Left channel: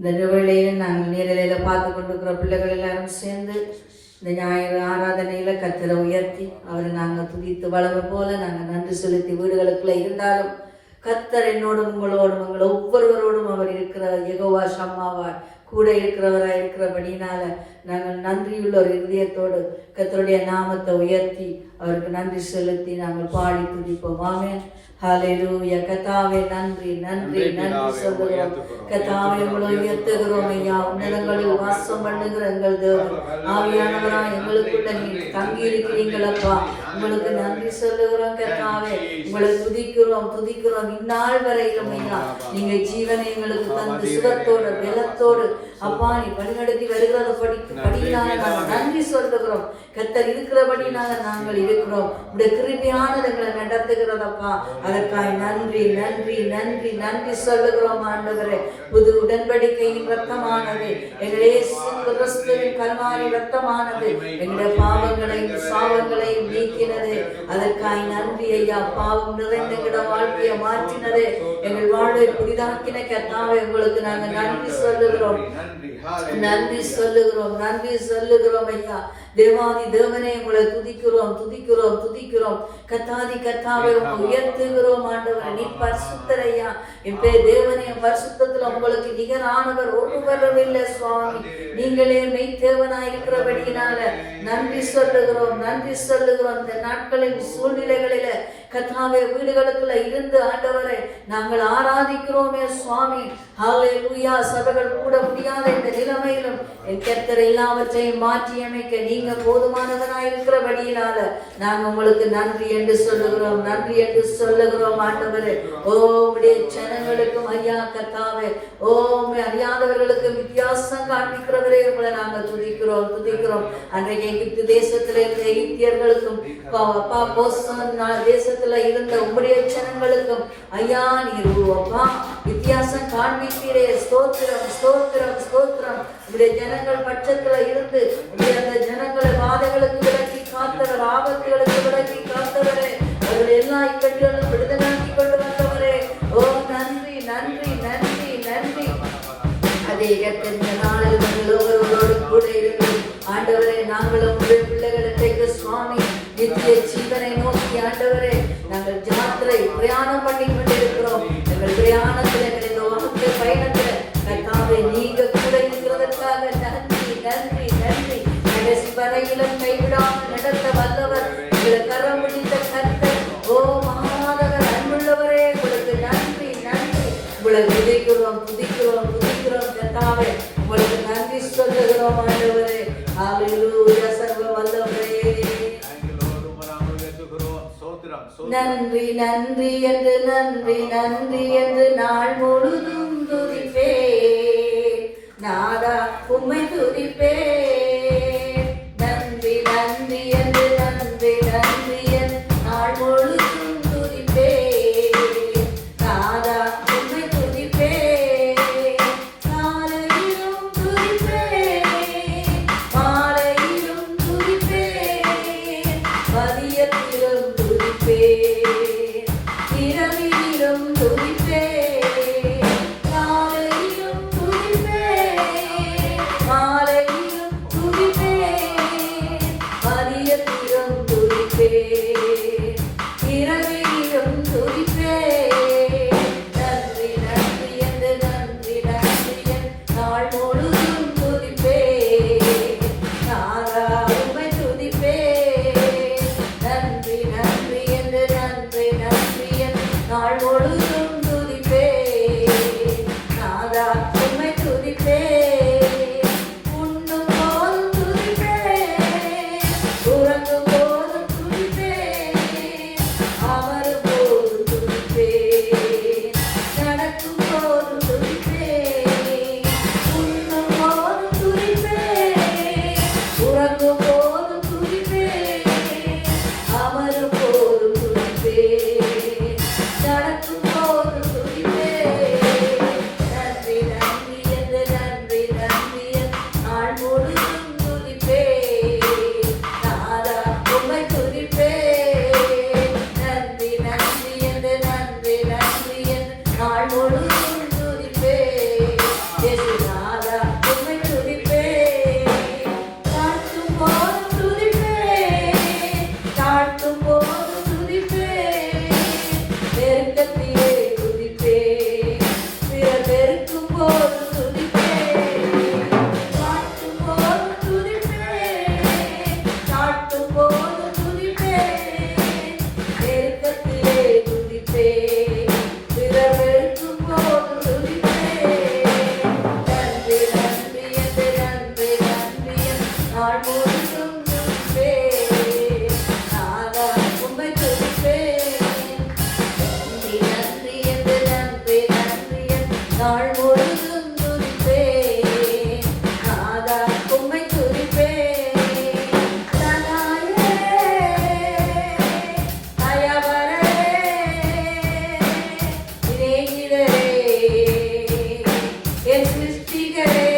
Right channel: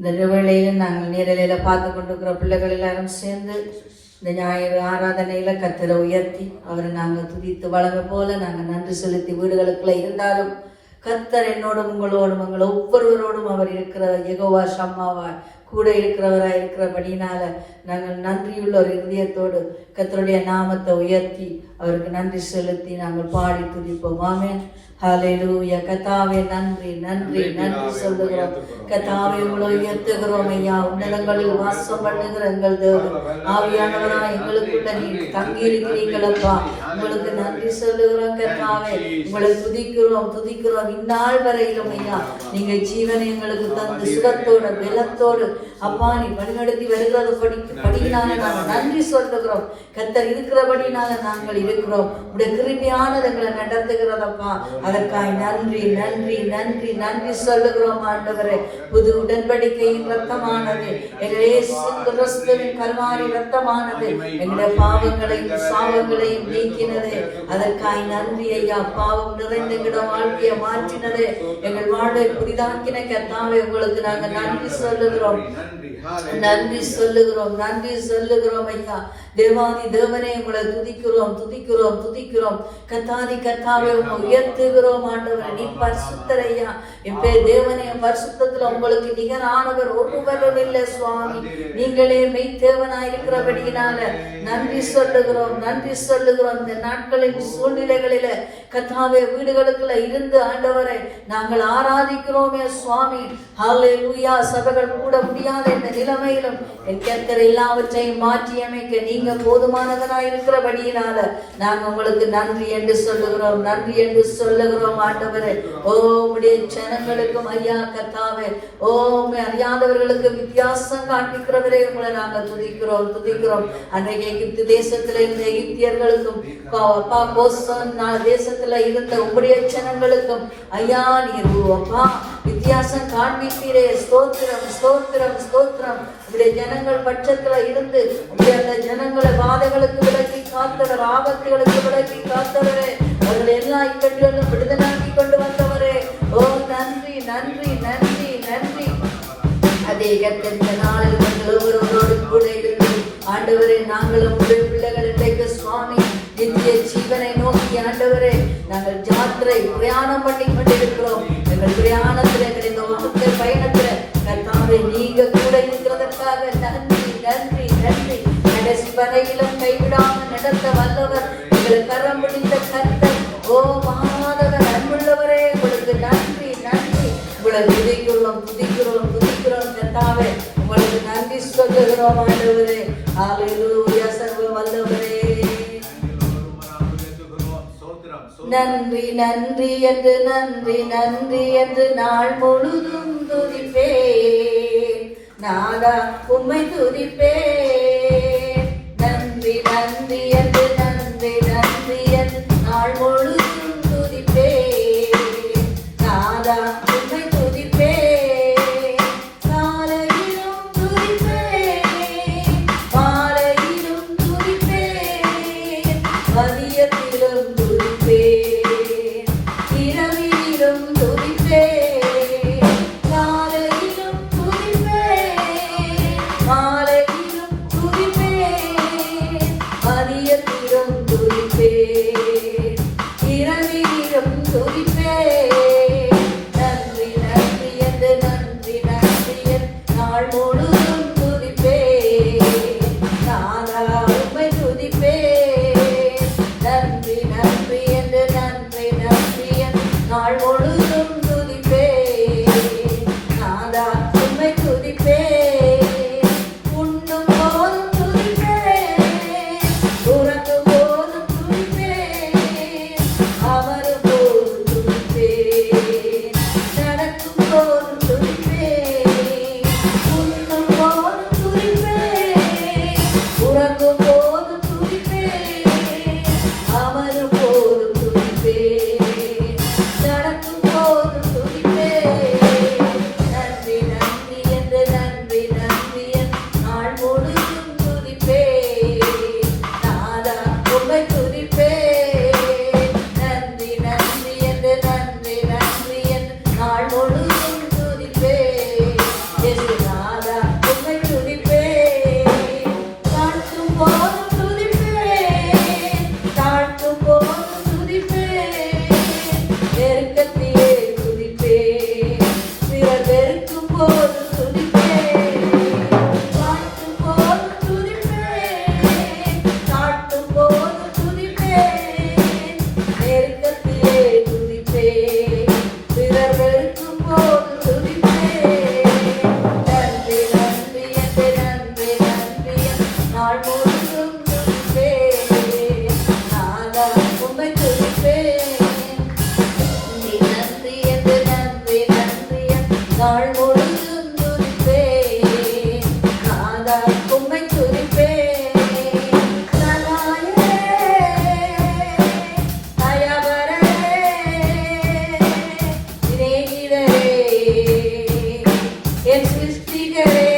இந்த வேளையை நாங்கள் நேரலையில் பார்த்து கொண்டிருக்கிற பிள்ளைகள் எல்லாரும் சேர்ந்து இந்த ஞாயிறு ஆராதனையில கர்த்தரை உயர்த்தி அவரை நாங்கள் துதித்து வளமை போல நாங்கள் நன்றி செலுத்தி வீடுகளுக்குள்ள இருந்தாலும் கர்த்தர் என்னோடும் உங்களோடும் உங்கள் ஒவ்வொருவரோடும் அவர் இருக்கிற யெகோவா ஷம்மாவாய் கூட இருக்கிறவராக இருக்கிறபடினால நாங்கள் நன்றியுள்ள ஒரு இதயத்தோடு கர்த்தருடைய நாமத்தை உயர்த்தி அவருக்கு நன்றி செலுத்தி நாங்கள் பாடி துதிப்போம். ஆமென். ஹல்லேலூயா. கர்த்தாவே நன்றி நன்றி நன்றி சொல்லுகிறோம். கர்த்தாவே உங்களை உயர்த்துகிறோம் ஐயா. உன்னதங்களில் வாசம் பண்ணுகிற எங்கள் தேவன் ஆவியானவரா எங்களுக்குள்ள நீ தங்கி இருக்கிறீங்களப்பா. உங்களுக்கு நன்றி சொல்லுகிறோம் கர்த்தாவே. உங்களை துதிக்கிறோம் இந்நாள் வரையிலும் ஐயா. நீங்க ஜீவனை எங்களுக்கு தந்து சுகத்தோட பலத்தோடு அப்பா நீ வழிநடத்தி வருகிறத படியினால நாங்கள் நன்றி சொல்லுகிறோம். கர்த்தர் இருக்கிறபடினால நாங்கள் இருக்கிறோம். உடைய கிருமியானது எங்களை நடத்துகிறதப்பா. அதற்காக நன்றி நன்றி நன்றி நன்றி சொல்லுகிறோம் ஆண்டவரே. புது உடன்படிக்கையின் ரத்தமானது எங்களே கருமாரி ரத்தமானது எங்களுடைய பாவங்களையும் சாவங்களையும் நீக்கினது. அதற்காக நன்றி ஐயா. பாவம் நிறைந்த எங்களோட வாழ்க்கையை மாற்றினது. எங்கள் வாழ்வை புதிதாக்கின கர்த்தாவே உங்களுக்கு நாங்கள் நன்றி சொல்லுகிறோம். நன்றி சொல்லுகிறோம் ஐயா. தேவாதி தேவனே உங்களை துதிக்கிறோம். கத்தாதி கத்தாவை உயர்த்துகிறோம் ஆண்டவர். நீ பரிசுத்தர் ஐயா. இப்ப தேவனே பரிசுத்தத்துல உங்களுக்கு நிகரானவர் ஒருவரும் இல்லை சுவாமி. நீங்களே மெய் தேவனாய் இருக்கிறபடியினால நன்றி சொல்லுகிறோம். இந்த நாட்களின் சூழ்நிலைகளில கத்தாவே வீடுகளுக்குள்ள இருந்து ஆண்டவரை நாங்கள் ஆராதிக்கிறோமே சுவாமி. ஹல்லேலூயா. சபைகள் கூட முடியாத இந்த நிலைமையிலும் கர்த்தர் எல்லாவற்றையும் மாற்றி அமைக்க நீங்க போதுமானவராய் இருக்கிறபடியினால நாங்கள் உங்களுக்கு நன்றி என்று சொல்லுகிறோம் ஆண்டவரே. உம்முடைய ஜனங்களுக்கும் ஐயா கர்த்தாவே அறியாதவர்களுக்கு வித்தியாசம் காண்பிக்கிறவரே உங்களை நாங்கள் துதிக்கிறோம். அன்றைக்கு எகிப்து தேசத்துல இருந்த எகிப்தியர்களுக்கும் தேசத்துல இருந்த உம்முடைய ஜனங்களுக்கும் ஐயா நீர் அப்பா வித்தியாசம் காண்பிக்கிறே. ஸ்தோத்திரம். உடைய ஜனங்கள் பட்சத்துல இருந்து அந்த ஜனங்களை வாதைகளுக்கு விலக்கி காத்தவர், ஆபத்துகளுக்கு விலக்கி காத்தவரே. அவர்கள் எல்லா இக்கட்டுகளும் விடுதலாக்கி கொண்டு வந்தவரே. நன்றி. அதே நாளில் ஒவ்வொருவரோடு கூட இருந்து ஆண்டவரே நாங்களும் பிள்ளைகளுக்கு சுவாமி நித்திய ஜீவனை நோக்கி ஆண்டவரே நாங்கள் ஜாத்திரை பிரயாணம் பண்ணி கொண்டிருக்கிறோம். எங்கள் பிரயாணத்துல இந்த உலக பயணத்துல கர்த்தாவே நீங்க கூட இருக்கிறதற்காக நன்றி. கடைசி வரையிலும் கைவிடாமல் நடத்த வல்லவர் எங்களை கரம் பிடித்த கர்த்தர். மாறாதவர் அன்புள்ளவரே உங்களுக்கு நன்றி. உங்களை துதிக்கிறோம் கர்த்தாவே. உங்களுக்கு நன்றி சொல்லுகிறோம் ஆண்டவரே. ஹல்லேலூயா. சர்வ வல்லவரே நன்றி என்று நாள் முழுதும் துதிப்பேன். நாடா உம்மை துதிப்பேன். நன்றி என்று நாள் முழுதும் துதிப்பேன். நாடா உம்மை துதிப்பேன். காலையிலும் துதிப்பேன். மாலையிலும் துதிப்பேன். மதியத்திலும் துதிப்பேன். இரவிலும் துதிப்பேன். காலையிலும் துதிப்பேன். மாலையிலும் நெருக்கத்திலே துதிப்பேன், பிறர் வெறுக்கும் போது துதிப்பேன். நன்றி நன்றி என்று நன்றி நன்றி நாள் முழுதும் துதிப்பேன். நானா உம்மை துதிப்பேன். நன்றி என்று நன்றி நன்றி நாள் முழுதும் துதிப்பேன். நானா உம்மை துதிப்பேன். என் சிருஷ்டிகரே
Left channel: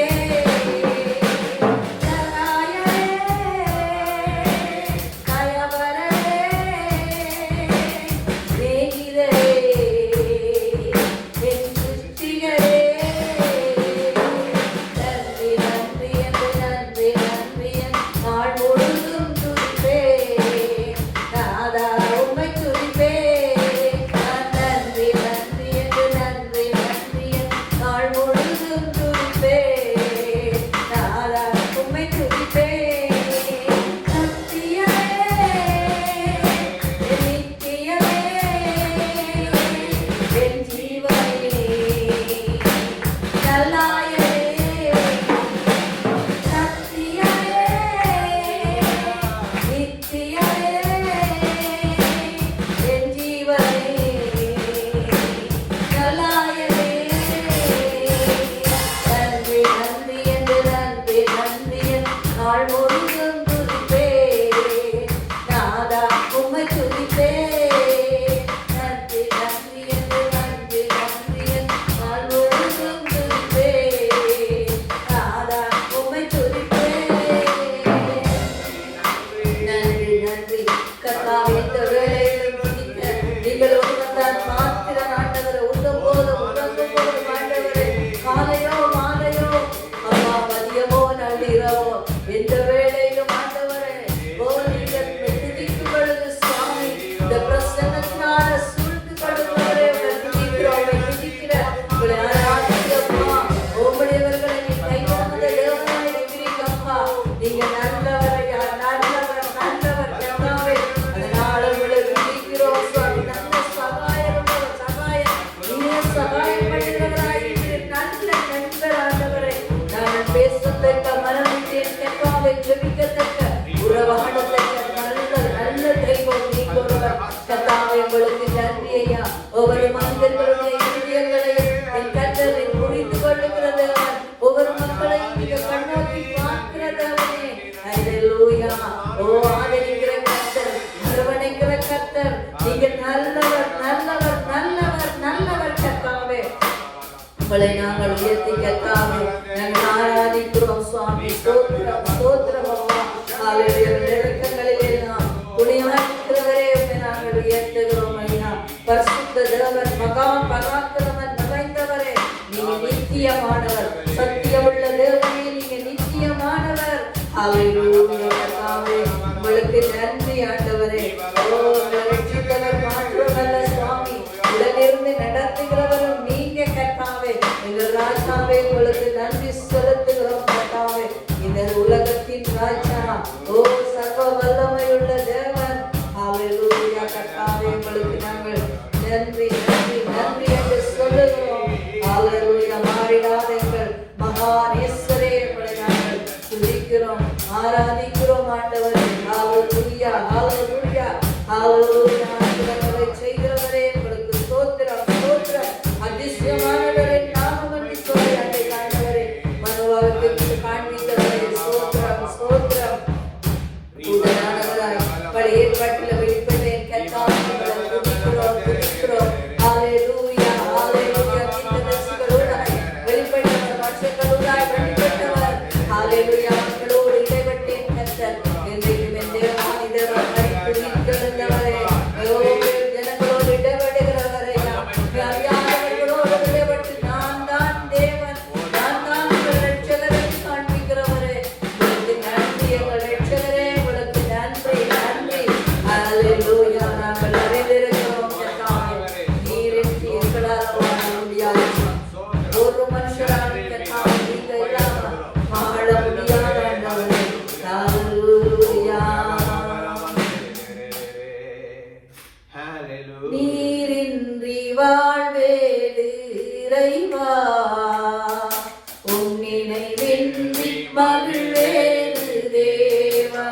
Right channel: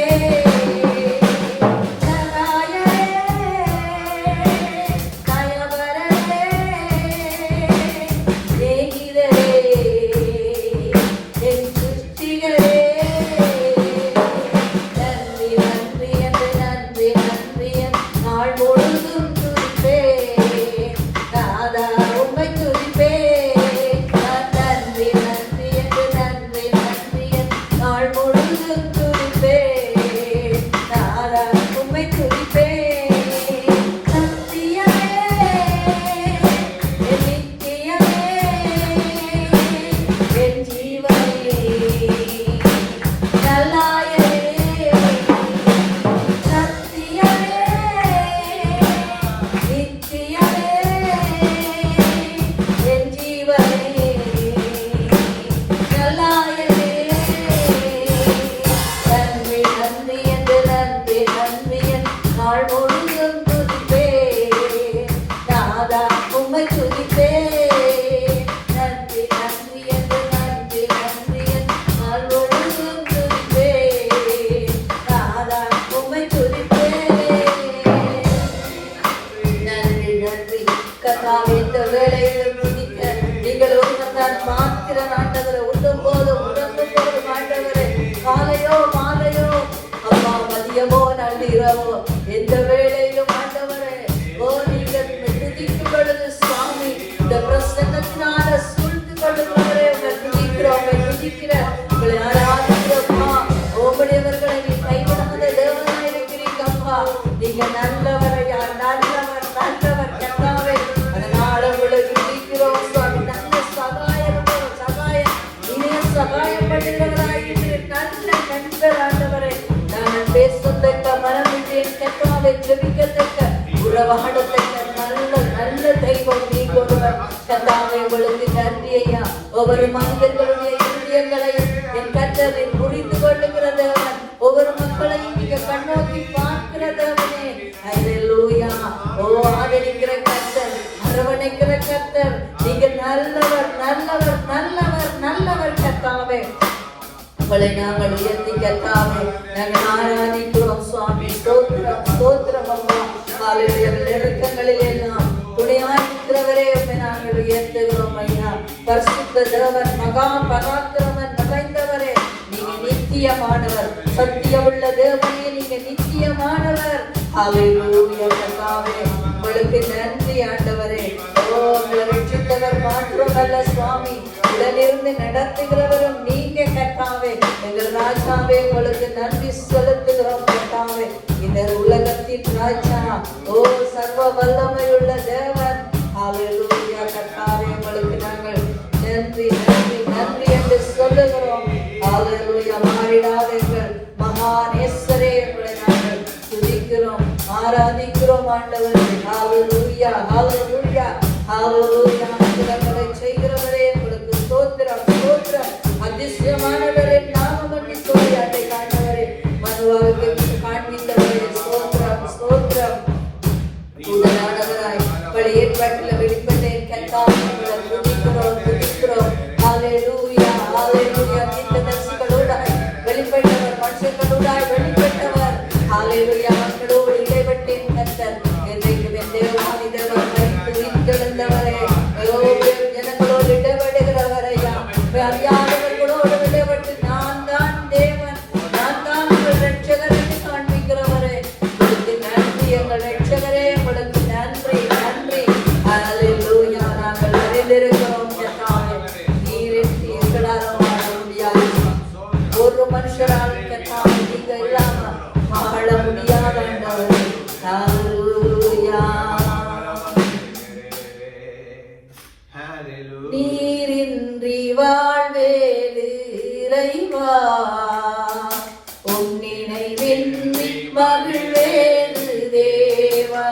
எந்த வேளையிலும் ஆண்டவரே ஓ நீங்கள் துதிக்கும் பொழுது சுவாமி இந்த பிரசன்னத்தினால சூழ்ந்து கொடுக்கிறவரே துதிக்கிற உங்களை ஆராதிக்கிறோமா. உங்களுடையவர்களை நீ கைவிடாத தேவனாய் இருக்கிறீங்கப்பா. நீங்க நல்லவர் நல்லவர் நல்லவர் கர்த்தாவே. அதனால உங்களை துதிக்கிறோம் சுவாமி. நல்ல சகாயம் நீங்க சகாயம் பண்ணுகிறவராய் நல்ல நண்பர் ஆண்டவரே. நாங்கள் பேசத்தக்க மனம் கர்த்தாவே ஜெபிக்கத்தக்க உறவாடத்தக்க நல்ல நல்ல தெய்வம் நீங்க ஒருவர் கர்த்தாவே. உங்களுக்கு நன்றி ஐயா. ஒவ்வொரு மனிதர்களுடைய இருதயங்களை என் கர்த்தரை புரிந்து கொள்ளுகிறது. ஒவ்வொரு மக்களையும் நீங்க கண்ணோக்கி பார்க்கிறதே. ஹல்லேலூயா. ஓ ஆதரிக்கிற கர்த்தர், அரவணைக்கிற கர்த்தர், நீங்க நல்லவர் நல்லவர் நல்லவர் நல்லவர் கர்த்தாவே. உங்களை நாங்கள் உயர்த்தி கர்த்தாவே நாங்கள் ஆராதிக்கிறோம் சுவாமி. ஸ்தோத்திரம் ஸ்தோத்திரம் அப்பா. இறக்கங்களில் எல்லாம் துணையாற்றுகிறவரே உங்களை நாங்கள் உயர்த்துகிறோம் ஐயா. பரிசுத்த தேவன் மகா பராக்கிரமன் நிறைந்தவரே, நீங்க நித்தியமானவர். சத்தியமுள்ள தேவனே, நீங்க நித்தியமானவர். ஹல்லேலூயா கர்த்தாவே. உங்களுக்கு நன்றி ஆண்டவரே. ரட்சித்தவர் மாத்திரமல்ல சுவாமி, உடனிருந்து நடத்துகிறவரும் நீங்க கர்த்தாவே. எங்கள் ராஜாவே உங்களுக்கு நன்றி செலுத்துகிறோம் கர்த்தாவே. இந்த உலகத்தின் ராஜா, ஓ சர்வ வல்லமையுள்ள தேவன். ஹல்லேலூயா கர்த்தாவே. உங்களுக்கு நாங்கள் நன்றி நன்றி நன்றி என்று சொல்லுகிறோம். ஹல்லேலூயா. மாறிடாத எங்கள் மகாநேசரே உங்களை நாங்கள் துதிக்கிறோம் ஆராதிக்கிறோம் ஆண்டவரே. ஹல்லேலூயா ஹல்லேலூயா ஹல்லேலூயா. ஆண்டவரை செய்கிறவரே உங்களுக்கு ஸ்தோத்திரம் ஸ்தோத்திரம். அதிசயமானவரே நாமம் என்று சொல்லி அதை காண்பவரே மனவாகத்தை காண்பிக்கிறவரே ஸ்தோத்திரம் ஸ்தோத்திரம். பழைய ஏற்பாட்டில் வெளிப்பட்ட கர்த்தாவே துதிக்கிறோம் துதிக்கிறோம். ஹல்லேலூயா ஹல்லேலூயா. தீர்க்கதரிசிகளோடாய் வெளிப்பட்டவர், மனுஷர்களோடாய் வெளிப்பட்டவர். ஹல்லேலூயா. மக்களோடு இடைப்பட்ட கர்த்தர் என்றைக்கும் என் தேவனாகிய தேவனை துதித்தெழுந்தவரே. ஜனங்களோடு இடைபடுகிறவரையா, அறியாதவர்களோடு இடைப்பட்டு நீரின்றி வாழ்வேது இறைவா, உன் நினைவின்றி மகிழ்வேது தேவா.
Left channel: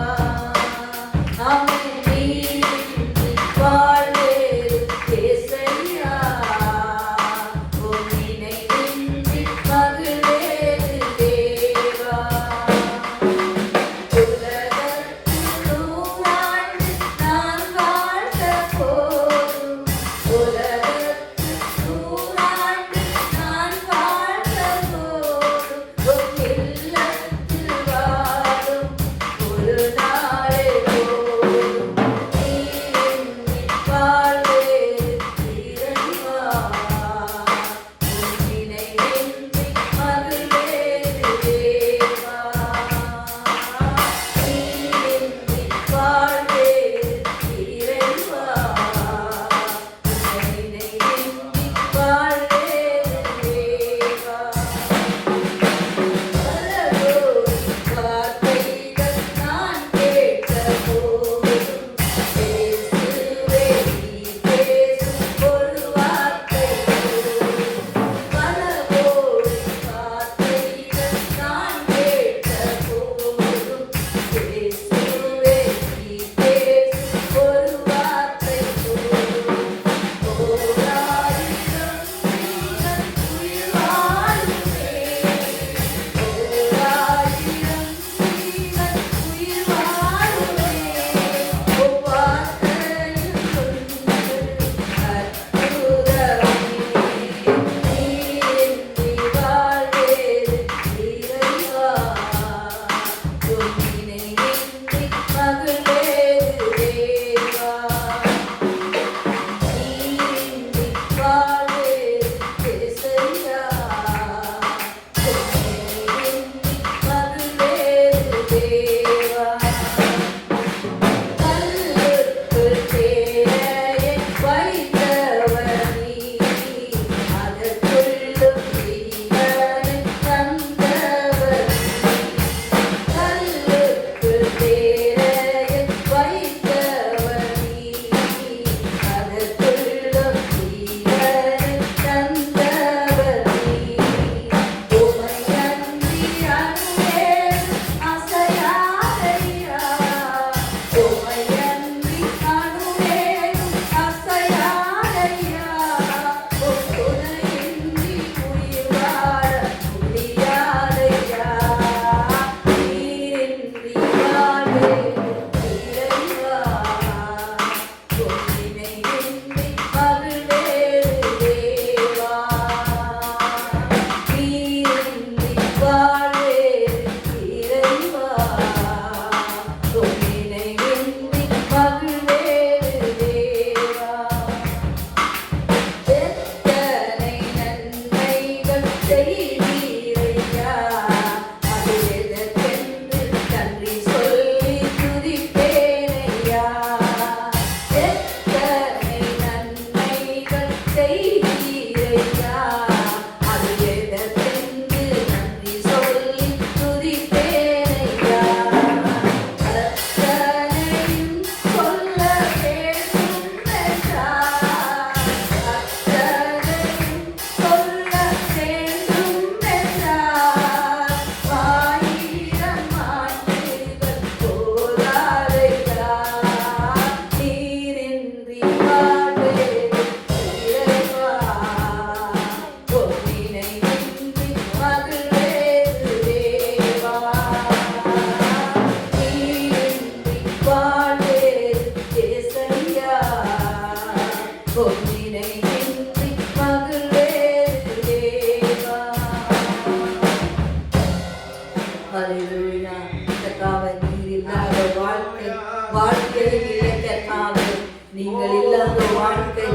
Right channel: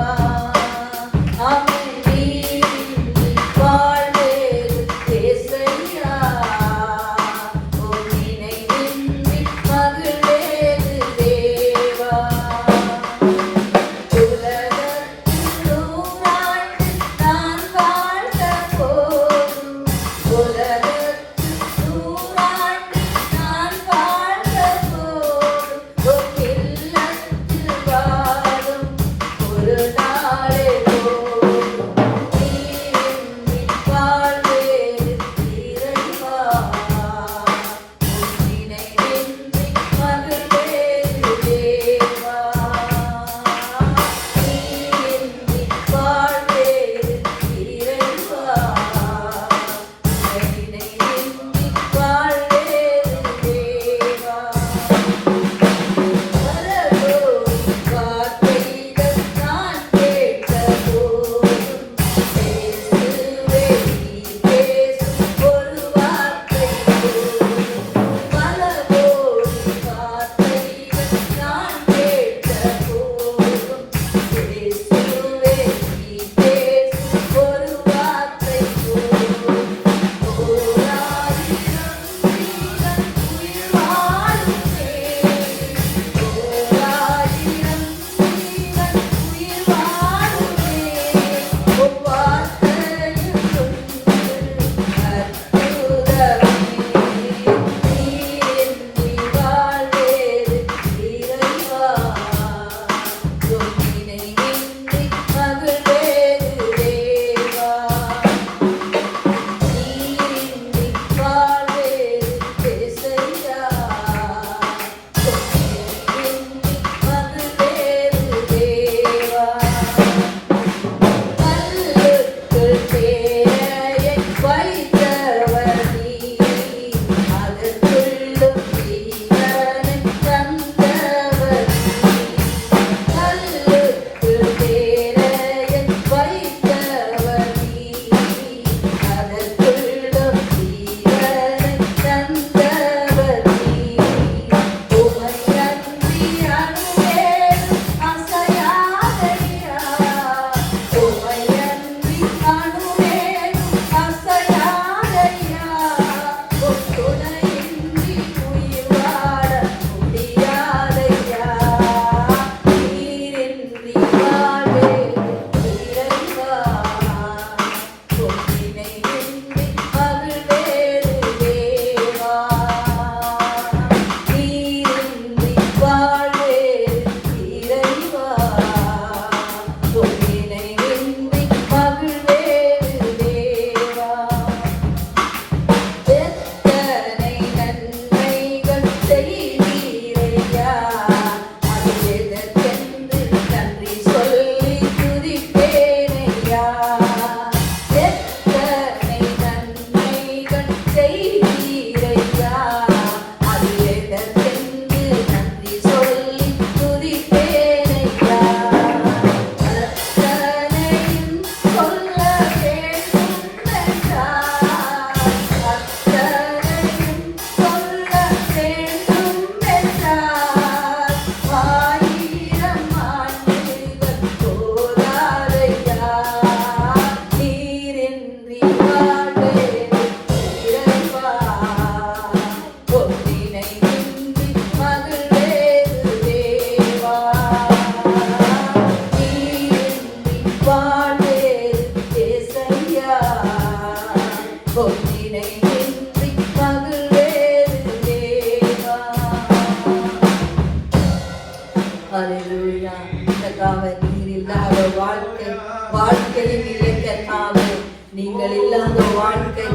நீங்கள் இல்லாத வாழ்க்கை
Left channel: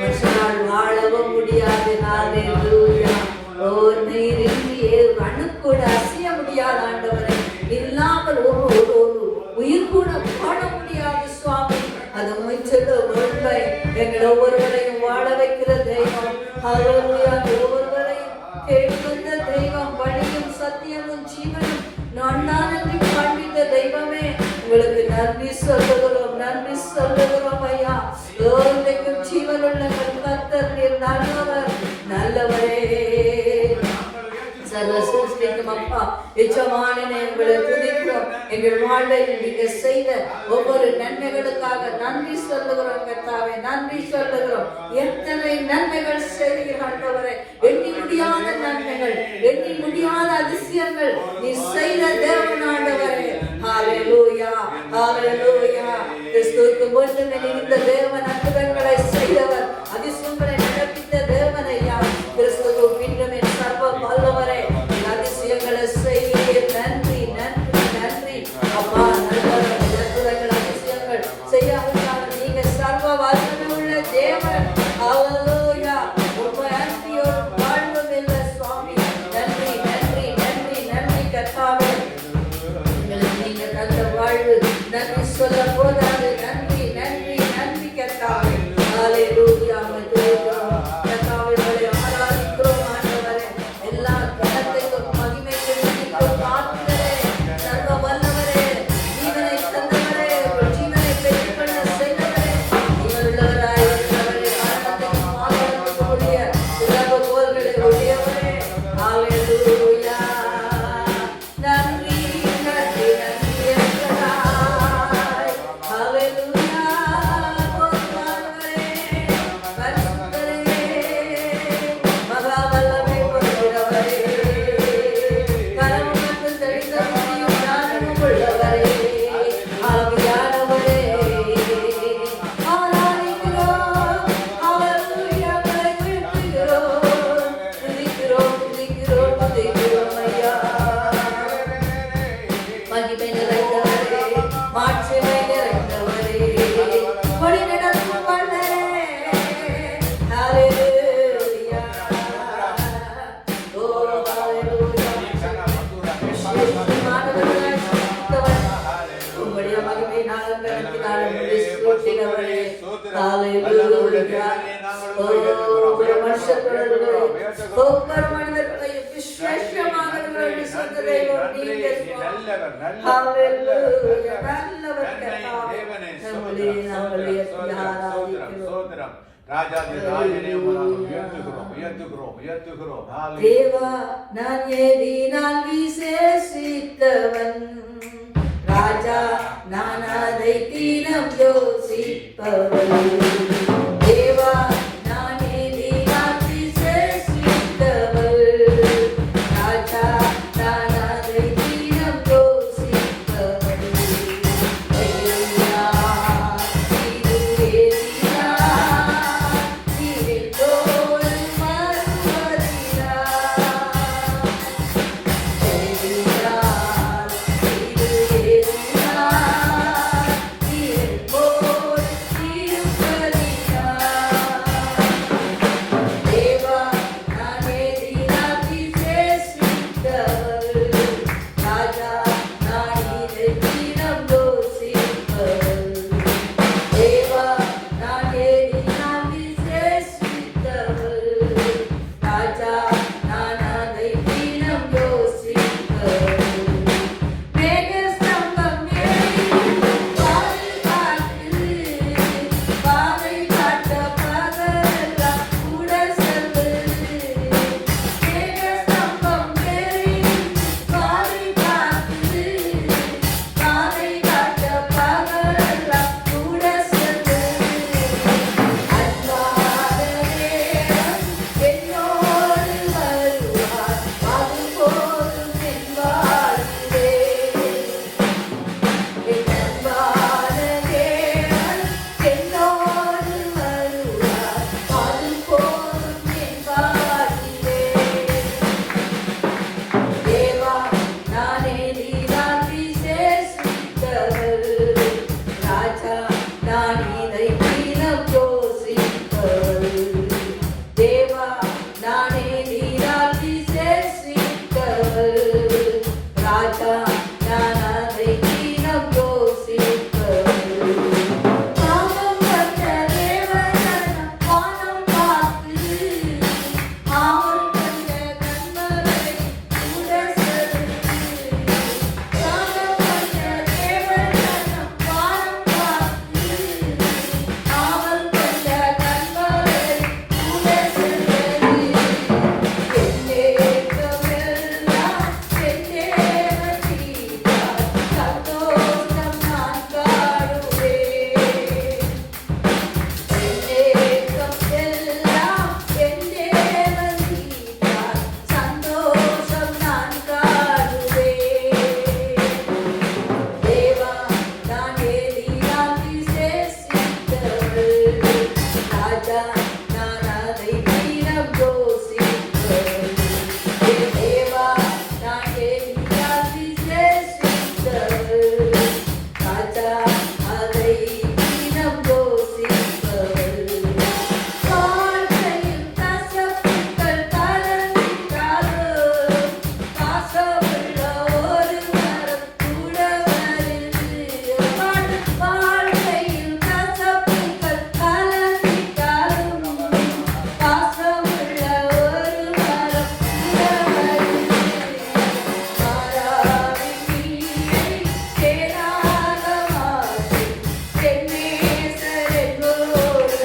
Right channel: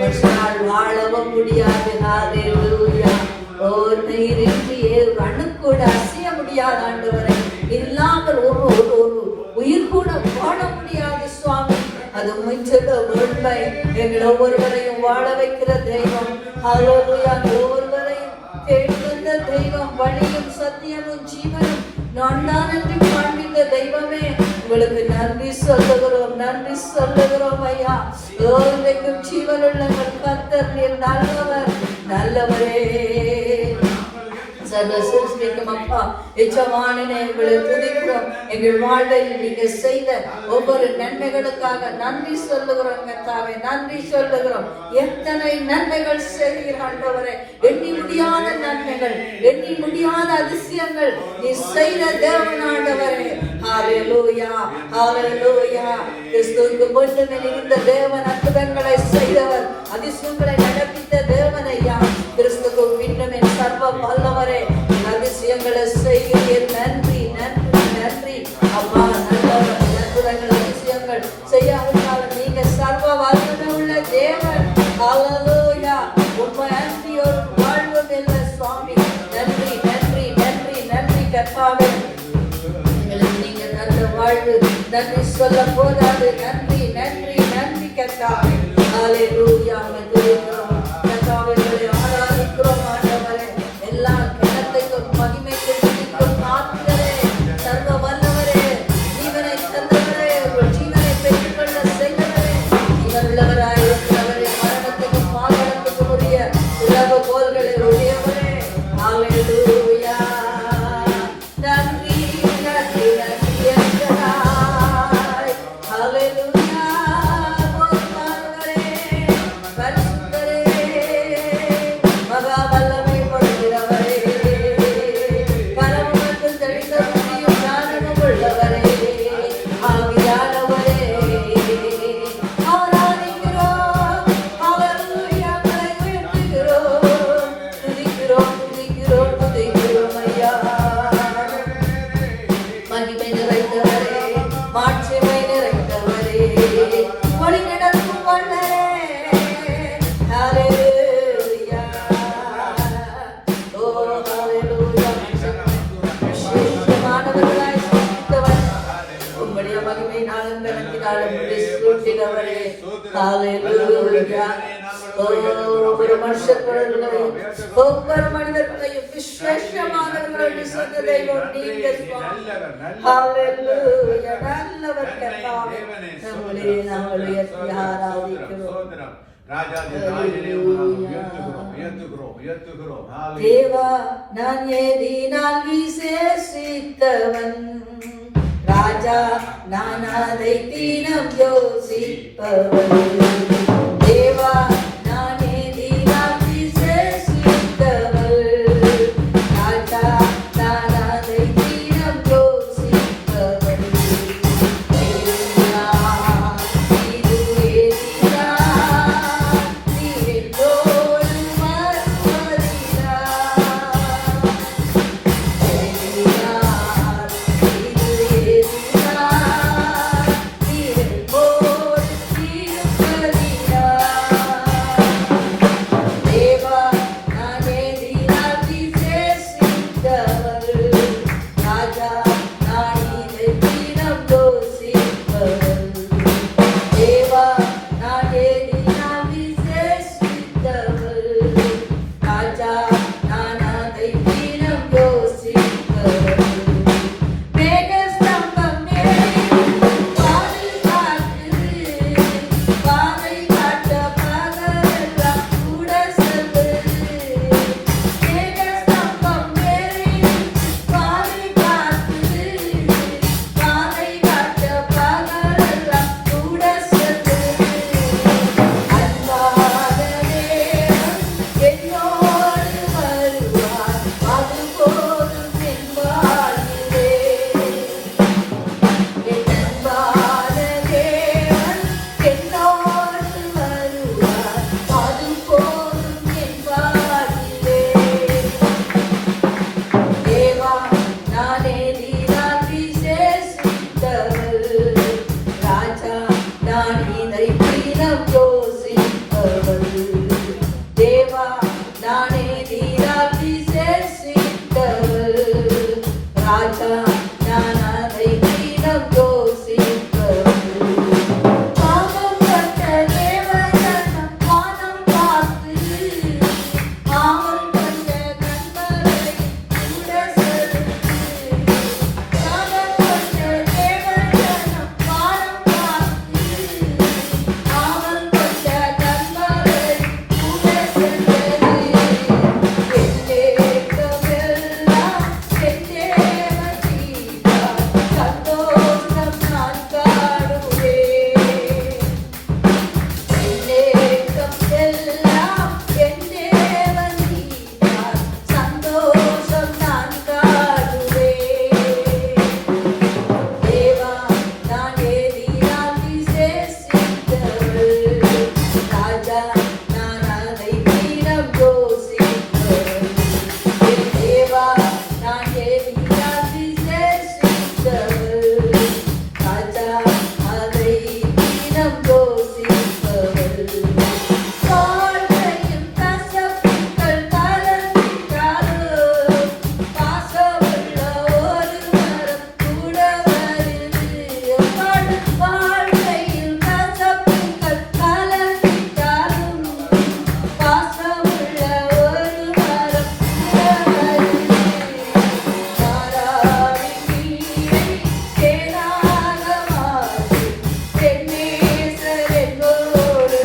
மனுஷனால் வாழவும் முடியாது. கண்ணுக்கூட அசைய முடியாத ஆண்டவரை இல்லாமல் ஒரு உயிர் கூட வாழ முடியாது சுவாமி. அது உண்மை. எங்கள் ஒவ்வொருவரையும் வாழ வைக்கிற தெய்வம். ஒவ்வொருவரையும் தேடி வந்த தெய்வம். வழியும் சத்தியமும் ஜீவனும் நான் தான் என்று காண்பித்த தெய்வமே, உங்களுக்கு நன்றி சொல்லுகிறோம், நன்றி சொல்லுகிறோம் ஐயா. இன்றைக்கும் ஜீவனுள்ள கர்த்தர் நீர் நல்லவர், நல்லவரே. சர்வ சிருஷ்டிக்கும் அப்பா, எஜமானனே உங்களை துதிக்கிறோம். எங்கள் வாழ்வில் நீங்க செய்த ஒவ்வொரு நன்மைகளுக்காக நன்றி சொல்லுகிறோம் கர்த்தாவே, நன்றி சொல்லுகிறோம். எத்தனை நன்மைகள் செய்கிறவரே, எண்ணி முடியாத நன்மைகள், எண்ணி முடியாத அதிசயங்கள் நீ செய்த தேவனாண்டவரே. ஹalleluya, ஹalleluya. கிறிஸ்துவுக்கு முன்னமே இந்த தேவன் அற்புதங்களை செய்தவர், அதிசயங்களை நடப்பித்த தேவனையா. கிறிஸ்துவுக்கு முன்னமே சர்வ வல்லவரே, அதிசயங்களை செய்ய நன்றி, நன்றி, நன்றி அப்பா. நல்லவர், அற்புதங்கள் அதிசயங்கள் செய்யாவிட்டாலும் நீங்க சர்வ வல்லமை உள்ள தேவன். ஹalleluya. உம்மை அன்றி ஒரு வாழ்வும் இல்லை சுவாமி. நன்றி, நன்றி, நன்றி, நன்றி கர்த்தாவே. நீங்க நல்ல வாழ்வு நன்றி சொல்ல போதாது. நன்றி, நன்றி, நன்றி கர்த்தாவே. ஹalleluya. கர்த்தாவே உங்களை ஆராதிக்கிறோம் ஆண்டவரே. எல்லா கனத்துக்கும் மகிமைக்கும் பாத்திரரே, சர்வ வல்லவரே, ஜீவனை தந்தவரே, ஜீவனை பெற்றுக்கொள்ள செய்தவரே, உள்ளவராய் இருக்கிறவரே, மரணத்துக்கும் பாதாளத்துக்கும் உரிய உலக போர்களை உடையவரே. ஹalleluya. நன்றி, நன்றி, நன்றி என்றாய். ஹalleluya. போதுமானவரே, பரிசுத்தரே, மகா வல்லமை கொண்டவரே, பரமத்தில் தெரிந்த முடியும் ஞானம் உள்ளவரே, ஆவியானவரே, ஆராதிக்கிறோம். ஹalleluya. உயர்த்துகிறோம், துதிக்கிறோம், துதிக்கிறோம், துதிக்கிறோம் ஐயா. மகிமை நிறைந்தவரே, மாட்சிமை நிறைந்தவரே, வழி நடத்தும் வல்லரே. ஹalleluya. ஓ ஹalleluya. விசேஷமானவர்களாய் சிருஷ்டித்தவர், உம்முடைய மகிமை நாளும் சூட்டினவரே. ஹalleluya. ஒவ்வொரு மனுஷர்களையும் ஒவ்வொரு மனிதர்களையும் விசேஷமானவர்கள் சொன்னதை ஒட்டிய ஹalleluya. நல்லவர் கர்த்தாவே, நம்முடைய ஆராதிக்கிறோம். தேவா நான் ஏதினால் விசேஷித்தவன், ராஜா நான் அதை தினம் யோசிப்பவன். தேவா நான் ஏதினால் விசேஷித்தவன், ராஜா நான் அதை தினம் யோசிப்பவன். Hallelujah. ராஜா நான் அதை தினம் யோசித்தவள். என் தேவா நான் ஏறினால் விசேஷித்தவள். ராஜா அதை தினம் யோசித்தவள். வாழ்க்கையில் கசப்புகள் கலந்தாலும் பாசமுள்ள ஒரு மரம் கூட வருது. வாழ்க்கையில் கசப்புகள் கலந்தாலும் பாசமுள்ள ஒரு மரம் கூட வருது. மாறாவின் சேனாக மாறி என் நேசர் என்னோடு.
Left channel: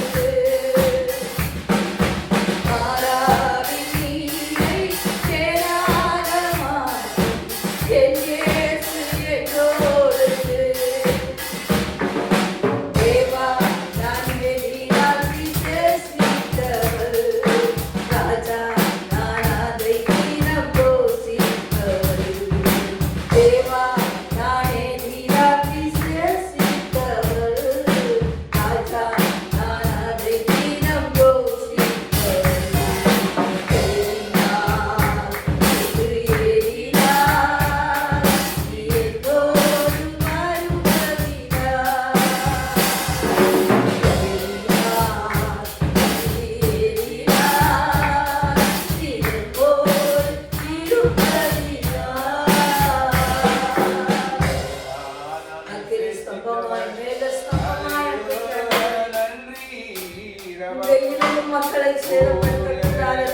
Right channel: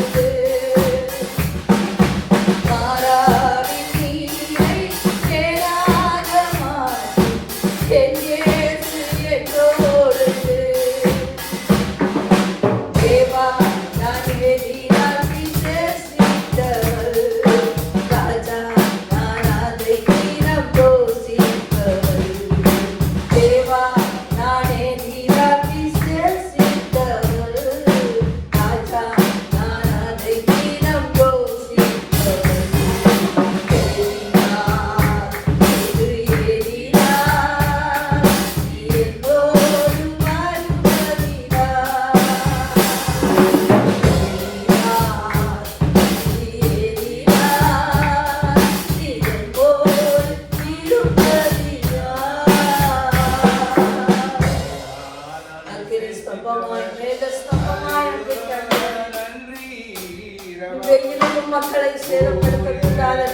மக்களை சேதப்படுத்தக்கூடாது,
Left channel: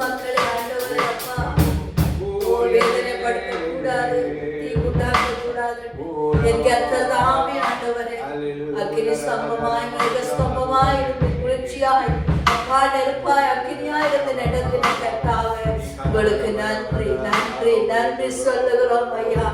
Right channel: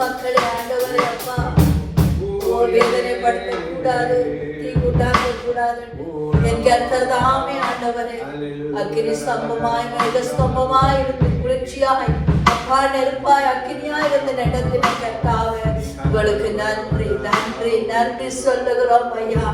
மக்களை ஆண்டவர் அப்பா வேதனைப்படுத்த கூடாது, தீங்குண்டாக்க கூடாது. என் கர்த்தர்தாமே ஆண்டவரே அக்கினி ஸ்தம்பமாய் மேக ஸ்தம்பமாய் இருந்து குளிர்ச்சியாய் அப்பா நெருப்பாய் அக்கினியாய் இருந்து நடக்கிற கர்த்தாவே உங்களுக்கு நன்றி நன்றி நன்றி சொல்லுகிறோம் ஐயா.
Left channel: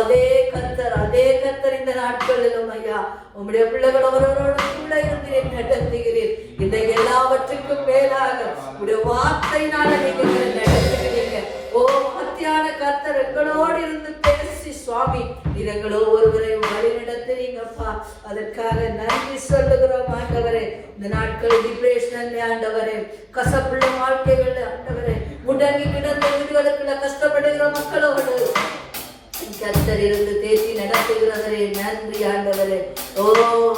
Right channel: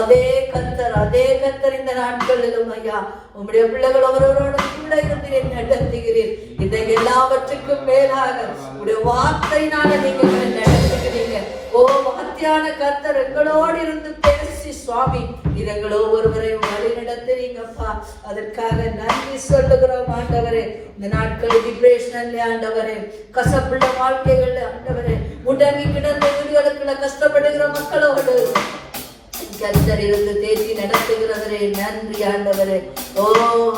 அதே கர்த்தர் இந்த நாட்களிலும் ஐயா உம்முடைய பிள்ளைகள் அவரோடு கூட இருந்து நடத்துகிறீர். இந்த எல்லாவற்றுக்கும் மேலாக உடைய வார்த்தையினால நீங்க நடத்துகிறீங்க. ஓ மகத்தியான கர்த்தர் எங்களோடு இருந்து பேசி சுவாமி நீங்களோ ஒருவரையும் வழி நடத்துறீங்கப்பா. அதற்காக நன்றி சொல்லுகிறோம் ஆண்டவரே. இந்த நாட்கள் டிப்ரெஷன் ஆண்டவரே, கசப்புள்ள வாழ்க்கைகள் ஆண்டவரே, முடங்கி கிடந்த வீடுகளுக்குள்ள கஷ்டப்படுகிற மக்களோடு கர்த்தர் இருந்து தேற்றி நடத்துகிறவரே நன்றி ஆண்டவரே. ஓ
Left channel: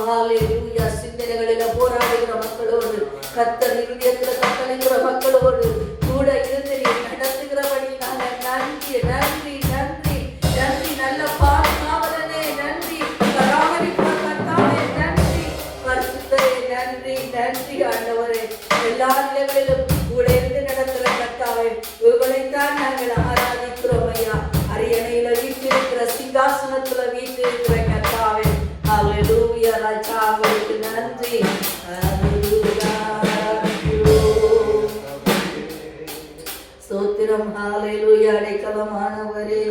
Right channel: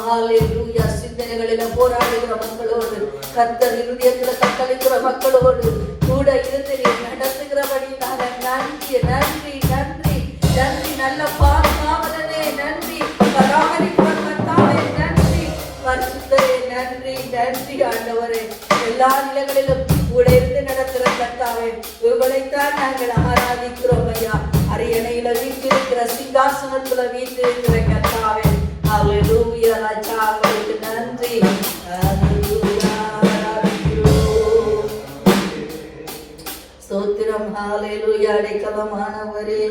ஹalleluya. சிந்தனைகளில போராடுகிற மக்களோடு கர்த்தர் இருதயத்தில கட்டளைக்கிற மக்களோடு கூட இருந்து நடத்துகிறபடி நாங்கள் நன்றி நன்றி நன்றி நன்றி. நல்ல பாதுகாவலனே நன்றி, பராமரிக்கிற கர்த்தாவே நன்றி, பரிசுத்தரே நன்றி நன்றி ஆண்டவரே. எல்லா நிலைகளிலும் கூட இருந்து நடக்கிற கர்த்தாவே உங்களைத்தான் நாங்கள் ஆராதிக்கிறோம் ஐயா. அரியணையில வீட்டிருக்கிற சிங்காசனத்துல வீட்டிருக்கிற கர்த்தாவே ஹalleluya. ராஜா உங்களுக்கு நன்றி ஹalleluya. ஸ்தோத்திரம் ஹalleluya. அடைக்கலமானவரே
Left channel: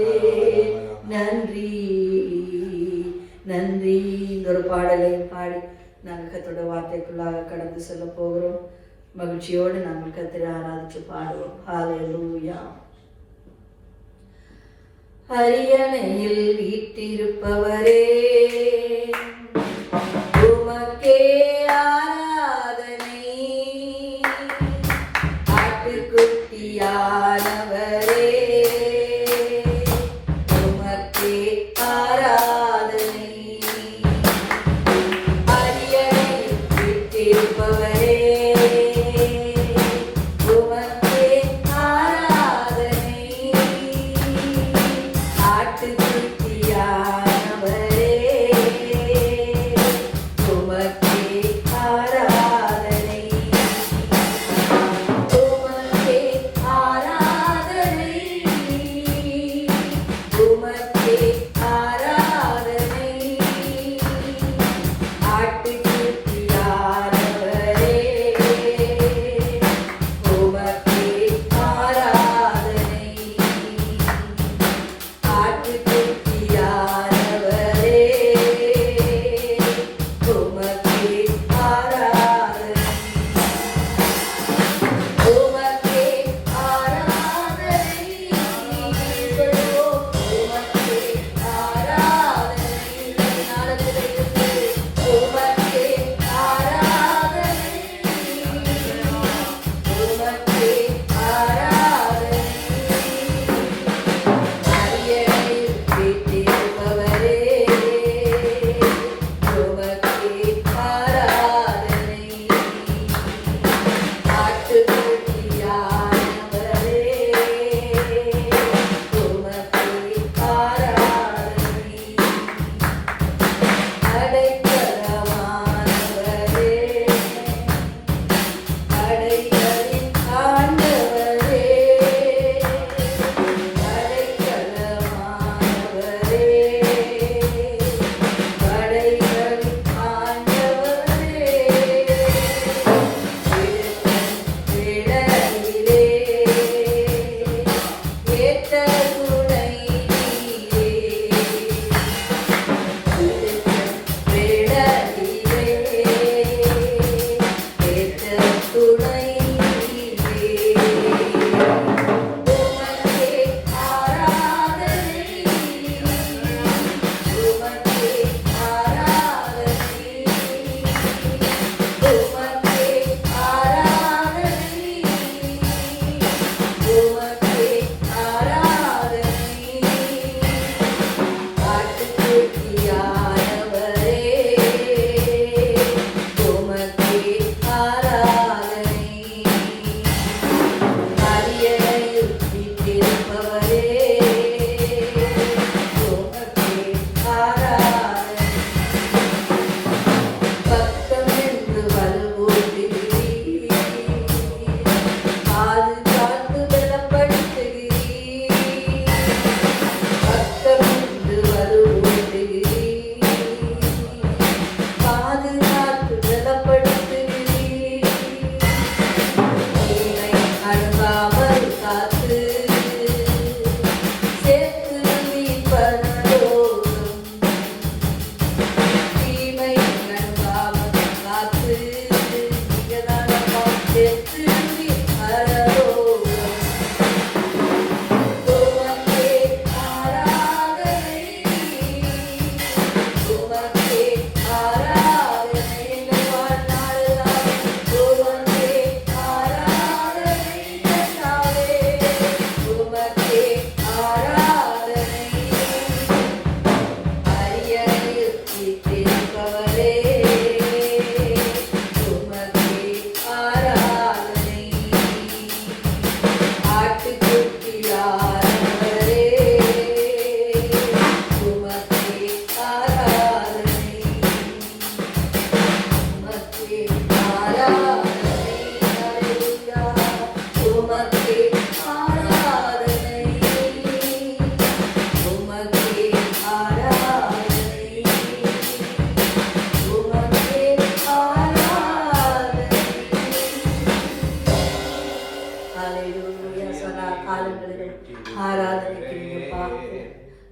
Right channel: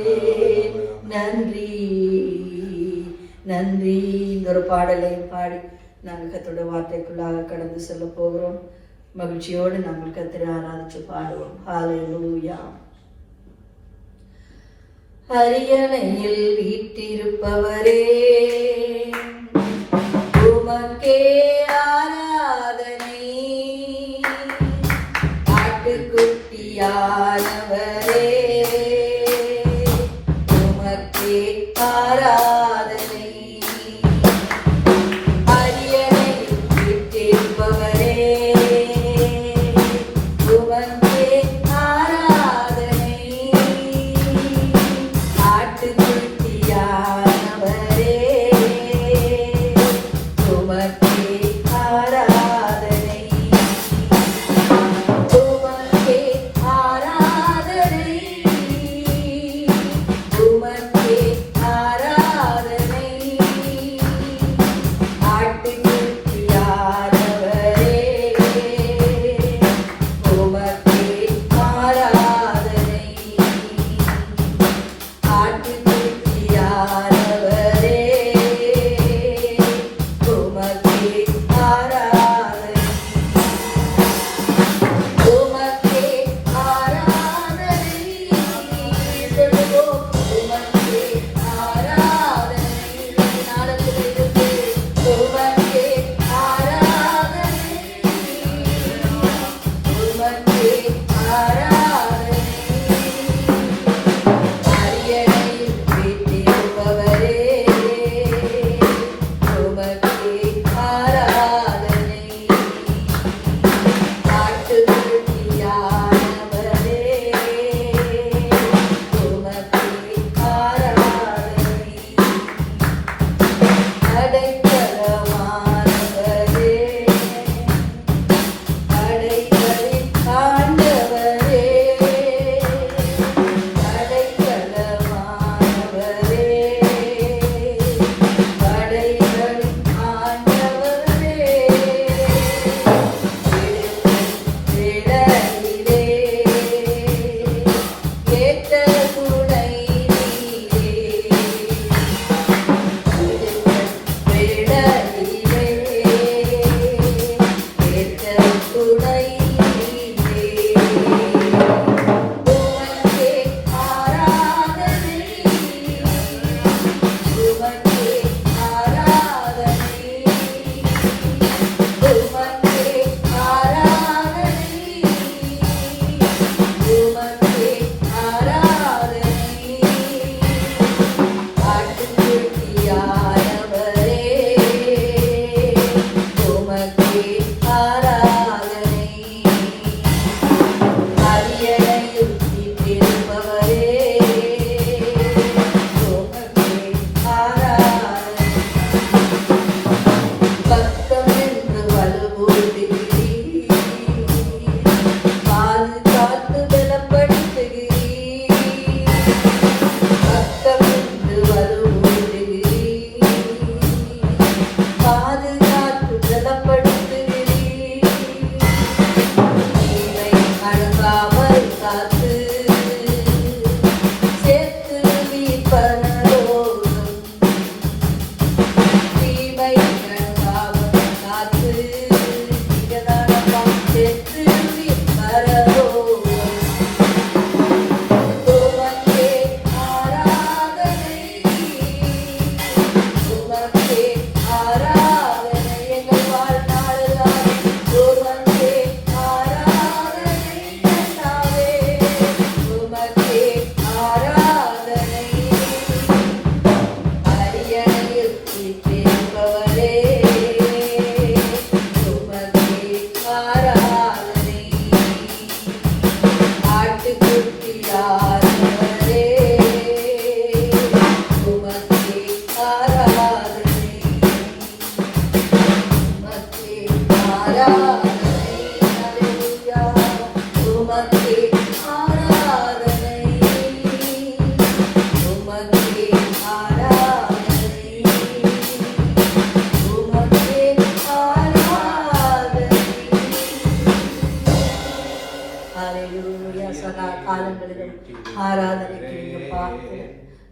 நன்றி நன்றி. இந்த ஒரு பாடலை பாடி நாங்கள் கர்த்தருடைய வார்த்தைக்குள்ளாக கடந்து செல்ல போகிறோம். மகிழ்ச்சியோடு நாங்கள் கர்த்தரை ஆராதிச்சு பாடுவோம். ஹalleluya. அரியணையில் வீற்றிருப்பவரே உமக்கே ஆராதனை. ஆட்டுக்குட்டியானவரே உமக்கே ஆராதனை. அரியணையில் வீற்றிருப்பவரே உமக்கே ஆராதனை. ஆட்டுக்குட்டியானவரே உமக்கே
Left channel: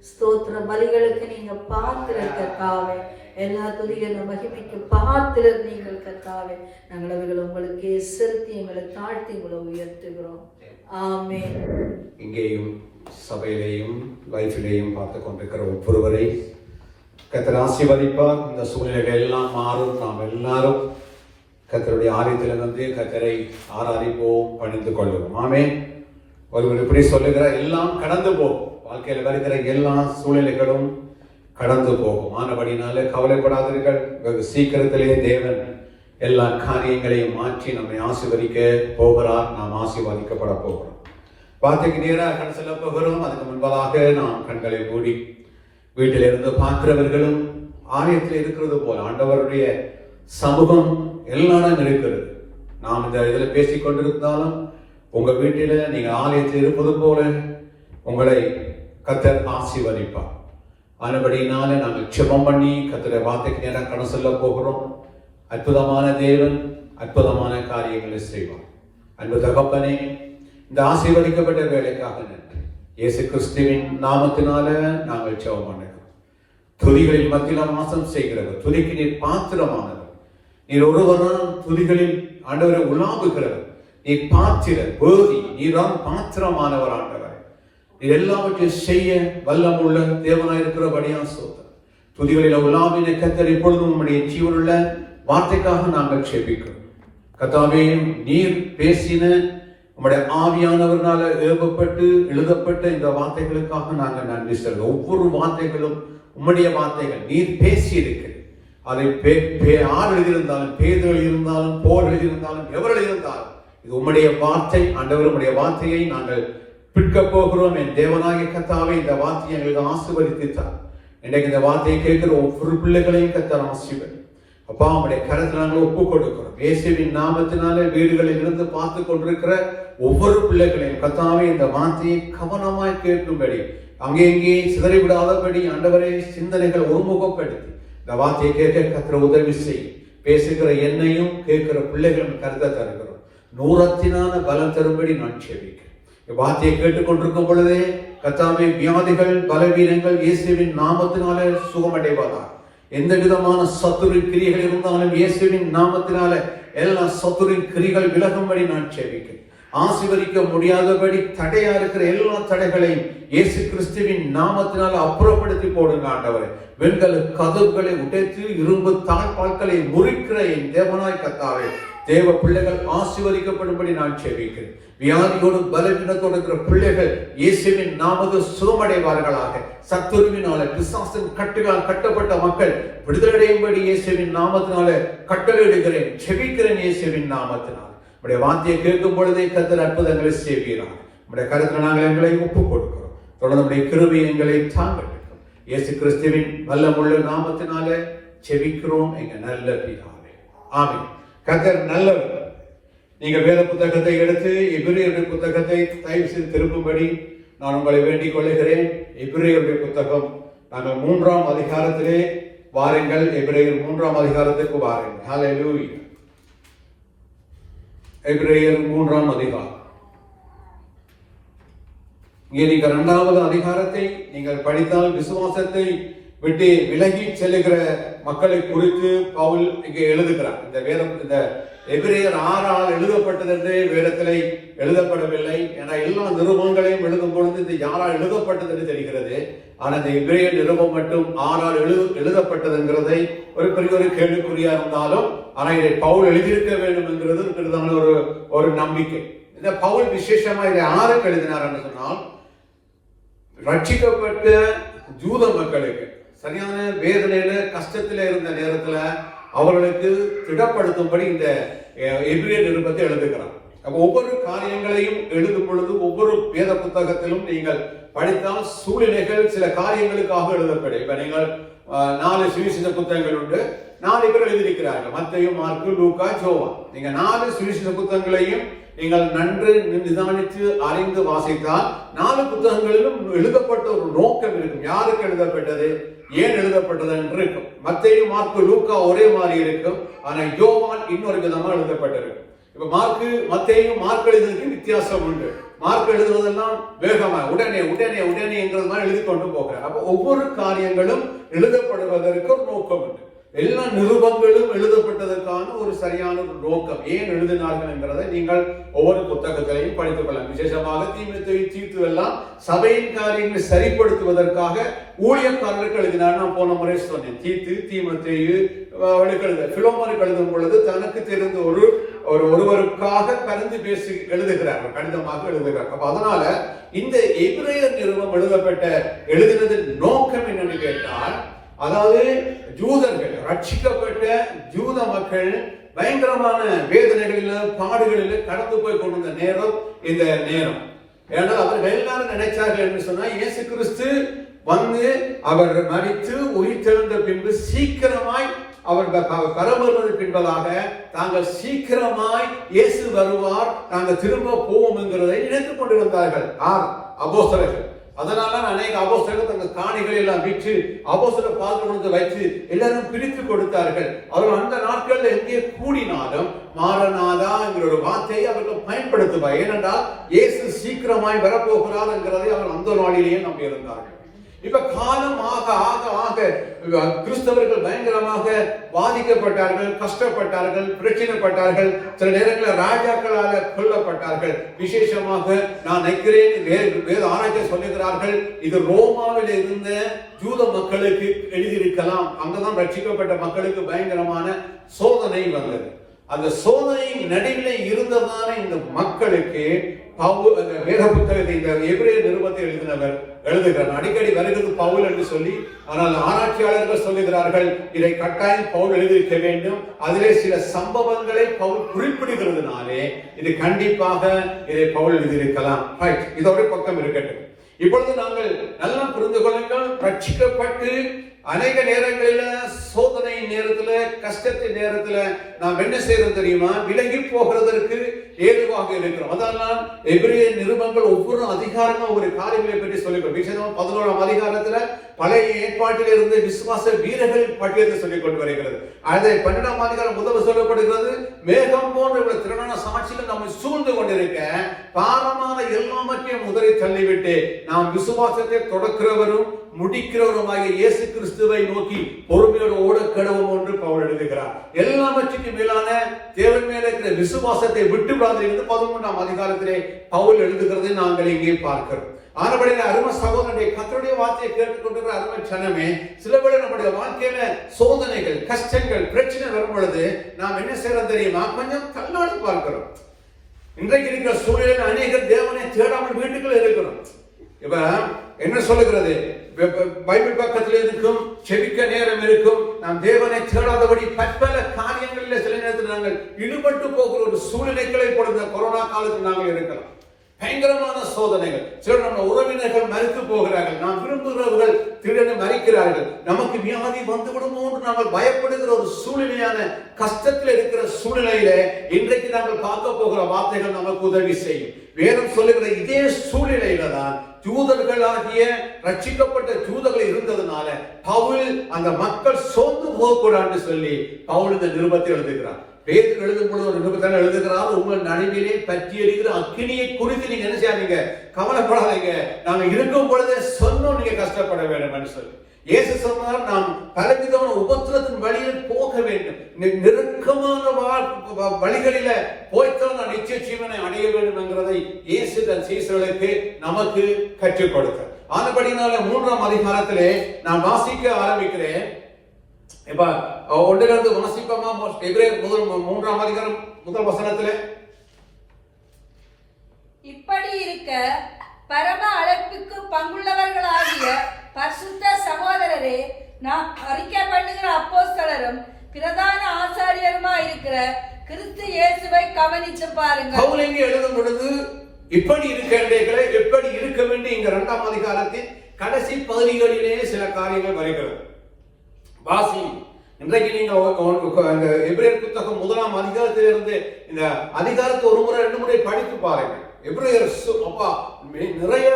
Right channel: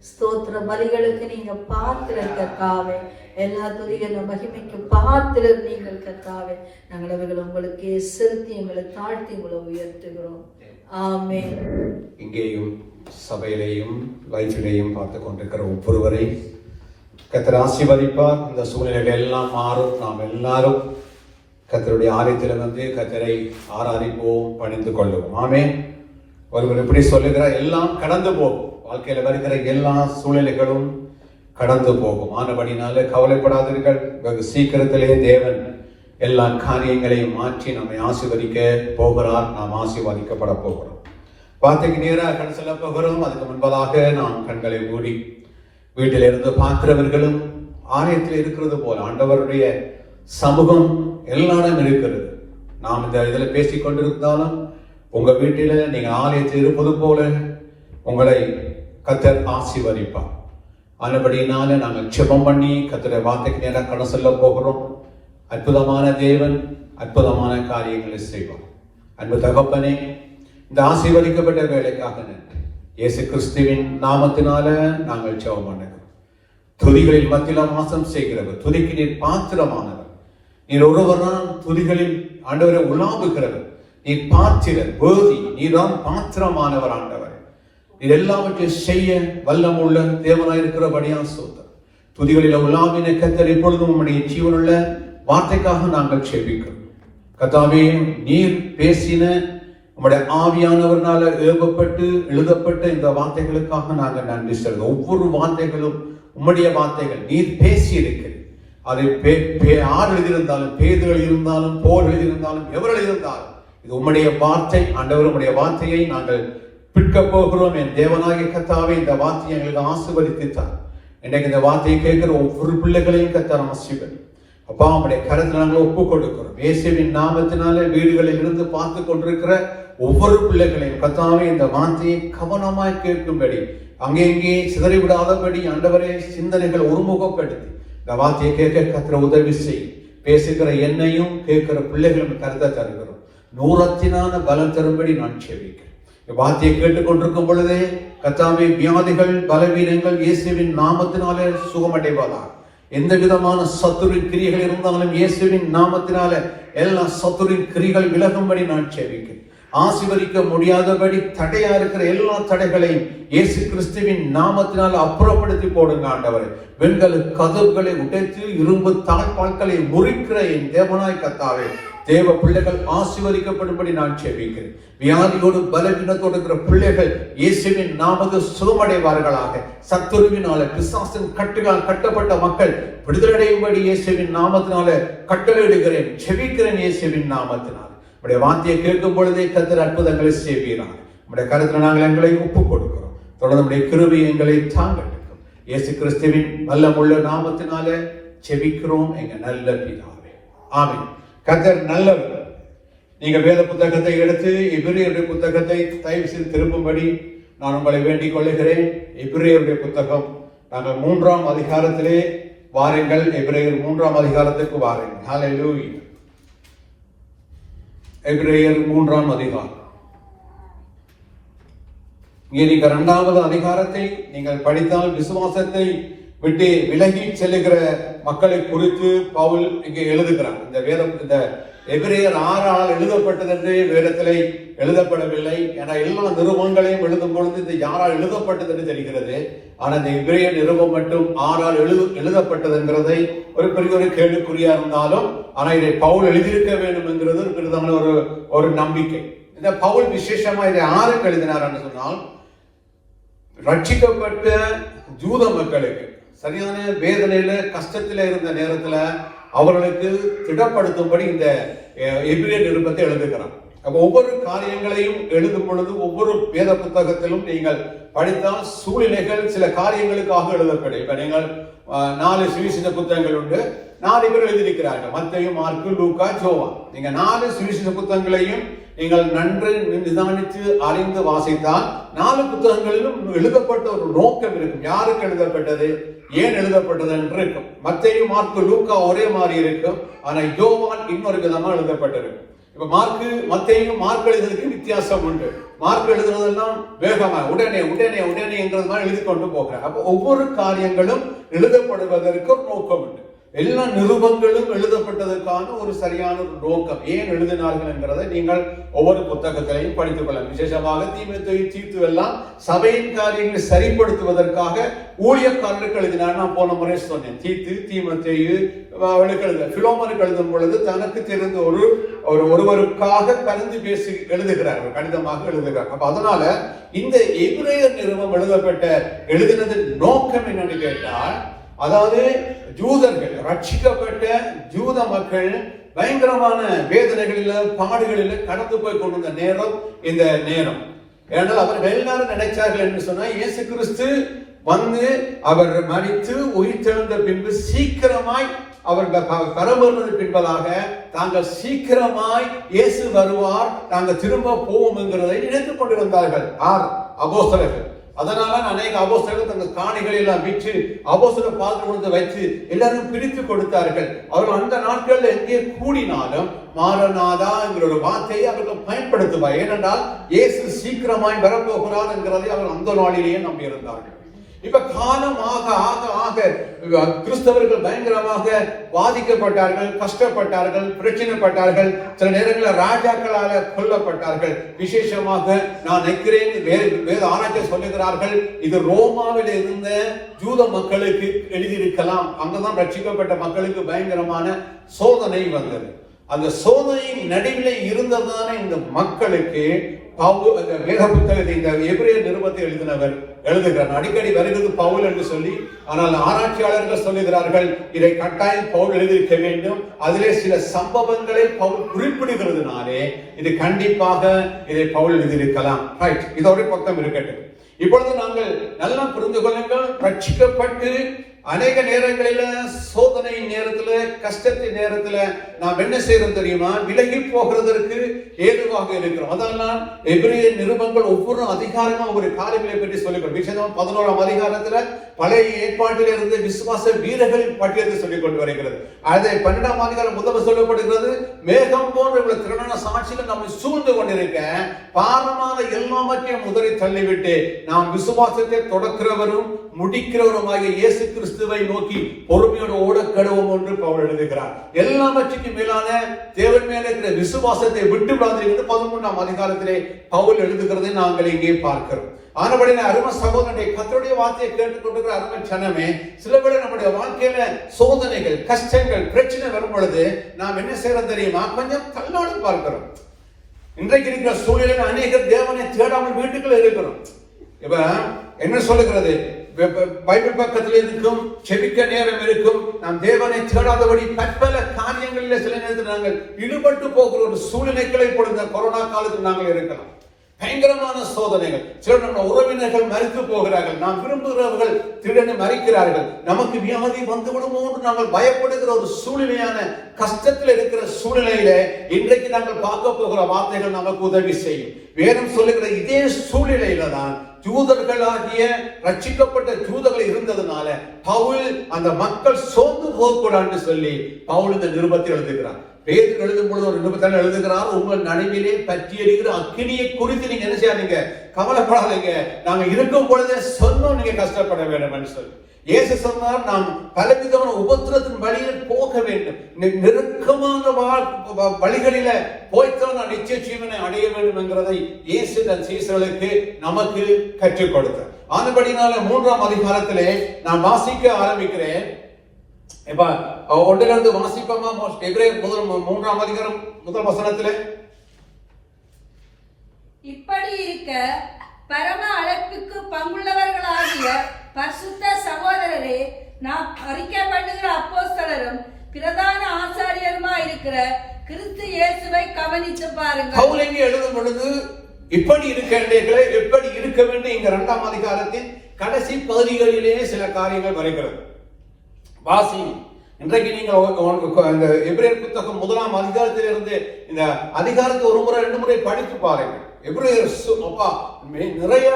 ஸ்தோத்திர பலிகளுக்கு நீங்க பாத்திரர் கர்த்தாவே, எல்லா துதிகள மகிமைக்கு பாத்திரர் நீங்கள் கர்த்தாவே. நாங்கள் அவைகள் உங்களுக்கு செலுத்தி எங்களை தாழ்த்தி உங்களை உயர்த்துகிறோம். ஆமென். இங்கேயும் சபையிலேயும் லைஃபிலேயும் பார்த்து கொண்டிருக்கிற ஒவ்வொருவரை கர்த்தர் ஆசீர்வதிப்பார். இந்த சூழ்நிலைகள் எல்லாம் மாறும். நாம் எல்லாரும் கர்த்தருடைய ஆலயத்தில் வந்து கர்த்தரை ஆராதிப்போம், பணிந்து கொள்வோம். ஆமென். ஒருவர் எப்படி சொல்லுகிறார், எல்லாம் கடந்து போகும். வாழ்க்கையில வருகிற எல்லா சூழ்நிலைகளும் கடந்து போகும். ஆனபடினால கவலைப்படாதீர்கள். வெகு சீக்கிரத்திலே தேவன் எல்லா காரியங்களையும் மாற்றி நம்மை ஆசீர்வதிக்க போகிறார். நாம் ஆசீர்வதிக்கப்பட போகிறோம். வார்த்தைக்கு நேராக கண் செல்ல போகிறோம். அதுக்கு முன்பதாக நாம் கண்களை மூடி வீட்டிலிருந்து பார்க்கிறவர்களும் ஆலயத்தில் இருக்கிறது போல ஆண்டவருடைய சமூகம் எல்லாரும் இருக்கிறது. நாம் இந்த இதில் பேசிக் கொண்டிருந்தாலும் உங்க வீட்டில நீங்க ஆலயத்தில் இருப்பது போல உங்களை கர்த்தர் ஆசீர்வதிப்பார். ஆனபடியினால நாங்கள் ஜெபம் பண்ணி கர்த்தருடைய வார்த்தைக்கு நேராக கடந்து செல்ல போகிறோம். அற்புதமான தேவன் அற்புதமான காரியங்களை செய்வார். அன்பு தகப்பனே, இந்த ஆசீர்வதிக்கப்பட்ட வேலைக்காக நன்றி. இயேசு கிறிஸ்துவின் நாமத்தினால நாங்கள் ஜெபம் பண்ணுகிறோம். துதிகளில் மத்தியில் வாசம் செய்கிறவர், துதிக்கு நீர் பாத்திரமானவர். நீர் ஒருவர்தான் துதிகளில் ஆண்டவரை உலாவுகிறவர். நீர் பாத்திரர், வேதி, நீர்தான் பாத்திரமானவர். ஆண்டவர் நீர் எல்லாவற்றையும் செய்ய வல்லமுள்ள தேவனாய் இருக்கிறபடியா சோதர். துதிகளில் உலாவினை கர்த்தர் இப்பொழுதும் உம்முடைய ஜீவனுள்ள வார்த்தைக்காக நாங்கள் ஜெபிக்கிறோம். கர்த்தாவே, நீர் பேசின உம்முடைய ஆவியானவர்னால ஏவப்பட்டு எழுதப்பட்ட இந்த வார்த்தைகளுக்காக நாங்கள் நன்றி சொல்கிறோம். ஒவ்வொரு வார்த்தைகளும் உம்முடைய வார்த்தைகள். நீர் பேசி இருக்கிறீர். அதை ஆறு எழுதியிருந்தாலும், பேதுகள் இருந்தாலும், போர்கள் இருந்தாலும், எவர்கள் இருந்தாலும் இது உம்முடைய வார்த்தை. ஆண்டவர் உம்முடைய வார்த்தையை நாங்கள் பிற்க போகிறோம். என் தேவனாகிய கர்த்தாவே, இந்த வார்த்தையை எங்களுக்கு ஆசீர்வதித்தார். இன்றைக்கு இந்த வார்த்தையை கேட்கிற ஒவ்வொரு பிள்ளைகளையும் கர்த்தர் ஆசீர்வதி. அப்பா, உம்முடைய கரத்தில் நாங்கள் ஒப்பு கொடுக்கிறோம். இயேசுவின் நாமத்தினாலே வீடுகளில் இருந்து பார்த்து கொண்டிருக்கிற ஒவ்வொரு பிள்ளைகளையும் கர்த்தாவே இந்த வார்த்தையை கவனமாய் கேட்கும்படி, அங்கே இங்கே சிதறிவிடாதபடி ஆண்டவரே சிந்தனைகள் ஒருமுகப்படுத்தி இந்த வார்த்தையை கேட்க கர்த்தர் உதவி செய். பேசுகிற என்னையும் கேட்கிற பிள்ளைகளும் கருத்தை தருகிறோம். நூறத்தினான பலம் தரும்படி நான் செபிக்கிறேன். வார்த்தையை கேட்டுக்கொண்டிருக்கும் பொழுதே கர்த்தாவே, வியாதிகள் பலவீனங்கள் இயேசுவின் நாமத்தினாலே சுகமடைவதாக. எந்த விதமான சத்துரின் கிரிகள் இருந்தாலும் இயேசுவின் நாமத்தினால எல்லா சத்துரின் கிரிகள் விலகும்படி நான் செபிக்கிறேன். ஆசீர்வதிக்க முடியாதபடி தடையா இருக்கிற எல்லா தடைகளையும் இயேசு கிறிஸ்துவின் நாமத்தினால் அப்புறப்படுத்தி போடுங்க ஆண்டவரே. வெண்கல கதவுகளை உடைத்து இரும்பு தாழ்பால்களை முறிக்கிற என் தேவனாய் கர்த்தாவே, தேவ பிள்ளைகள் ஆசீர்வதிக்கப்படும்படி நான் ஜெபிக்கிறேன். வியாதியோடு பலவீனத்தோடு இருக்கிற பிள்ளைகள் இயேசுவின் நாமத்தில் சுகமடைவார்களாக. சத்துருவினால பிசாசின் கட்டுகளால் கட்டப்பட்ட மக்கள் விடுதலையடையும்படி இயேசுவின் நாமத்தினால கட்டளையிடுகிறேன், ஜெபிக்கிறேன் இயேசுவின் நாமத்தினால். உடைய வார்த்தையை கேட்கும் பொழுதே கர்த்தர் அற்புதங்களை செய்கிறார். உடைய கருத்தில் நாங்கள் எங்களை ஒப்புக் கொடுக்கிறோம். தொடர்ந்து கிருபை எங்களை தாங்கட்டும். இயேசு கிறிஸ்துவின் வல்லமுள்ள நாமத்தினால ஜெபிக்கிறோம் எங்க நல்ல பிதாவே, ஆமென். கர்த்தர் நல்லவர். நீங்கள் வேத புத்தகத்தை எடுத்து எபிரேயருடைய புத்தகத்தை தயவு செய்து திருப்பும்படி நான் உங்களை வேண்டிக் கொள்ளுகிறேன். எபிரேயருடைய புத்தகம் நாங்கள் 3ஆம் அதிகாரத்திலே வாருங்கள். எபிரேயர் 3ஆம் அதிகாரத்துக்கு வாருங்கள். ஹல்லேலூயா. எபிரேயர் 3ஆம் அதிகாரம். இங்கே நீங்கள் 2வது அதிகாரத்தை நீங்கள் படித்தால் விசுவாசத்தை விட்டு விலகி செல்லுகிற மக்களை குறித்து பவுல் இங்கே எழுதுகிறார். இந்த வேதம் இந்த எபிரேயர் 6ஆல் எழுதப்பட்டது என்று வேதத்திலே எழுதப்படவில்லை. ஏன்னா எல்லா நிருபங்களையும் எழுதும் பொழுது இது யாரால் எழுதப்பட்டது என்று தெரிகிறது. ஆனால் இந்த எபிரேயர் நிருபம் மட்டும் 6ஆல் எழுதப்பட்டதுங்கிறதை ஒரு பெரிய ஒரு கேள்விக்குறியா இருந்தாலும், ஆனால் இதை பவுல் எழுதியிருக்க வேண்டும் என்கிறது பெரிதான ஒரு நம்பிக்கை. இந்த பவுல் விசேஷமா இதை 6க்கு எழுதினார் என்று சொன்னால், ரட்சிக்கப்பட்ட ஜூத மக்களுக்கு சரியான வேதனையில கஷ்டத்தில இருந்த நேரத்துல அவர்களுக்கு திடப்படுத்தும்படி இந்த எபிரேயர் நிருபத்தை எழுதுகிறார். ஒவ்வொரு காரியங்களையும் எழுதும் பொழுது ஒவ்வொரு வேத புத்தகத்திலும் நீங்கள் படித்தால் சூழ்நிலைகள் சில காரியங்களுக்காக எழுதப்படும். இப்ப நீங்கள் 4 சுவிசேஷ புத்தகங்கள் உண்டு, 4 பேர் எழுதியிருக்கிறார்கள். மத்தேயு, மார்க்கு, லூக்கா, யோவான். நீங்க 4 சுவிசேஷ புத்தகங்களையும் நீங்கள் நன்று நிதானித்து அறிந்து வாசித்தால் 4 புத்தகங்களிலும் எழுதப்பட்ட ஒரு நோக்கம் இருக்கும். யாருக்கு எழுதப்பட்டது, ஏன் எழுதப்பட்டது என்று இருக்கும். மத்தேயு, மார்க்கு, லூக்கா ஒரே மாதிரி இருக்கும். ஆனா யோவான் இன்னொரு விதமா எழுதப்பட்டிருக்கும். இப்ப மத்தேயு மார்க் எழுதுறதுக்கு வித்தியாசம் உண்டு. மார்க் எழுதுறதெல்லாம் வேகமா உடனே உடனே உடனே என்றதுதான் எழுதி கொண்டு போகிறார். அப்ப ஒவ்வொரு காரியங்களும் எழுதப்படுவதற்கு ஒரு நோக்கம் உண்டு. எல்லா நிருபங்களும் எழுதப்பட்டதற்கான ஒரு சரியான நோக்கம், ஏன் எழுதினார்கள் என்கிறதை நீங்கள் ஒவ்வொரு புத்தகத்திலையும் படித்துக் கொள்ளலாம். விசேஷமாக தீமோத்தேயு, தீத்து எல்லாம் சபையின் காரியங்களை சரிப்படுத்துவதற்காக ஊழியக்காரர்களுக்கு எழுதினார். நான் போன முறை சொன்னேன், தீத்து, தீமோத்தேயு பிலோமோனுக்கு எழுதும் பொழுது தனக்கு தெரிந்த ஒருவருக்காக கலந்து பேசி எழுதுகிறார்கள், கடிதமாக எழுதுகிறார். அப்ப அதனால இந்த எபிரேயர் நிருபம் எழுதினது நோக்கம் என்னன்னு கேட்டால், அதாவது ஜூதர்கள், ரட்சிக்கப்பட்ட ஜூத மக்கள் பயங்கரமான வேதனைகளில பாடுகளில கடந்து போய் கொண்டிருந்த நேரம் இந்த நேரம். ஏன்னா அவர்கள் எல்லாரும் நினைச்சார்கள் என்று சொன்னா, இயேசு கிறிஸ்து வந்து அவர் மரித்து உயிர்த்தெழுந்த பின்பு சீக்கிரமாய் அவர்கள் பரம்பரை பின்பதாக தாங்கள் சீக்கிரமாய் இயேசு வருவார், தாங்கள் திரும்ப போவோம் என்கிறதை நினைத்துக் கொண்டிருந்தார்கள் அப்போஸ்தலர்கள். அதனால அநேக அப்போஸ்தலர்கள் தங்கள் காணிகளை எல்லாம் விற்று அப்போஸ்தலர் பாத்திரத்தை வைத்து எல்லாரும் பிரித்து கொடுத்தார்கள். அவர்கள் அந்த நாட்களில் எங்கே கூடினாலும் மாரநாதா என்கிற ஒரு வார்த்தையை அவர்கள் பயன்படுத்துவார். ஏனென்றால் இயேசு சீக்கிரமாய் வரப்போகிறார் என்கிறதை அவர் அந்த நாளிலேயே நம்பி இருந்தார்கள். இப்ப காலம் ஆக ஆக ஆக கிறிஸ்தவர்கள் பயங்கரமாக பாதிக்கப்பட்டார்கள், கஷ்டப்பட்டார்கள், பிரச்சனைப்பட்டார்கள். சில நேரங்களில் ராஜாக்களாக கொல்லப்பட்டார்கள். விசேஷமாக நான் நினைக்கிறேன், வேத ஆராய்ச்சி சொல்லுகிறார்கள், இது ரோமாவில் இருந்த ஜூத மக்களுக்கு எழுதியிருக்கலாம். அங்கதான் ரட்சிக்கப்பட்ட மக்களுக்கு பயங்கரமான சோதனை வந்தது. அந்த சோதனையின் நடுவில் இருந்ததான இந்த மக்களுக்கு வேத புத்தகத்தை, இந்த எபிரேயர் நிருபத்தை எழுதுகிறார். அடிக்கடி வருகிறது பவுல் என்று சொல்லி, ஆனால் ஆராய்ச்சியாளர்கள் சொல்லுகிறார்கள், இதை கட்டாயம் பவுல் எழுதியிருக்க வேண்டும். அதிலே சில சம்பவங்களை பவுல் குறிப்பிடுகிறதுனாலே இது கண்டிப்பாக இதை பவுல் எழுதியிருக்கலாம். ரைட், இதோட பக்கம் இருக்கட்டும். இப்பொழுது நாங்கள் நல்லா புரிந்து கொள்ளுங்கள், ரட்சிக்கப்பட்டு அநேக நேரங்களில சோதனை நேரத்துல, கஷ்டத்தின் நேரத்துல நாம் என்ன செய்யறோம் தெரியுமா? விலகி போகிறதற்கு ஏதுவாக இருக்கிறோம். அதனால் எபிரேயர் நிருபங்கள் ஒவ்வொரு அதிகாரமும் ஒரு காரியங்களை பற்றி சொல்லிக்கிறோம். 11ஆம் அதிகாரத்துல பழைய ஏற்பாட்டில் இருந்து விசுவாச வீரர்களின் பட்டியலை சொல்லிக் கொண்டு வருகிறது. அதை 12ஆம் அதிகாரம் முதல் சொல்லப்படுகிறது, மேகம் போன்ற திரளான சாட்சிகள் நம்மை சூழ்ந்து கொண்டிருக்க பாரமான எல்லாவற்றையும் முதலை தள்ளிவிட்டு நாம் விசுவாசத்தை தொடக்கிறவரும் முடிக்கிறவருமாகிய இயேசு கிறிஸ்துவை நோக்கி பொறுமையோடு ஓட கடவும் என்று பவுல் எழுதுகிறார். எல்லாவற்றுக்கும் மேலான தேவன் மேல இருக்கிற விசுவாசத்தை விட்டு விடாது என்று 13ஆம் அதிகாரத்திலே பவுல் எழுதுகிறதை நாங்கள் இங்கே பார்க்கிறோம். ஆனபடியே அருமை சகோதரனுடைய கர்த்தருடைய வார்த்தையை கேட்டுக்கொண்டிருக்கிற அருமை ஜனமே, சில பேர் நம்முடைய வாழ்க்கையில சோதனைகள், கஷ்டங்கள், பிரச்சனை வரும் பொழுது நாம் என்ன செய்யறோம் தெரியுமா? கொஞ்சம் தள்ளாடி பார்க்கிறோம். இன்றைக்கு இருக்கிற சூழ்நிலையில் அநேகர் தேவனை தேடாமல் வீட்டுக்குள்ள இருக்கிறோம். இப்ப என்ன சொல்லுகிறது? பைபிள் பக்கத்தில் இருக்கும், செபிக்க நேரம் இருக்கும், நாம் தேவனை தேடாதபடி பற்பல காரியங்களில் சில நேரத்தில் நாங்கள் ஈடுபட்டு போகிற ஒரு சூழ்நிலைகளை பொழுது கொரோனா காலத்தில் நாங்கள் இருக்கலாம். பயங்கரமான சோதனைகள். சில நம்ம உறவினர்கள் மறித்து போகிறார்கள், நாம் விரும்புகிறவர்கள் திடீரென மறிக்கிறார்கள், நமக்கு வியாதி வந்து விடுமோ என்று நாங்கள் பயப்படுகிற ஒரு சூழ்நிலையான கஷ்டத்தில் இருக்கிற சூழ்நிலையில இன்றைக்கு நாங்கள் பார்க்க போகிற வார்த்தைகள் நமக்கு உதவி செய்யும். வேதம் சொல்லுகிற இதே சூழ்நிலையில தான் யூதர்களாகிய ரட்சிக்கப்பட்ட யூதர்கள் இருந்ததுனால பவுல் அந்த மக்கள் சோர்ந்து போகக்கூடாதுன்னு சொல்லி பவுல் இந்த நிருபத்தை எழுதுகிறார். பேதுரு எழுதும் பொழுது ஒரு நிருபத்தில் எழுதுகிறார், உங்கள் நடுவிலே பற்றி எரிகிற அக்கினியை குறித்து நீங்க என்ன செய்யாதீங்க, கவலைப்படாதீங்க, நாங்க இருக்கும் பொழுதே சொன்னோம் நீங்க கஷ்டப்பட வேண்டும் சொல்லி. இயேசு சொன்னார், நாம் பலவிதமான உபத்திரத்தின் வழியில் போக வேண்டும், நெருக்கமான வழிகளில போய்த்தான் நான் நிச்சய ஜீவனை அடைய வேண்டும் என்கிறதை இயேசு தன் சீசர்களுக்கு நமக்கு கற்றுக் கொடுத்தார். ஆனபடினால 3ஆம் அதிகாரத்திலே நான் வாசிக்க ஆரம்பிக்கிறேன். இப்ப ஒன்றிலிருந்து வாசிப்போமா? எபிரேயர் 3ஆம் அதிகாரம் முதல் வசனத்திலே, இப்படி இருக்க பரம அழைப்புக்கு பங்குள்ளவர்களாகிய பரிசுத்த சகோதரரே, நாம் அறிக்கை பண்ணுகிற அப்போஸ்தலரும் பிரதான ஆசாரியருமா இருக்கிற கிறிஸ்து இயேசுவை கவனித்து பாருங்கள். பவுல் இங்கே எழுதும் பொழுது இப்படி இருக்கின்றீர்களே, எப்படி இருக்க வேண்டிய இந்த 2ஆம் அதிகாரத்தின் கடைசி பகுதிகளிலே சில காரியங்கள் வருகிறது. வாசி, இன்றைக்கு நீங்க அந்த எபிரேயர் புத்தகம் 1ஆம் அதிகாரத்திலிருந்து இந்த அதிகாரத்தை ஒரு முறை 2 முறை படித்து பாருங்க. எபிரேயர் நிறைய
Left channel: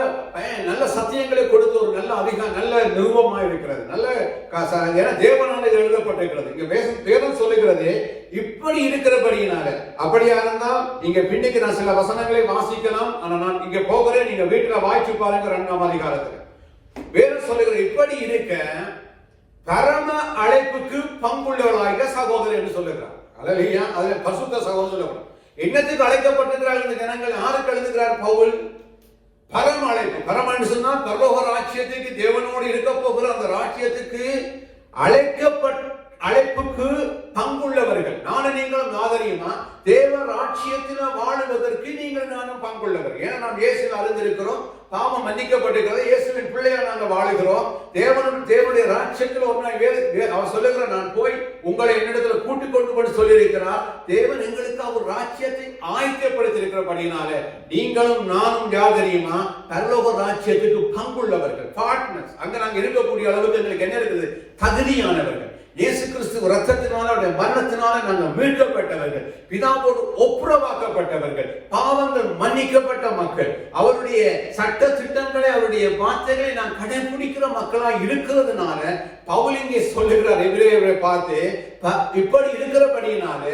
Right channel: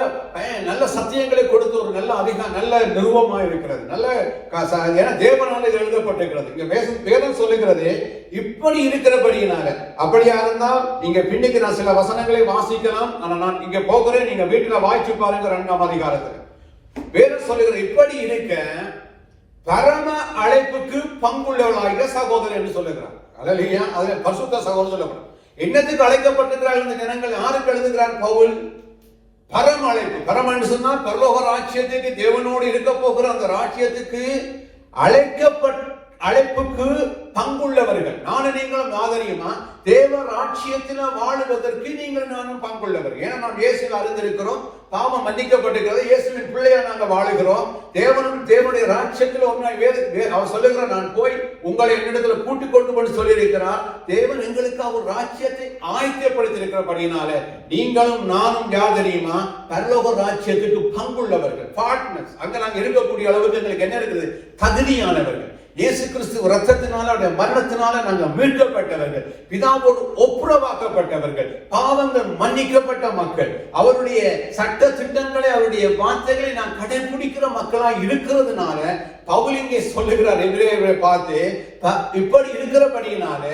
நல்ல சத்தியங்களை கொடுத்து ஒரு நல்ல நல்ல நிறுவனமா இருக்கிறது. நல்ல தேவனால எழுதப்பட்டிருக்கிறது. இங்க வேதம் சொல்லுகிறது, இப்படி இருக்கிறபடியினால. அப்படியா இருந்தால் இங்க பின்னுக்கு நான் சில வசனங்களை வாசிக்கலாம். நான் இங்க போகிறேன், நீங்க வீட்டுல வாய்ச்சி பாருங்க. 2ஆம் அதிகாரத்துல வேதம் சொல்லுகிற, இப்படி இருக்க பரம அழைப்புக்கு பங்குள்ளவர்களாக சகோதரர் என்று சொல்லுகிறார். அல்லேலூயா. அதுல பரிசுத்த சகோதரர் சொல்லுகிறார். என்னத்துக்கு அழைக்கப்பட்டிருக்கிறார்கள் இந்த ஜனங்கள்? யாருக்கு எழுதுகிறார் பவுல்? பரம அழைப்பு. பரமன்னு சொன்னா பரலோக ராஜ்யத்துக்கு, தேவனோடு இருக்க போகிற அந்த ராஜ்யத்துக்கு அழைப்புக்கு பங்குள்ளவர்கள். நானும் நீங்களும் ஆதரியுமா? தேவ ராஜ்யத்துல வாழுவதற்கு நீங்கள் நானும் பங்குள்ளவர். ஏன்னா நாம் இயேசுவில் அறிந்திருக்கிறோம், பாவம் மன்னிக்கப்பட்டிருக்கிறது, இயேசுவின் பிள்ளையா நாங்கள் வாழுகிறோம். தேவனுடைய ராஜ்யத்தில் அவர் சொல்லுகிறார், நான் போய் உங்களை என்னிடத்துல கூட்டிக் கொண்டு போய் சொல்லியிருக்கிறார். தேவன் எங்களுக்கு அவர் ராஜ்யத்தை ஆயத்தப்படுத்தியிருக்கிறபடினால நீங்களும் நானும் யார் தெரியுமா? பரலோக ராஜ்யத்துக்கு பங்குள்ளவர்கள், பார்ட்னர்ஸ். அங்க நாங்கள் இருக்கக்கூடிய அளவுக்கு எங்களுக்கு என்ன இருக்குது? தகுதியானவர்கள். இயேசு கிறிஸ்து ரத்தத்தினால, அவருடைய மரணத்தினால நாங்கள் மீட்கப்பட்டவர்கள், பிதாவோடு ஒப்புரவாக்கப்பட்டவர்கள், பாவங்கள் மன்னிக்கப்பட்ட மக்கள், அவருடைய சட்ட திட்டங்களை, அவருடைய வார்த்தைகளை நாம் கடைபிடிக்கிற மக்களாய் இருக்கிறதுனால பவுல் இங்கே சொல்லுகிறார் எபிரேயரை பார்த்து, இப்படி இருக்கிறபடியினால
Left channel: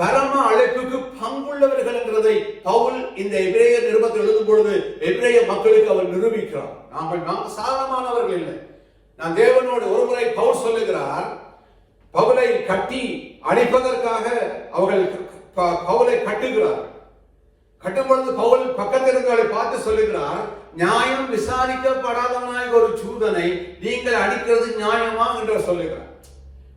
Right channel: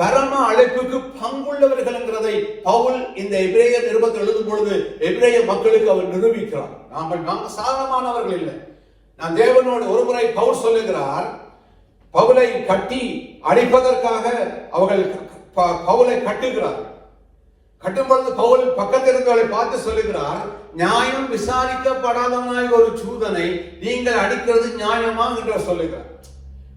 பரம அழைப்புக்கு பங்குள்ளவர்கள் என்கிறதை பவுல் இந்த எபிரேயர் நிருபத்தில் எழுதும் பொழுது எபிரேய மக்களுக்கு அவர் நிரூபிக்கிறார். நாம் சாதாரணமானவர்கள் இல்லை. நாம் தேவனோடு ஒருமுறை பவுல் சொல்லுகிறார், பவுலை கட்டி அடிப்பதற்காக அவர்கள் பவுலை கட்டுகிறார். கட்டும் பொழுது பவுல் பக்கத்தில் இருந்தவர்களை பார்த்து சொல்லுகிறார், நியாயம் விசாரிக்கப்படாதவனாய் ஒரு சூதனை நீங்கள் அடிக்கிறது நியாயமா என்று சொல்லுகிறார்.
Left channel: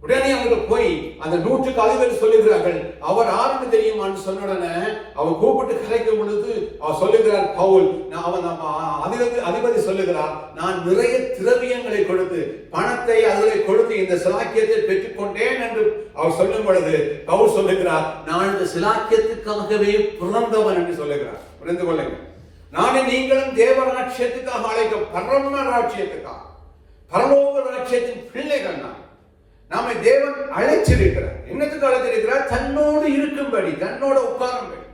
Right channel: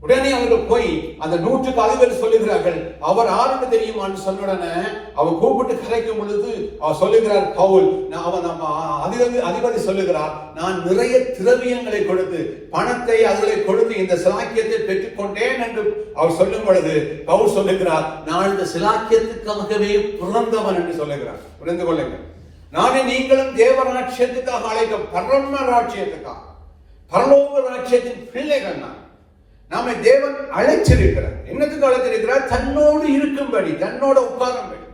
உடனே அவர்கள் போய் அந்த 100க்கு அதிபர் சொல்லுகிறார்கள், அவர் ஆறுன்னு தெரியுமான்னு சொன்ன உடனே அவர் கூப்பிட்டு கரைக்கும் பொழுது அவர் சொல்லுகிறார், பவுல் அதிபதி சொல்லுகிறார், நான் நிறைய திரவியங்களை கொடுத்து பணத்தை அதிலே கொடுத்து இந்த சிலாக்கியத்தை பெற்றுக் கொண்டேன் என்று அவர் சொல்லும் பொழுது பவுல் சொல்லுகிறார், நான் இந்த சிலாக்கியத்துக்காகவே பிறந்தவன் என்று சொல்லுகிறார். புரிந்து கொள்ளுங்கள். நானே நீங்களும் தேவராட்சியத்துக்காக அழைக்க, பரம ராட்சியத்துக்காக, பரலோக ராட்சியத்தின் பிள்ளைகள் தான். நாம தேவன் அழைச்சிருக்கிறார். என்னத்துக்கு அழைச்சிருக்கிறார்? தன்னோடு இருக்கும்படி, தன்னோட உட்காரும்படி.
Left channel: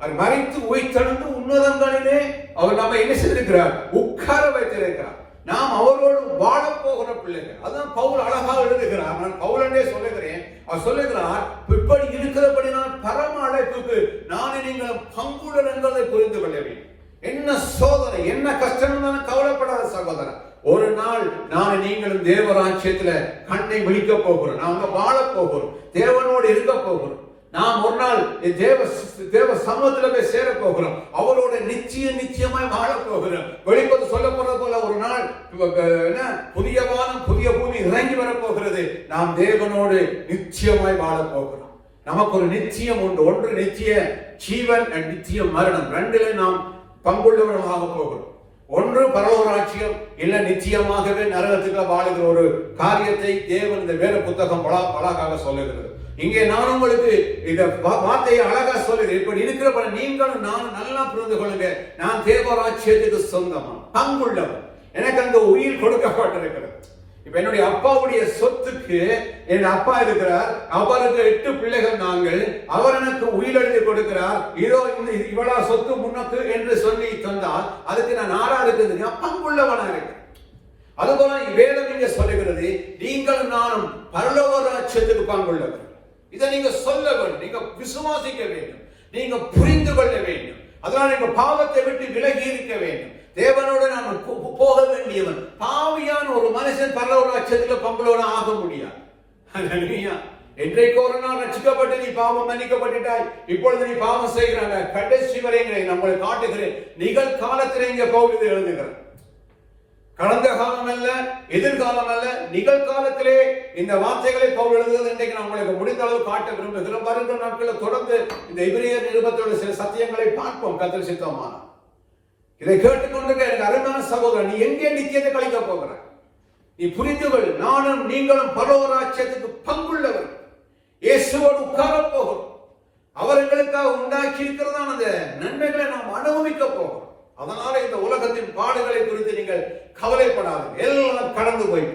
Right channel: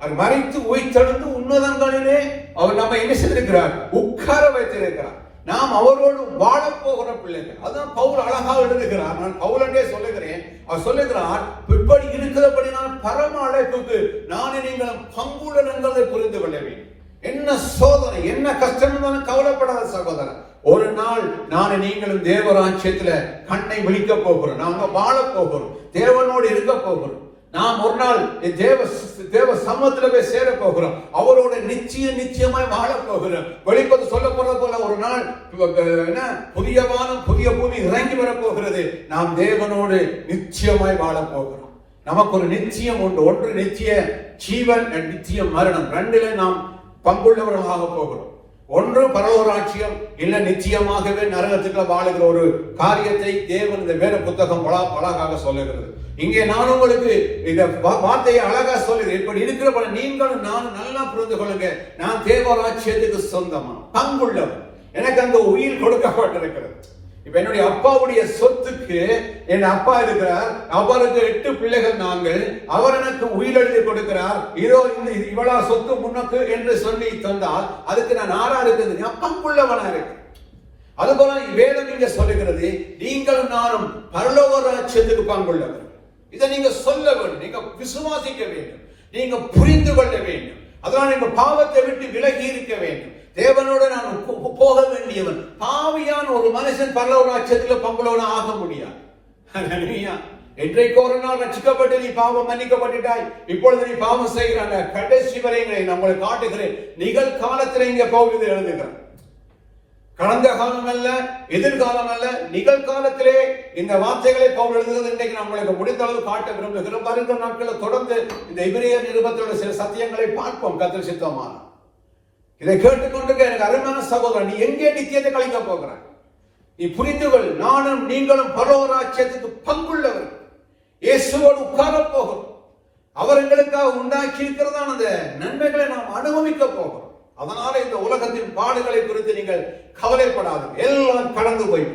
அது மறைத்து உயிர்த்தெழுந்து உன்னதங்களிலே அவர் நாம என்ன செய்திருக்கிறார்? உட்கார வைத்திருக்கிறார். நாம் அவரோடு வாழப்போகிற பிள்ளைகள். அதான் பவுல் அழகா எழுதுகிறார். நான் பவுலனே சொல்லுகிறேன். அவர் சொல்லுகிறார், இப்படி இருக்கிறபடி நான் பரம அழைப்புக்கு நான் நீங்கள் பங்குடன் என்பதை புரிந்து கொள்ள வேண்டும். என்ன சோதனை, என்ன கஷ்டம் தான் கவலைப்படாத சகோதரன். ஒரு நாள் நான் நீங்களும் தேவராஜ்யத்துல கண்ணை விழிக்க போகிறோம். நாம வாழ போகிறோம், தேவனோடு இருக்க போகிறோம். நாம் ஒரு நாள் தேவ சமூகத்துல போய் சேர போகிறோம். அவரோட நிச்சயமாய் வாழ போகிறோம். வெளிப்பது சொல்ல போறது போல ஒரு நாள் புதிய வானம் புதிய பூமி இறங்கி வர போகிறது. நாம் தேவனோடு நிச்சயமாய் வாழ போகிறோம். நமக்கு ஒரு நிச்சயம் உண்டு. ஒன்று நிச்சய ஜீவன், நிச்சய மரணம். ரெண்டிலே நாம் பங்குள்ளவர்களாக போகிறோம். ஒன்று பரலோகராட்சியம், இல்ல நிச்சயமாகவே நரகத்துக்கு வாழுகிற ஒரு காரியத்தை தேவன் இந்த வேத புத்தகம் அழகாக சொல்லுகிறது. இங்கே நான் உங்களுக்கு இந்த வார்த்தையை அழகா சொல்லுகிறேன். இப்படி இருக்கிற நீங்களும் நான் நல்லா புரிந்து கொள்ளுங்க. நான் தேவராட்சியத்துக்கு சொந்தமா பங்குள்ளவன். எனக்கு அந்த உயிர் கொடுக்கப்பட்டிருக்கிறது. இப்ப என்னுடைய அப்பாவுடைய சொத்துக்கு என் அப்பா இருக்கிறார். அவருக்கு 8 பிள்ளைகள் நாங்கள். அவர் எனக்கு உயிர் எழுதி கொடுக்கிறார். இதோ இவ்வளவு சொத்து முன்னக்கு என்று சொல்லி தந்தால் அதுக்கு நான் ஆறா இருக்குது பங்குள்ளவனா இருக்கிறேன். அதுபோல வேதம் இங்க சொல்லுகிறது, நீங்கள் நானும் பரலோக ராஜ்யத்துக்கு பங்குள்ளவர். இதை நீங்க சொல்ல வேண்டும், நீங்க விசுவாசிக்க வேண்டும், நீங்க புரிந்து கொள்ள வேண்டும். அதனால நீங்க பாவத்தை விட்டு விலகி இருக்க வேண்டும். தேவனோட நான் போக வேண்டியவன். பாவியான ஒரு மனுஷன் பரலோக ராஜ்யத்தில் பங்குள்ளவனா ஆக முடியாது. என்றைக்கு ஒரு நாள் ரட்சிக்கப்பட்டு நீ பாவம் மன்னிக்கப்பட்டுட்டாய், இப்பொழுது நீ பாவம் செய்கிறாங்க. கடைசி வரைகளை நம்மளை காட்டுகிறேன். நிகழ்காலத்திலே இங்க போகுது எழுதுகிறேன். கடந்த காலம் அல்ல, எதிர்காலம் அல்ல, நிகழ்காலத்திலே இந்த வார்த்தைகளை பவுல் எழுதுகிறது. இன்றைக்கு நம்மளுக்கு முடிந்த அளவு காட்ட விரும்புகிறோம். வருகிற நாட்களில் தொடர்ந்து இந்த எபிரேயர் நிருபத்தோட சில சத்தியங்களை பார்ப்போம் கர்த்தர் சித்தமான. இதை கேட்டுக்கொண்டு எனக்கு அருமையான சகோதரன், நீ எங்கே நித்தியத்தை கழிக்க போகிறாய்? நீ புரிந்துகள், நானும் நீங்களும் பரலோக ராஜ்யத்துக்கு பங்குள்ளவர். இயேசுவோடு உட்கார போகிறோம். அவர் எங்களுக்காக உண்டாக்கி இருக்கிறதான அந்த நன்மைகளை நாம் அனுபவிக்க போகிறோம். அதனால இந்த உலகத்தின் பாடுகளை குறித்து நீங்கள் கவலைப்படாதீங்க. எல்லாம் கடந்து போய்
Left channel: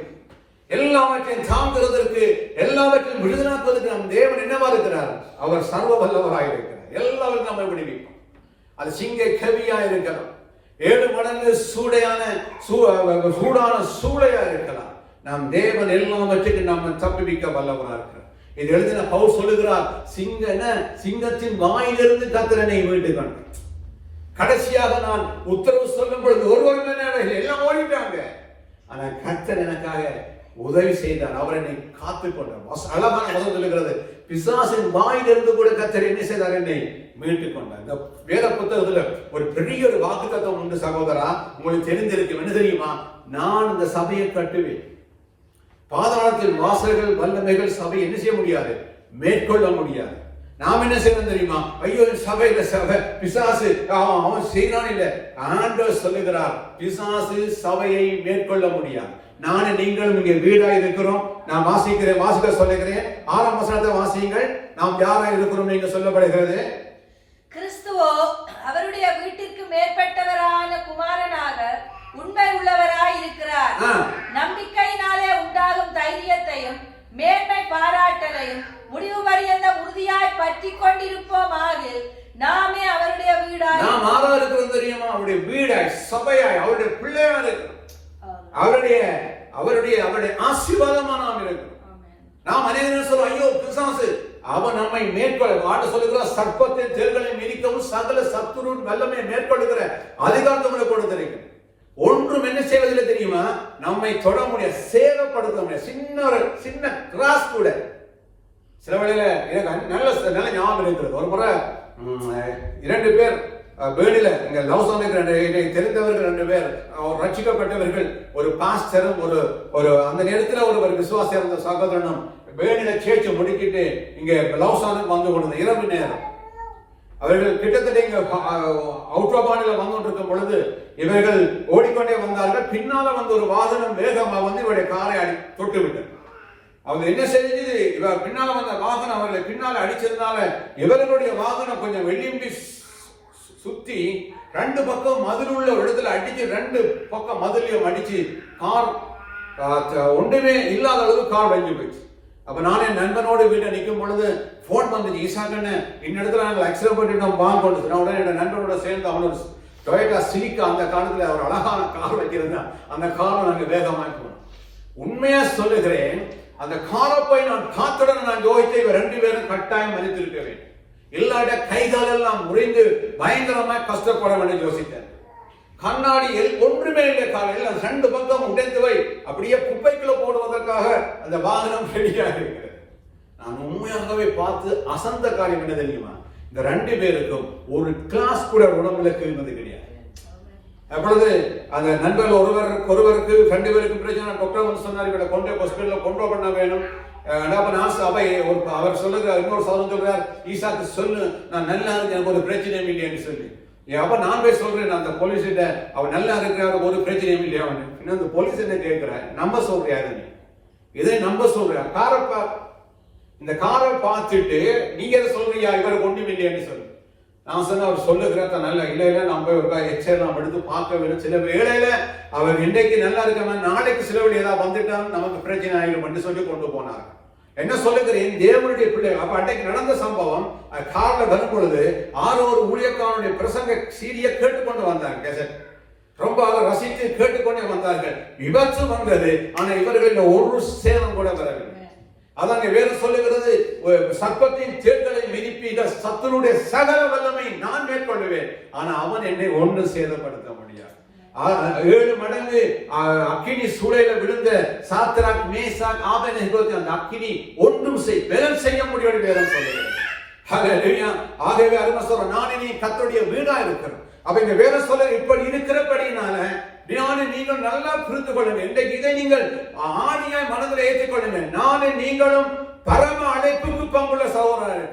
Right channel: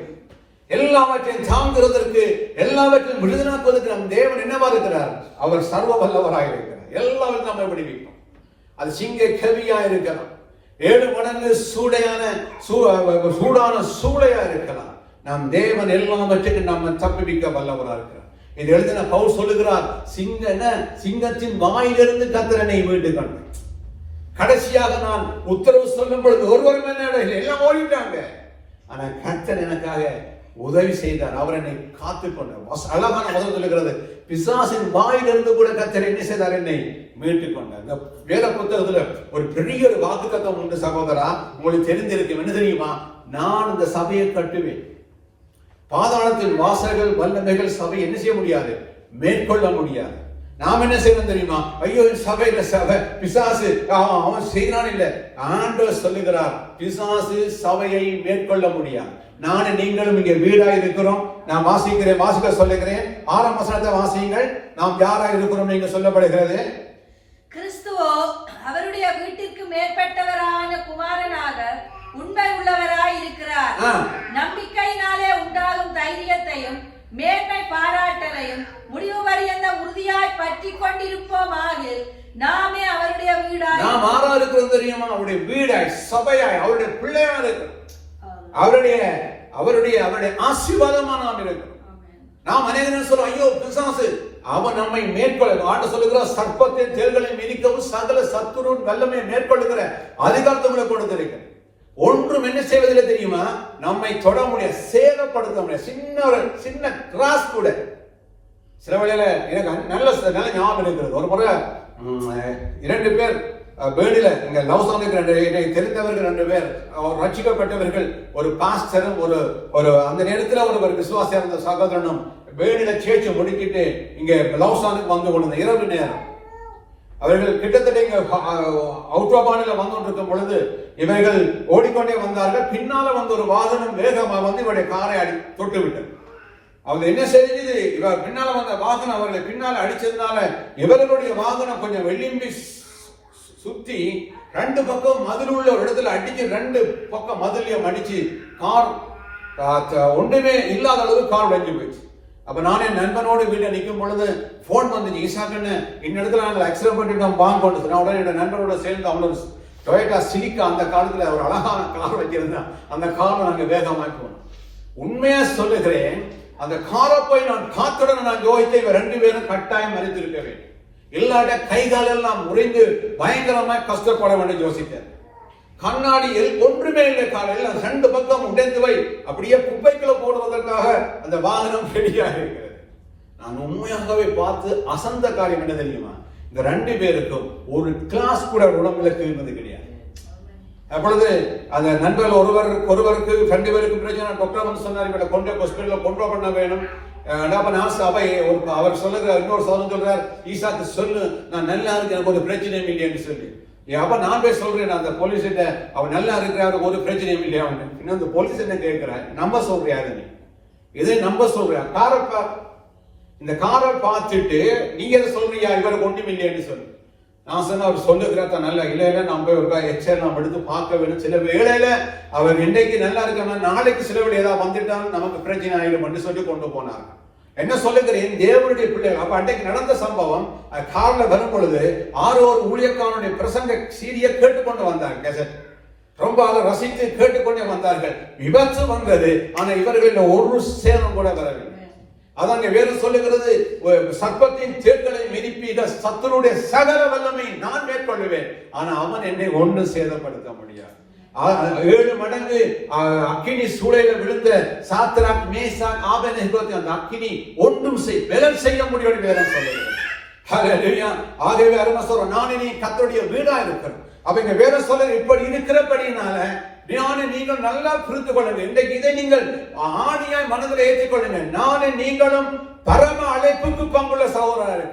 எல்லாவற்றையும் தாங்குவதற்கு, எல்லாவற்றையும் விடுதலாக்குவதற்கு நம் தேவன் என்னவா இருக்கிறார்? அவர் சர்வ வல்லவராக இருக்கிறார். எல்லாரும் நம்மை விடுவிக்கும். அது சிங்க கவியா இருக்கலாம், 7 மடங்கு சூடான சூளையா இருக்கலாம். நம் தேவன் எல்லாவற்றையும் நம்ம தப்பிவிக்க வல்லவராக இருக்கிறார். இது எழுதின பவுல் சொல்லுகிறார், சிங்கத்தின் வாயிலிருந்து கர்த்தரனை மீட்டுக் கடைசியாக நான் உத்தரவு சொல்லும் பொழுது ஒருவருமே எல்லாம் ஓடிட்டாங்க. ஆனா கர்த்தர் எனக்காக உதவி செய்தார். அவர் என்னை காத்துக் கொண்டார். அழகான முதல் சொல்லுகிறது, பிசாசின் வாயிலிருந்து கூட கர்த்தர் என்ன செய்தார்? என்னை மீட்டுக் கொண்டார். இந்த வேத புத்தகத்துல ஒரு பெரிய ஒரு வாக்குத்தத்தம் உண்டு சகோதரா, உங்களுக்கு தெரிந்திருக்கும். என்ன தெரியுமா? நான் இந்த சபையை கட்டுவேன். பாதாளத்தின் வாசல்கள் வல்லமைகள் சபை என்ன செய்ய முடியாது? மேற்கொள்ள முடியாது. நாம் என்ன செய்யணும் தெரியுமா? ஐயோ சபையில சபை பிசாசு அவன் செய்யறான் இல்ல. ஆண்டவர் சொல்லுகிறார், பிசாசு சபையை மேற்கொள்ள முடியாது. நானும் நீங்களும் இங்கே வீடாக இருக்கிறோம். நான் வாசிக்க சொல்லுகிறேன். 6ஆம் வசனத்தை வாசியுங்கள். நாம் யாரா இருக்கிறோம் நீங்க சொல்லப்படுகிறது? கிறிஸ்துவோ அவருடைய வீட்டிற்கு மேற்பட்டவரான குமாரனாக உண்மை உள்ளவராய் இருக்கிறார். நம்பிக்கையினாலே உண்டாகும் தைரியத்தையும் மேன்மை பாராட்டலையும் முடிவு பரியந்த உறுதியாய் பற்றி கொண்டிருப்போமாக நாமே அவருடைய வீடாய். நாம் ஆரா இருக்கிறோம் தெரியுமா? அவருடைய வீடாய், சபையாய், அவருடைய பிள்ளையா இருக்கிறோம். அவருடைய ஆசீர்வாதமா நாம் இருக்கிறோம். நாம் அநேகம் சொல்றோம், ஐயோ பிசாசு அவன் நம்மை மேற்கொள்ள ஆண்டு சொல்லுகிறார், சர்ப்பத்தின் தேர்களை மிதிக்கவும் சகல சத்துருவின் வல்லமை மேற்கொள்ளுகிற அதிகாரத்தை கொடுத்திருக்கிறேன். ஒன்றும் என்ன செய்வதில்லை தெரியுமா? நம்மை தொட முடியாது, சேதப்படுத்த முடியாது. சின்ன கிராஸ் கூட சில வேளையில எனக்கு நல்ல ஞாபகம் இருக்கிறது. ஒரு முறை 2 பேர் வேடில இங்க லவ் சொன்ன தெரிந்தவர்கள் 2 பேர் ரட்சிக்கப்பட்டவர்கள், ஒரு பாஸ்டரும் ஒரு அந்த நேரத்தில் ஒரு விசுவாசியா இருந்த சகோதரனும் வேடில சேர்ச்சி முடிக்கிட்டு இங்க லவ் சானுக்கு வந்து கொண்டு இரவு நேரம் அவர்கள் கிட்டத்தட்ட இங்க அவுட்ராபானில வந்து கொண்டிருக்கும் பொழுது இவர்கள் ஓடிக்கொண்டே வந்தார்கள். பின்னால வந்து ஒரு வாகனம் வேகமா வந்து இவருடைய காரை தொட்டு விட்டது. அவங்க என்ன செஞ்சது? இவர் பின்னால வந்த வாகனம் அவர்களை பின்னால அடிச்சதுனால இவர்களுடைய வாகனம் கொஞ்சம் வெள்ளிம்பி சுத்தி 2 பக்கம் மதில் உள்ள ஒரு இடத்துல அடிச்சு 2 பக்கம் மதிலையும் அடிச்சு கார் ஒன்றுமே இல்லாத அளவு கார் வஞ்சி போச்சு. அப்ப நானே நண்பனோடு வீட்டை நிற்கும் பொழுது போன் வந்துச்சு, ஈசாக்கன்னு இந்த இடத்துல நாங்கள் ஆக்சிடென்ட் பண்ணிட்டோம் வாங்க கொண்டு. நான் உடனே என்னோட நண்பனோட சேர்ந்து அவனோட டொயோட்டா சிலிக்கா அந்த காலத்துல ஒரு அழகான கார் வச்சிருந்தேன். அந்த காரை நாங்க வேகமாய் போனோம். உண்மையா சொல்லுகிறேன், அந்த காரை போய் நான் பார்த்தவுடன் நான் யோசித்தேன், இவ 2 பேரும் கட்டாயம் மறித்திருக்க வேண்டும், இல்லாட்ட கைகால் எல்லாம் முறிந்து பயங்கரமாய் கஷ்டப்பட வேண்டும் யோசித்தேன். கண்ணாடியில் ஒன்றுமே இல்லை, காலையில் 2 பக்கம் உடைந்து வை அப்படியே குப்பைக்குள்ள போடுவதற்காக அந்த வாகனம் ரெடியாக இருக்கிறது. நான் உண்மையாகவே பார்த்து அசந்த காரியம் என்ன தெரியுமா, இந்த 2 பேருக்கும் ஒரு கிளாஸ் கூட உடம்புல கிழிந்தது கிடையாது. அப்பொழுது அந்த நண்பர்கள் ஒருவருக்கு 2 பேருக்கு பிரச்சனை. டாக்டர் வந்து சொன்னார், இவரை கொண்டு ஹாஸ்பிட்டல்ல கொண்டு பண்ண வேணும். அவர் சொல்லுறார், இன்னொரு சோதனை சொல்றார், ஈசாக்கு சொல்லு நான் நல்லா இருக்கு, எனக்கு ஒரு பிரச்சனையும் இல்லைன்னு சொல்லி. அப்ப நான் போய் சொல்றேன் அந்த போலீஸ் கிட்ட, அவர் நல்லா இருக்கிறாரு, ஒரு பிரச்சனையும் இல்லையா. இன்னும் அந்த போலீஸ் என்ன கேட்கிறேன், நம்ப சொல்றியா நீ, இதை நம்ப சொல்றியா, இந்த காரை பார்த்துட்டு நீங்க எதை சொல்றீங்க, இவர் ஒன்றும் இல்லையான்னு சொல்லு. நான் சொன்ன அவர் சொல்லுகிறார் நல்லா இல்ல நம்ம போய் ஒரு எக்ஸ்ரே நாம் எடுத்து பார்க்க வேண்டும். சில வேளையில அவர் இன்னைக்கு நல்லா இருக்காம நாளைக்கு சில வேலை ஏதாவது வந்துட்டாங்க நமக்கு பிரச்சனை ஆயிடும் சொல்லி கொண்டு போனாங்க. என்ன சொல்லுகிறேன், தேவனுடைய பிள்ளைகள். அப்ப அன்றைக்கு நடந்த சம்பவம், கார்ல வரும் பொழுது 6 ஊழியக்காரனுடைய பிரசங்க சீரிய கேட்டுக்கொண்டு வந்தாங்க, கேசட் ரொம்ப அதை ரசித்து கேட்டுக்கொண்டே வந்தார்கள். விபத்து வந்தது, ஆனா இவர்கள் ஒரு சேதம் கூட வரவில்லை. அதான் வேறு சொல்லுகிறது, சர்ப்பத்தின் தேர்களை மிதிப்பீத சத்துருடைய சகல வல்லமை நான் மேற்கொள்ளுவேன், ஆனா அவன் என்னை ஒன்று சேதப்படுத்த முடியாது. 7 மடங்கு அக்கினி சூளையில விழுந்த சாத்ராக் மேசாக் ஆபேத்நேகோ அந்த அக்கினி ஒன்றும் செய்ய முடியாது வேதம் சொல்லுகிறது. ஹல்லேலூயா. ஆகவே அருமை சொல்றோம், நான் இனி கர்த்தருடைய வீடா இருக்கிறேன். அப்ப இந்த வேதம் சொல்ல இப்படி இருக்கிறபடினால நீங்கள் நல்லா புரிந்து கொள்ளுங்கள். இன்றைக்கு இதை நீங்கள் ஆணியாய் மனதில் ஏற்றிக் கொள்ளுங்கள். நானும் நீங்களும் பரம அழைப்புக்கு பங்குள்ள சகோதரர்கள்.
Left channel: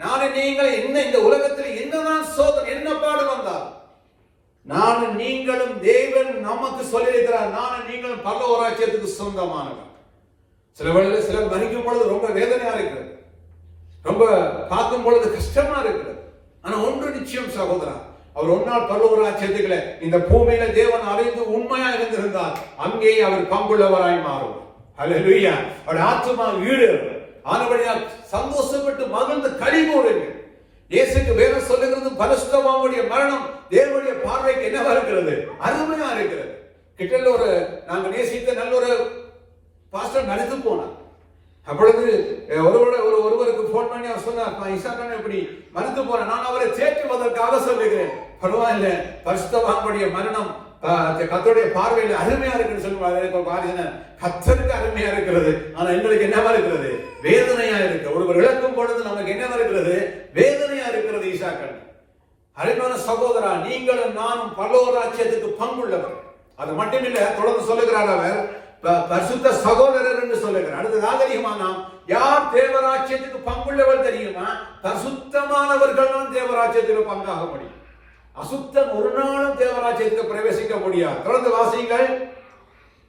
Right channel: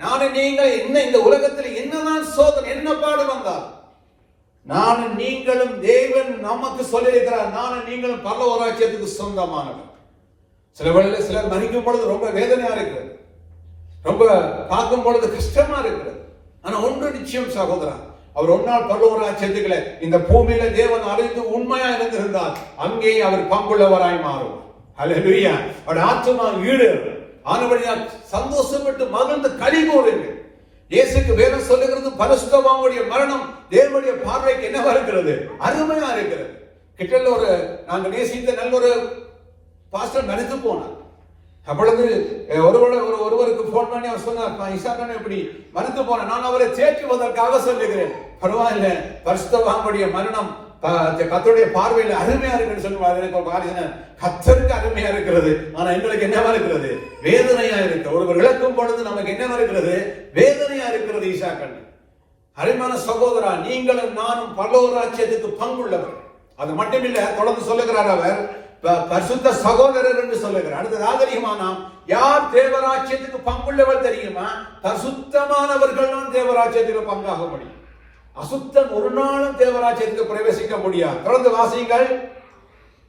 நானும் நீங்கள் இந்த உலகத்தில் என்னதான் சோதனை என்ன பாடு வந்தால் நானும் நீங்களும் தேவன் நமக்கு சொல்லியிருக்கிறார், நானும் நீங்களும் பரலோக ராஜ்யத்துக்கு சொந்தமானவர். சில வேளையில் சிலர் மறிக்கும் பொழுது ரொம்ப வேதனையா இருக்கிறது, ரொம்ப பார்க்கும் பொழுது கஷ்டமா இருக்கிறது. ஆனா ஒன்று நிச்சயம் சகோதரா, அவர் ஒரு நாள் பரலோக ராஜ்யத்துக்குள்ள இந்த பூமியில தேவன் அறிந்து உண்மையா இருந்திருந்தால் அங்கே அவர் பங்குள்ளவராய் மாறுவார். ஹல்லேலூயா. அவர் ஆத்துமா ஈடு ஆனபடியால் சந்தோஷப்பட்டு மகிழ்ந்து களி கூறுங்கள். இயேசுக்கு வேதம் சொல்லுகிறது, பரிசுத்தவானுடைய மரணம் தேவனுடைய பார்வைக்கு என்னவா இருக்கிறது, அருமையா இருக்கிறது. கிட்டல ஒரு நாங்க நேசித்த நல்ல ஒரு பாஸ்டர் மரித்து போனார். அப்பொழுது ஒருவருக்கு போன் பண்ணி அவர் சொன்னார், இசாக்கன் இப்படி மறுத்து போன, நான் அவரை தேற்றுவதற்காக சொல்லுகிறேன், பரவாயில்ல பரிசுத்தவானுடைய மரணம் கர்த்தருடைய பார்வையில் அருமையா இருக்குன்னு சொல்லுவாங்க. கர்த்தருக்கு அருமையா இருக்கிறது, ஆனா எங்களுக்கு என்னவா இருக்கிறது, வேதனையா இருக்கு. ஒருவர் இழக்கும் பொழுது நமக்கு என்னவா இருக்கிறது, வேதனையா இருக்கிறது. ஈசாக்கன் அருமையான சகோதரா, நீங்களும் நானும் பரலோக ராஜ்யத்துக்கு பங்குள்ளவர். அது மட்டுமில்ல, தொடர்ந்து சொல்லுகிறார் அவர் பரிசுத்த சகோதரர் என்று சொல்லுகிறார். அடுத்ததாக தெரியுமா, நாம் யார் தேவராஜ்யத்துக்கு பங்குள்ளவர் தெரியுமா, பரிசுத்தமானவர்களும் தேவராஜ்யத்துக்கு பங்காக முடியும். அசுத்தம் ஒரு நாளும் தேவராஜ்யத்துக்கு பிரவேசிக்க முடியாது. தொடர்ந்து வாசியுங்கள்.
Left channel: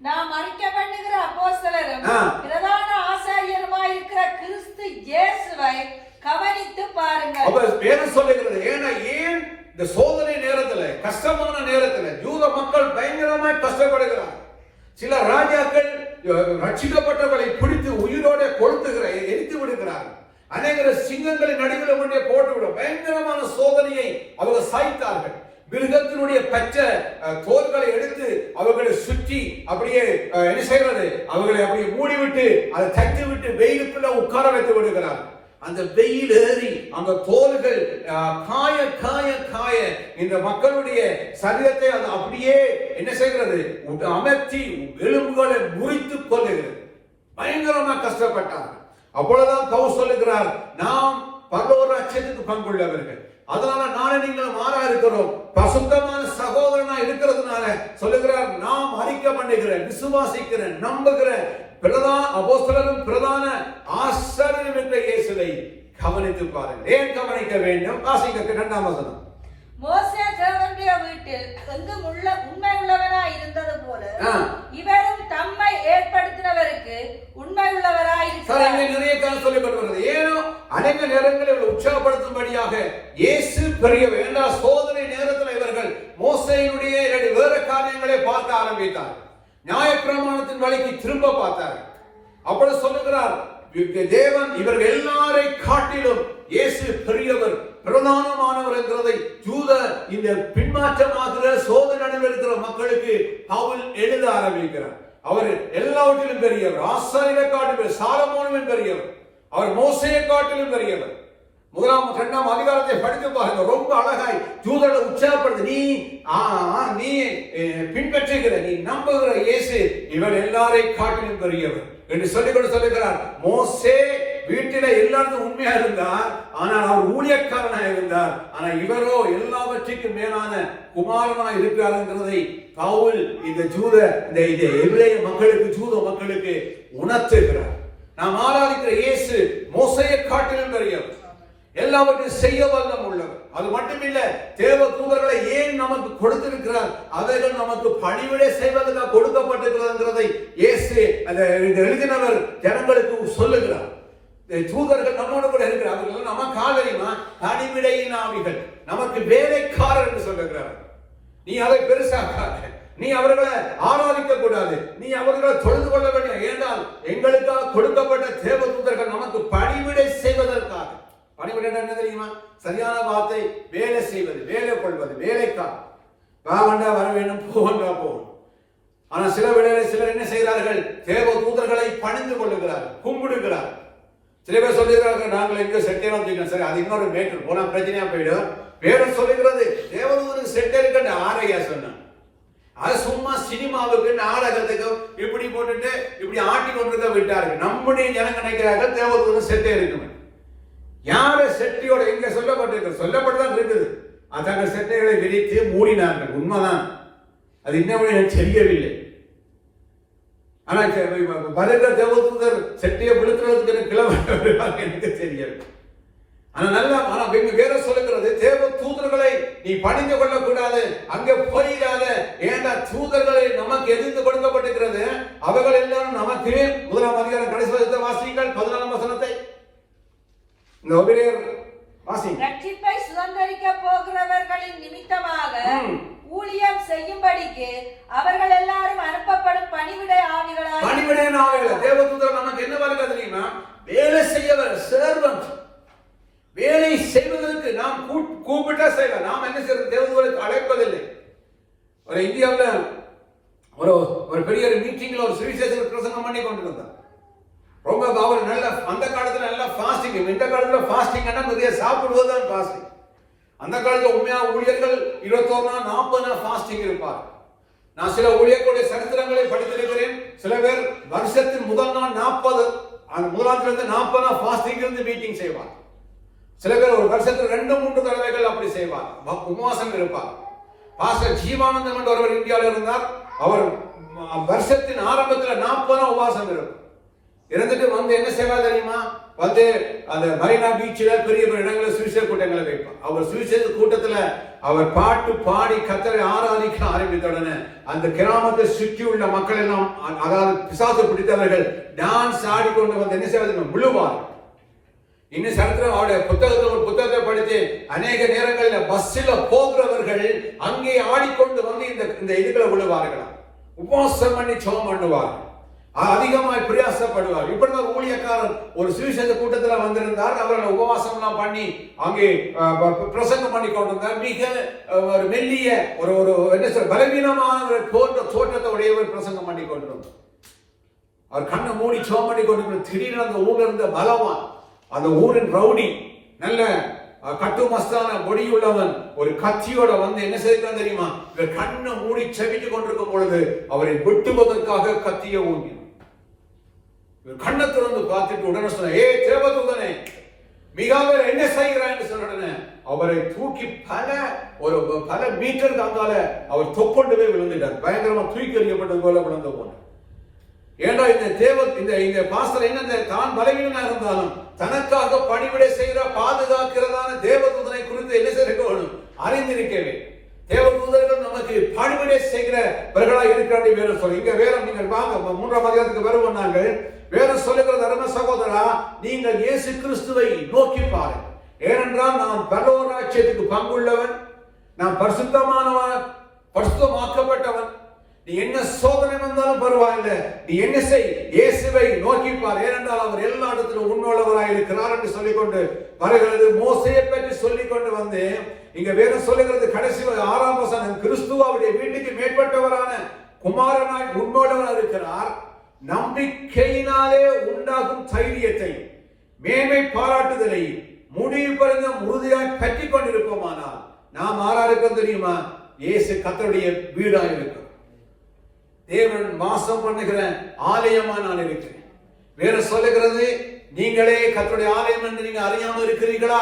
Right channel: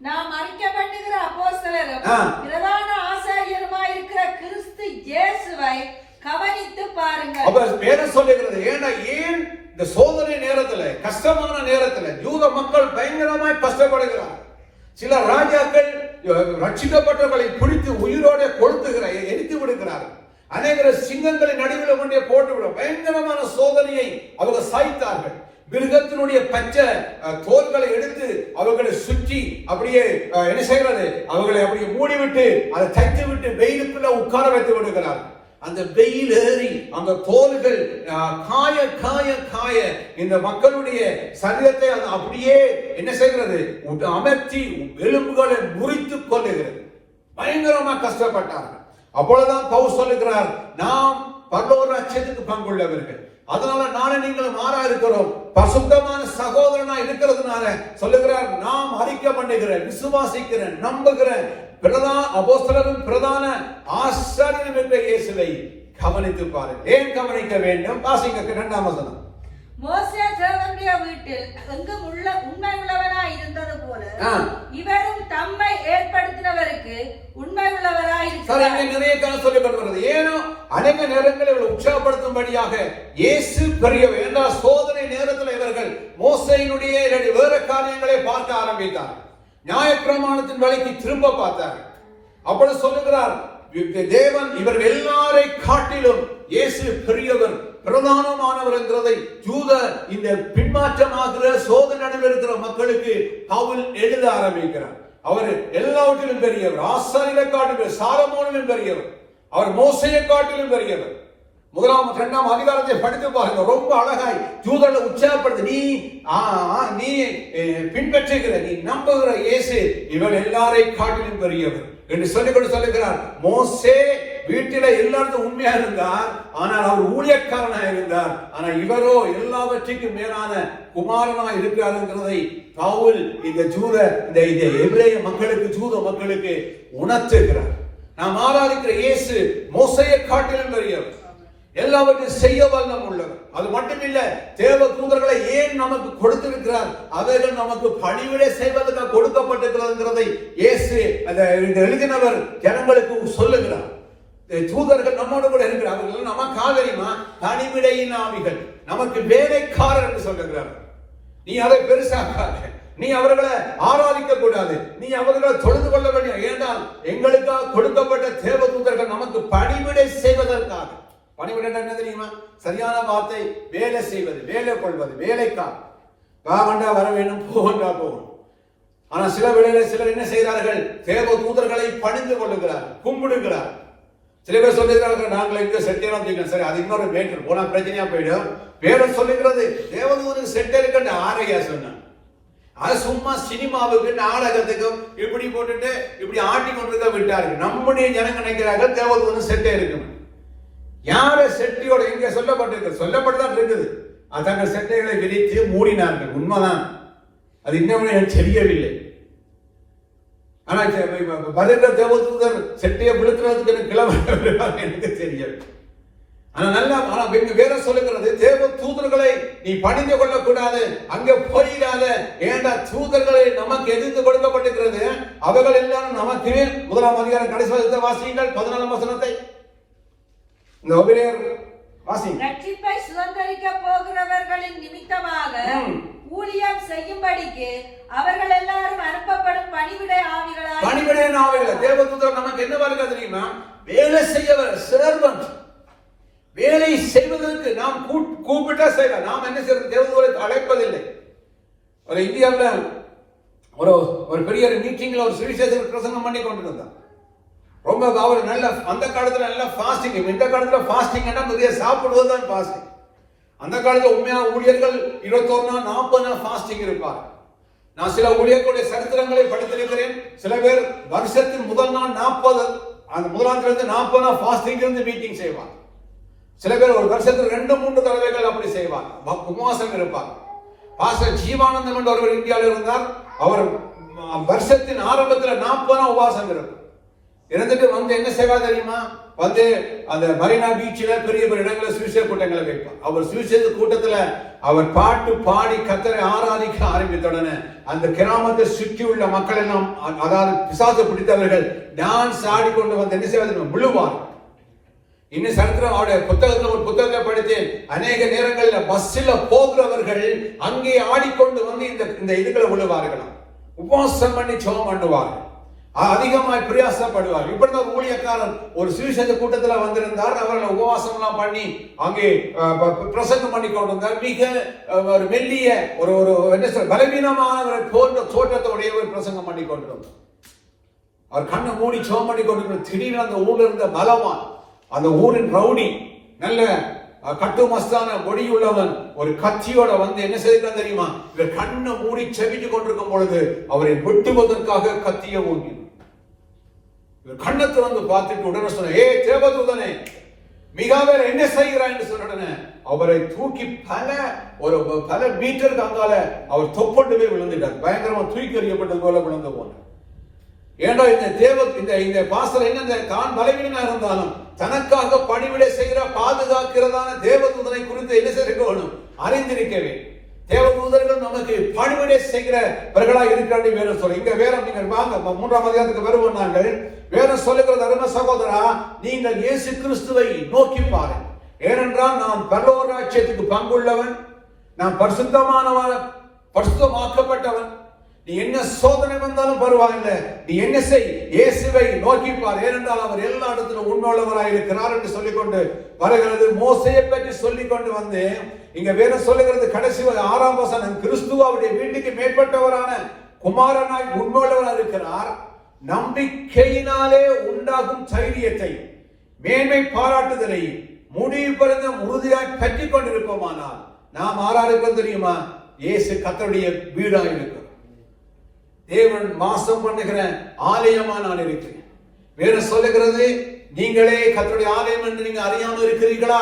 நாம் அறிக்கைப்படுகிற அப்போஸ்தலரும் பிரதான ஆசாரியருமாய் இருக்கிற கிறிஸ்து இயேசுவை கவனித்து பாருங்கள். அப்ப வேதம் சொல்லுகிறது, ஏன் இந்த சோதனை நேரத்துல, கஷ்டமான நேரத்துல யூத மக்கள் பயங்கரமாய் கஷ்டப்படுகிறார். சில ராஜாக்கள் ரட்சிக்கப்பட்டவர்களை பிடித்து உயிரோட எரித்து விடுகிறார்கள். அநேக சிங்கங்களின் நடுவில் கொண்டே போட்டுவிட பயங்கரமான சோதனையை அவர்கள் சாய்த்தார்கள். மிருகத்தினுடைய பச்சை தோல்களை எடுத்து அவர்களை சுற்றி அப்படியே என்ன செய்கிறது, அவர்களை அப்படியே மூடிவிட்டு அதை தட்டி விட்டு வெயிலுக்குள்ள உட்கார வைத்து விடுகிறார்கள். அந்த வெயில் ஏறி அந்த தோல்கள் காய காய காய இந்த மக்களுடைய சரீரத்தை அப்படியே என்ன செய்கிறது, அமர்த்தி எலும்புகளை முறித்துக் கொள்ளுகிறது. பயங்கரமா கஷ்டப்பட்டார்கள். அப்பொழுதுதான் பவுல் சொல்லுகிறார், நாம் பரலோக ராஜ்யத்துக்கு பங்குள்ளவர்கள். அதனால நாளை நீங்கள் மாறா இருக்கிறோம், பரிசுத்தமான சகோதரனா இருக்கிறதுனால சொல்லுகிறார், நாம் அறிக்கை பண்ணுகிறேன், விசுவாசிக்கிறேன், நம்புகிறேன், பிரதான அப்போஸ்தலரும் பிரதான ஆசாரியரும் என்ற இயேசுவை கவனித்து பாருங்கள். ஏன் கவனிக்க வேண்டும்? வாசிக்க 2ஆம் வசனம். மோசே தேவனுடைய வீட்டில் எங்கும் உண்மை உள்ளவராய் இருந்தது போல இவரும் தம்மை ஏற்படுத்தினவருக்கு உண்மை உள்ளவராய் இருக்கிறார். நிறைய காலம் சொல்லப்படுகிறது. ஏனோ அநேக நேரங்களில் உற்சாகப்படுத்தும்படியாக இயேசு பெரியவர் என்றால் சோதனை நேரத்தில் இவர்கள் மோசேயினுடைய வேறு காரியங்களை பார்க்க ஆரம்பித்தார். நியாயப்பிரமாணத்தின் வேலைக்கு திரும்ப பார்த்தார். அப்பொழுது சொல்லுகிறார், தேவன் இவர்கள் எல்லாரை காட்டிலும் இயேசு பெரியவர், பிரதானமானவர் என்கிறதை யூதர் இந்த இந்த பின்மாற்றமாகிற சோதனை அடைந்திருக்கிற மக்களுக்கு பவுல் எழுத ஆரம்பிக்கிறார். அவர் எல்லாவற்றிலும் பெரியவர், ஆசாரியரை காட்டிலும் சாலமோனிலும் பெரியவர், அவர் மோசேயை காட்டிலும் பெரியவர். 1 2 அதிகாரத்தை படித்து பாருங்க, ரொம்ப அழகாய் தூதர்களை உற்சாகப்படுது. நீ பின்பற்றுகிற, நீ நம்புகிற இயேசு இவர் எல்லாரையும் காட்டிலும் பெரியவர் என்று சொல்லுகிறார். மோசே வீட்டில எல்லாருக்கும் உண்மையா இருந்தார், ஆனால் அவர் ஊழியக்காரனா இருந்தார். ஆனால் இவரோ எல்லாவற்றுக்கும் மேலான குமாரனா இருக்கிறார்ங்கிறதை பவுல் இந்த எபிரேய மக்களுக்கு, ஜூத மக்களுக்கு உணர்த்துகிறார். நாம் ஆராதிக்கிற இயேசு மோசேயை காட்டிலும் பெரியவர், எல்லாவற்றையும் செய்ய வல்லமை உள்ளவர். அது மட்டுமில்ல, தேவ தூதர்களை ஏன் நமக்கு கொடுத்திருக்கிறார், அவைகள் நமக்கு பணிவிடை செய்வதற்காக கொடுக்கப்பட்டிருக்கிறதை இயேசு எழுதினவர் ஜனங்களுக்கு சொல்லுகிறார். தூதர்கள் நம்மோடு கூட இருக்கிறார்கள், நமக்கு ஆதரிமா பணிவிடையின் ஆவிகள், நமக்கு வேலைக்காரர் என்று சொல்லுகிறார். நீ அதை பெருசாக, நீ அவர்களை ஆராதிக்க கூடாது, நீ அவர்களை தொழுது கொள்ள வேண்டும். ஏனால் எங்களுக்காக கொடுக்கப்பட்ட தேவ தூதர்கள் நமக்கு பணிவிடை செய்வதற்காக. பணிவிடை என்ன தெரியுமா? சரியான வார்த்தை, வேலை செய்வது, வேலை கொள்வது, வேலைக்காக. வா வர வேண்டும், போவண்டா போகணும். ஆனா சில வேளையில சிலர் என்ன செய்கிறார்கள், தேவ தூதர்களை பணிந்து கொள்ளுகிறார், கும்பிடுகிறார். சில பேர் சொல்லுகிறார்கள், நாங்கள் இங்க செட்டே வந்தீங்க, சரி அது இன்னொரு மேட்டர், போனா பிரச்சனையா போயிடும். வேறு சொல்லுகிறது, தேவதூதருக்கு செட்டே இருக்குன்னு ஆரையா சொன்னான். அது சும்மா சினிமாவுக்கு, நாடகத்துக்கு இப்படி போட்டுட்டு இப்படி ஆட்டி கொண்டிருக்க விட்டார்கள். நம்முடைய ஜனங்க நினைக்கிறார்கள் தேவதூதர் செட்டே இருக்கணும். யார செட்டியோட இங்க சொல்லப்பட்டுதான் இருக்குது. அதாங்க செட்டைகளை விரித்து மூடினார்கள், உண்மைதான். அது இன்னும் எனக்கு தெரியவில்லை. ஆனா வருகிற தேவதூதர் செட்டையை விழுத்துறதுக்கு கிளம்ப எனக்கு தெரியவில்லை. ஆனா வேற சொல்லுகிறது, தேவ தூதர்களை நீ பணிந்து கொள்ள கூடாது, அங்க போயிடாத. ஏண்டா தூதர்களை நமக்கு எதிர்த்து கொடுக்கப்பட்டிருக்கிறது, அவர்கள் எல்லாரும் நமக்கு. 1 அதிகாரம் கடைசி வாசியுங்கள் 14 வசனத்தை. ரட்சிப்பை சுதந்தரிக்க போகிறவர்களின் நிமித்தமாக ஊழியம் செய்யும்படிக்கு அவர்கள் எல்லாரும் அனுப்பப்படும் பணிவிடை ஆவிகளால். தேவதூதர் நமக்கு என்ன வேலை தெரியுமா? வேலை செய்யவர், சர்வன்ட். வேலை செய்வதற்கு நாம் கூப்பிட்டா செய்யலாம். நாம் என்ன செய்யறது, தேவதூதரை அழைப்பதில்லை. ஒரு இந்தியாவில் ஒரு பெரிய மீட்டிங்ல ஒரு சுவிசேஷர் பிரசங்கம் பண்ணி கொண்டிருந்தார். ரொம்ப அவர் நல்ல, அந்த காலத்துல நல்ல ஃபாஸ்டிங். இந்த காலத்துல ஃபாஸ்டிங் நிறைய சாப்பிடுவதுதான் ஃபாஸ்டிங். அந்த காலத்துல உண்மையா ஊழியர்கள் 21 நாள் 40 நாள் ஃபாஸ்டிங் இருப்பார். நான் சில ஊழியர்களுடைய சரித்திரங்களை படித்திருக்கிறேன். சில பேர் வருஷத்தின் முதல் நாள் 40, அந்த முதலாம் தேதி 40 நாள் ஃபாஸ்டிங் இருந்து மீட்டிங் செய்வார். சில பேர் ஒரு வருஷத்துக்கு 2-3 தடவைகள் அப்படி செய்வார், உபவாசம் இருப்பார். பாஸ்டர் ஜீவானந்தம் என்ற ஒருவர் இந்தியாவில் இருந்தார். அவர் வருஷத்தின் ஆரம்பத்தில் 40 நாள் உபவாசம் இருக்கும். இருந்துட்டு வந்து என்ன செய்வா தெரியுமா? வந்து அந்த மரீனா பீச்சில் பெரிய பெரிய இடங்களில் சுவிசேஷ கூட்டங்களை வைப்பார். அவர் சுவிசேஷ கூட்டத்துல அவர் பாட்டு பாடி கர்த்தரை ஆராதிக்க ஆரம்பித்த உடனே அந்த கிராமத்தை சுற்றி உள்ள மக்கள் எல்லாம், அதாவது பிசாசு பிடித்தவர்கள் டான்ஸ் ஆடிக்கொண்டு வந்து என்ன செய்வது, விழுவார். இன்னும் சரித்திரம் அவருடைய புத்தகத்தில் ஒரு புத்தகத்தை படித்து, அநேக நேரங்களில் பஸ்ஸில் போகிறவர்கள் அங்கே ஆடிக்கொண்டு வந்து இந்த இதுகளை விழுவார்களாம். உபவாசம் பண்ணி ஜெபம் பண்ணுவார்கள், அதிகமாய் பிரயாசப்படுவார். இப்படி ஒரு ஊழியக்காரர் ஒரு சுவிசேஷ கூட்டத்தில் வந்திருந்தார். அவர்கள் உபவாசம் எல்லாம் பண்ணி அங்கே பிரசங்கம் பண்ணி கொண்டிருந்தார். மிக ஒரு மெல்லிய ஒரு என்ன சொல்ற பலவீனமானவர் போன்ற தோற்றத்தை ஒரு பிரசங்கம் பண்ணி கொண்டிருந்தார். அவர் கண்ணை மூடி ஜெபம் பண்ணி கொண்டிருந்தார். திடீர்னு அந்த ஊர்ல இருந்த பலவான், அந்த ஊரின் ரவுடி, நல்ல கட்டு மஸ்தான பொடியுள்ளவன், ஒரு கத்தியோட வந்து என்ன செய்தான் தெரியுமா? கண்ணை மூடி செவிட்டு கொண்டிருக்கும் பொழுது அவரை வெட்டுவதற்காக கத்திய ஊங்கி கண்ணை திறந்து பார்த்துட்டு உடனே சொன்ன, ஏ தேவதூதனே, மிகாவேல் என்ன செய்கிறாய் என்று சொன்ன உடனே அவரை தூக்கி பல மீட்டர் தாங்கால அவர் தொப்பண்டு போய் விழுந்துட்டார். பயங்கரமா தூக்கி எறியப்பட்டது போல விழுந்து போனார். ஏன்னா இந்த பாஸ்டர் என்ன, தான் பலவீனனா இருந்தாலும் தனக்காக பணிவிடை செய்கிற பாதுகாக்கிறதான தேவதூதனை குறித்து என்ன செய்யணும், அறிந்திருக்கவே. தேவதூதர்கள் நமக்கு பணிவிடை செய்கிறவர்களாக இருக்கிறாங்க. வேற சொல்ல இங்க வேற, நீங்கள் வாங்க 3ஆம் அதிகாரத்துக்கு வருவோம். நாங்கள் வேற சொல்லுகிற தர்ம சகோதரா, நீங்கள் இயேசு கிறிஸ்துவை நோக்கி பாருங்கள். ஏனென்றால் நான் பரலோக ராஜ்யத்துக்கு பங்குள்ளவன், நான் பரிசுத்தமானவன், பரிசுத்தமாக்கப்பட்டவன். நீ என்ன சோதனை வந்தாலும் பரவாயில்ல, நீ என்ன செய், இயேசுவை நோக்கிப்பார், ஏனென்றால் அவர் எல்லா இடத்திலும் உண்மையுள்ளவராய் இருக்கிறார் என்று சொல்லிக்கொண்டு வருகிறது. மோசையை பற்றி சொல்லிக்கொண்டு வந்து இங்க வேற சொல்லுகிறது கடைசி 6ஆம் வசனம், கிறிஸ்து அவருடைய வீட்டுக்கு மேற்பட்டவரான குமாரனாய் உண்மையுள்ளவராய் இருக்கிறார். நம்பிக்கையினாலே உண்டாகும் தைரியத்தை மேன்மை பாராட்டுதலை முடிவு பிறந்த உறுதியாய் பற்றி கொண்டிருப்போமானால் நாம் ஆறா இருக்கிறது தெரியுமா? இயேசு கர்த்தருடைய வீடாய் இருக்கிறோம். தேவன் வாசம் பண்ணுகிற ஆலயமா நான் இருக்கிறேன். வேற சொல்லுகிறது, நீங்களே கர்த்தருடைய ஆலயம் என்று நீங்க அறியாமல் இருக்கிறீர்களா?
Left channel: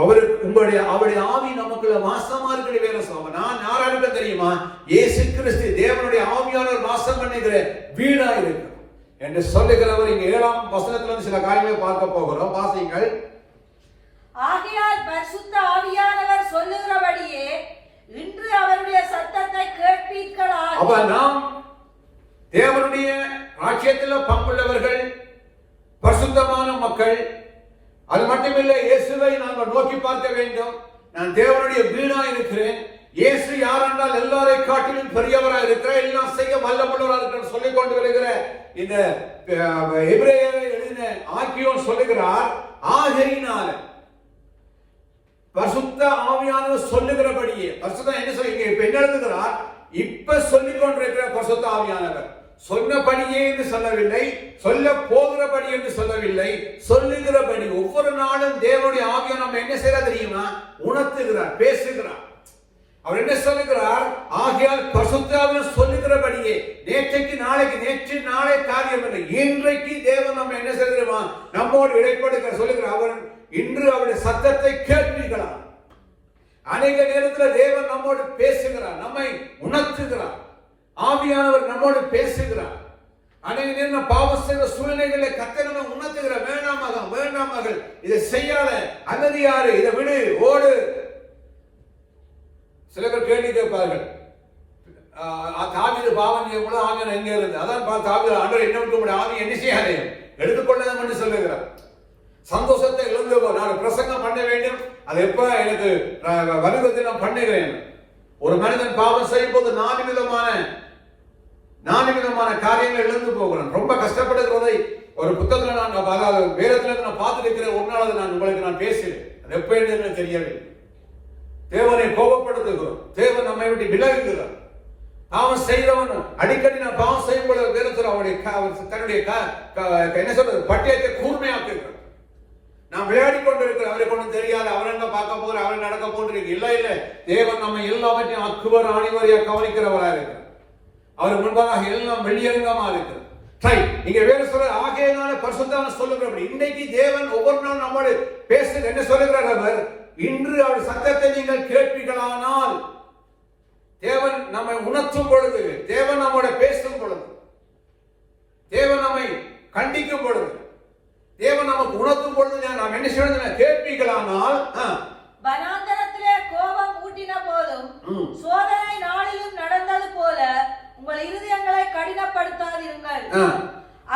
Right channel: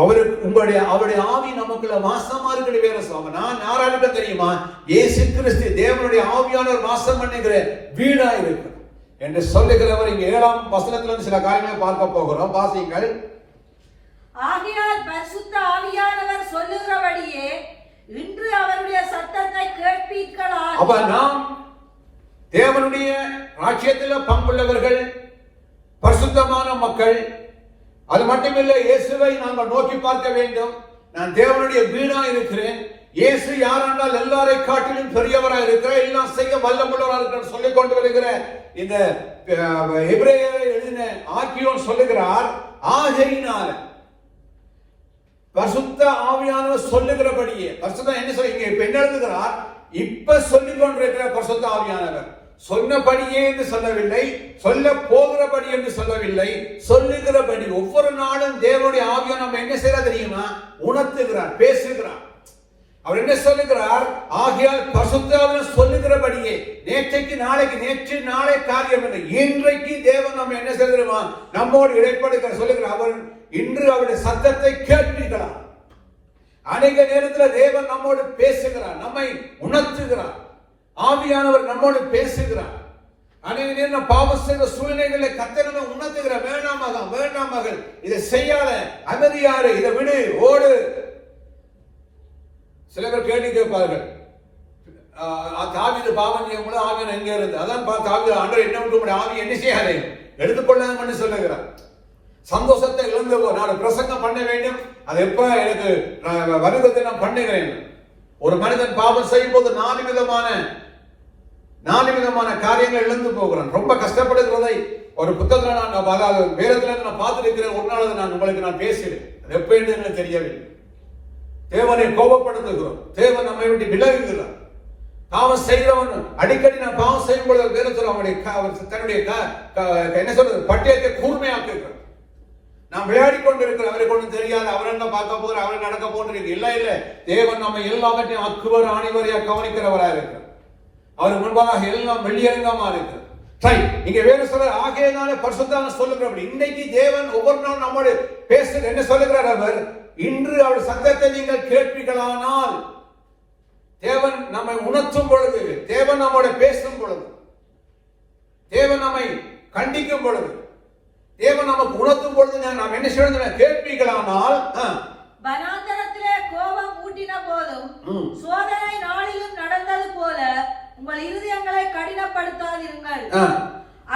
அவருடைய ஆவி நமக்குள்ள வாசமா இருக்கிற வேற சொல்ல. நான் யாராக தெரியுமா? இயேசு கிறிஸ்து தேவனுடைய ஆவியானவர் வாசம் பண்ணுகிற வீடா இருக்கு என்று சொல்லுகிறவர். இங்க 7ஆம் வசனத்துல சில காரியங்களை பார்க்க போகிறோம். வாசிங்கள். ஆகையால் பரிசுத்த ஆவியானவர் சொல்லுகிறபடியே இன்று அவருடைய சத்தத்தை கேட்பீர்களாக. அப்ப நாம் தேவனுடைய ராஜ்யத்தில் பங்குள்ளவர்கள், பரிசுத்தமான மக்கள். அது மட்டுமில்லை, இயேசுவை நாங்கள் நோக்கி பார்க்க வேண்டும். நான் தேவனுடைய வீடா இருக்கிறேன். இயேசு யாரென்றால் எல்லாரை காட்டிலும் பெரியவராக இருக்கிறார், எல்லாம் செய்ய வல்லமுள்ளவராக இருக்கிறார் சொல்லிக் கொண்டு வருகிற இந்த எபிரேயரை எழுதின ஆக்கியோன் சொல்லுகிறார். ஆகையினால பரிசுத்த ஆவியானவர் சொல்லுகிறபடியே, பரிசுத்த என்ன சொல்லுங்க, இப்ப என்ன எழுதுகிறார்? இப்ப சொல்லிக் கொண்டிருக்கிற பரிசுத்த ஆவியானவர் சொன்னபடியே என்று சொல்லவில்லை, சொல்ல போகிறபடி என்று சொல்லவில்லை, சொல்லுகிறபடி. ஒவ்வொரு நாளும் தேவனுடைய ஆவியா நம்ம என்ன செய்ய தெரியுமா? உணர்த்துகிறார், பேசுகிறார். அவர் என்ன சொல்லுகிறார்? ஆகையால் பரிசுத்த ஆவியானவர் சொல்லுகிறபடியே, நேற்றைக்கு நாளைக்கு, நேற்று நாளை காரியம் இல்லை, இன்றைக்கு தேவன் நம்ம என்ன செய்கிறோமா? நம்மோடு இடைப்படுகிற சொல்லுகிறார். அவர் இன்று அவருடைய சத்தத்தை கேட்பீர்களா? அநேக நேரத்தில் தேவன் நம்மோடு பேசுகிறார், நம்மை உணர்த்துகிறார். ஆவியானவர் நம்மோடு பேசுகிறார். அநேக நேரம் பாவம் செய்த சூழ்நிலைகளை கர்த்தர் நம்மை உணர்த்துகிறார். வேண்டாம் மகன், வேண்டாம் மகள், இதை செய்யாத, அமைதியாரு, இதை விடு, ஓடு. சில பேர் கேள்வி கேட்பார்கள், தாவீது பாவம் செய்யும் போது ஆவியானவர் எங்க இருந்து? அதான் தாவீது, ஆண்டவர் என்ன விட்டு ஆவி என்ன செய்யாது, எடுத்துக்கொள்ளணும் என்று சொல்லுகிறார். சந்தோஷத்தை இழந்து நான் பிரசங்கம் பண்ண வேண்டும், அது எப்ப எனக்கு வருவதை நான் பண்ணுகிறேன். ஒரு மனிதன் பாவம் செய்யும் போது 4 விதமான காரியங்கள் இழந்து போகிறான். ரொம்ப கஷ்டப்படுகிறதை ஒரு புத்தகத்துல நான் வேதத்துல நான் பார்த்துருக்கிறேன். ஒரு நாள் நான் உங்களுக்கு நான் பேசுகிறேன். அது எப்ப என்று தெரியவில்லை. தேவனை கோபப்படுத்துகிறோம், தேவன் நம்மை விட்டு விலகுகிறார். பாவம் செய்கிறவன் அடிக்கடி நான் பாவம் செய்யும் பொழுது வேதத்தில் தன்னுடைய என்ன சொல்றது பட்டியத்தை கூர்மையாக்குகிறார். நாம் விளையாடி கொண்டிருக்கிறோம், அவரை கொண்டு தெரியாது, அவரை பார்க்க போகிற, அவரை நடக்க போகிறது. இல்ல, தேவன் நம்ம எல்லாவற்றையும் அக்குவர் ஆணிவரையா கவனிக்கிறவராக இருக்கிறார். அவர் முன்பாக எல்லாம் வெளியரங்கமா இருக்கிறது. சரி, இங்க வேற சொல்ற ஆகையினால பரிசுத்தவான் சொல்லுகிறபடி இன்றைக்கு தேவன் ஒவ்வொரு நாளும் நம்மோடு பேசுகிற என்ன சொல்லுகிறார்? அவர் இன்று அவர் சத்தத்தை நீங்கள் கேட்பீர்களானால், தேவன் நம்மை உணர்த்தும் பொழுது, தேவன் நம்மோட பேசும் பொழுது, தேவன் நம்மை கண்டிக்கும் பொழுது, தேவன் நமக்கு உணர்த்தும் பொழுது நாம் என்ன செய்யணும்? கேட்பீர்களானால். வனாந்தரத்திலே கோபம் ஊட்டின போதும் சோதனை நாளிலும் நடந்தது போல உங்கள் இருதயங்களை கடினப்படுத்தாதீர்கள்.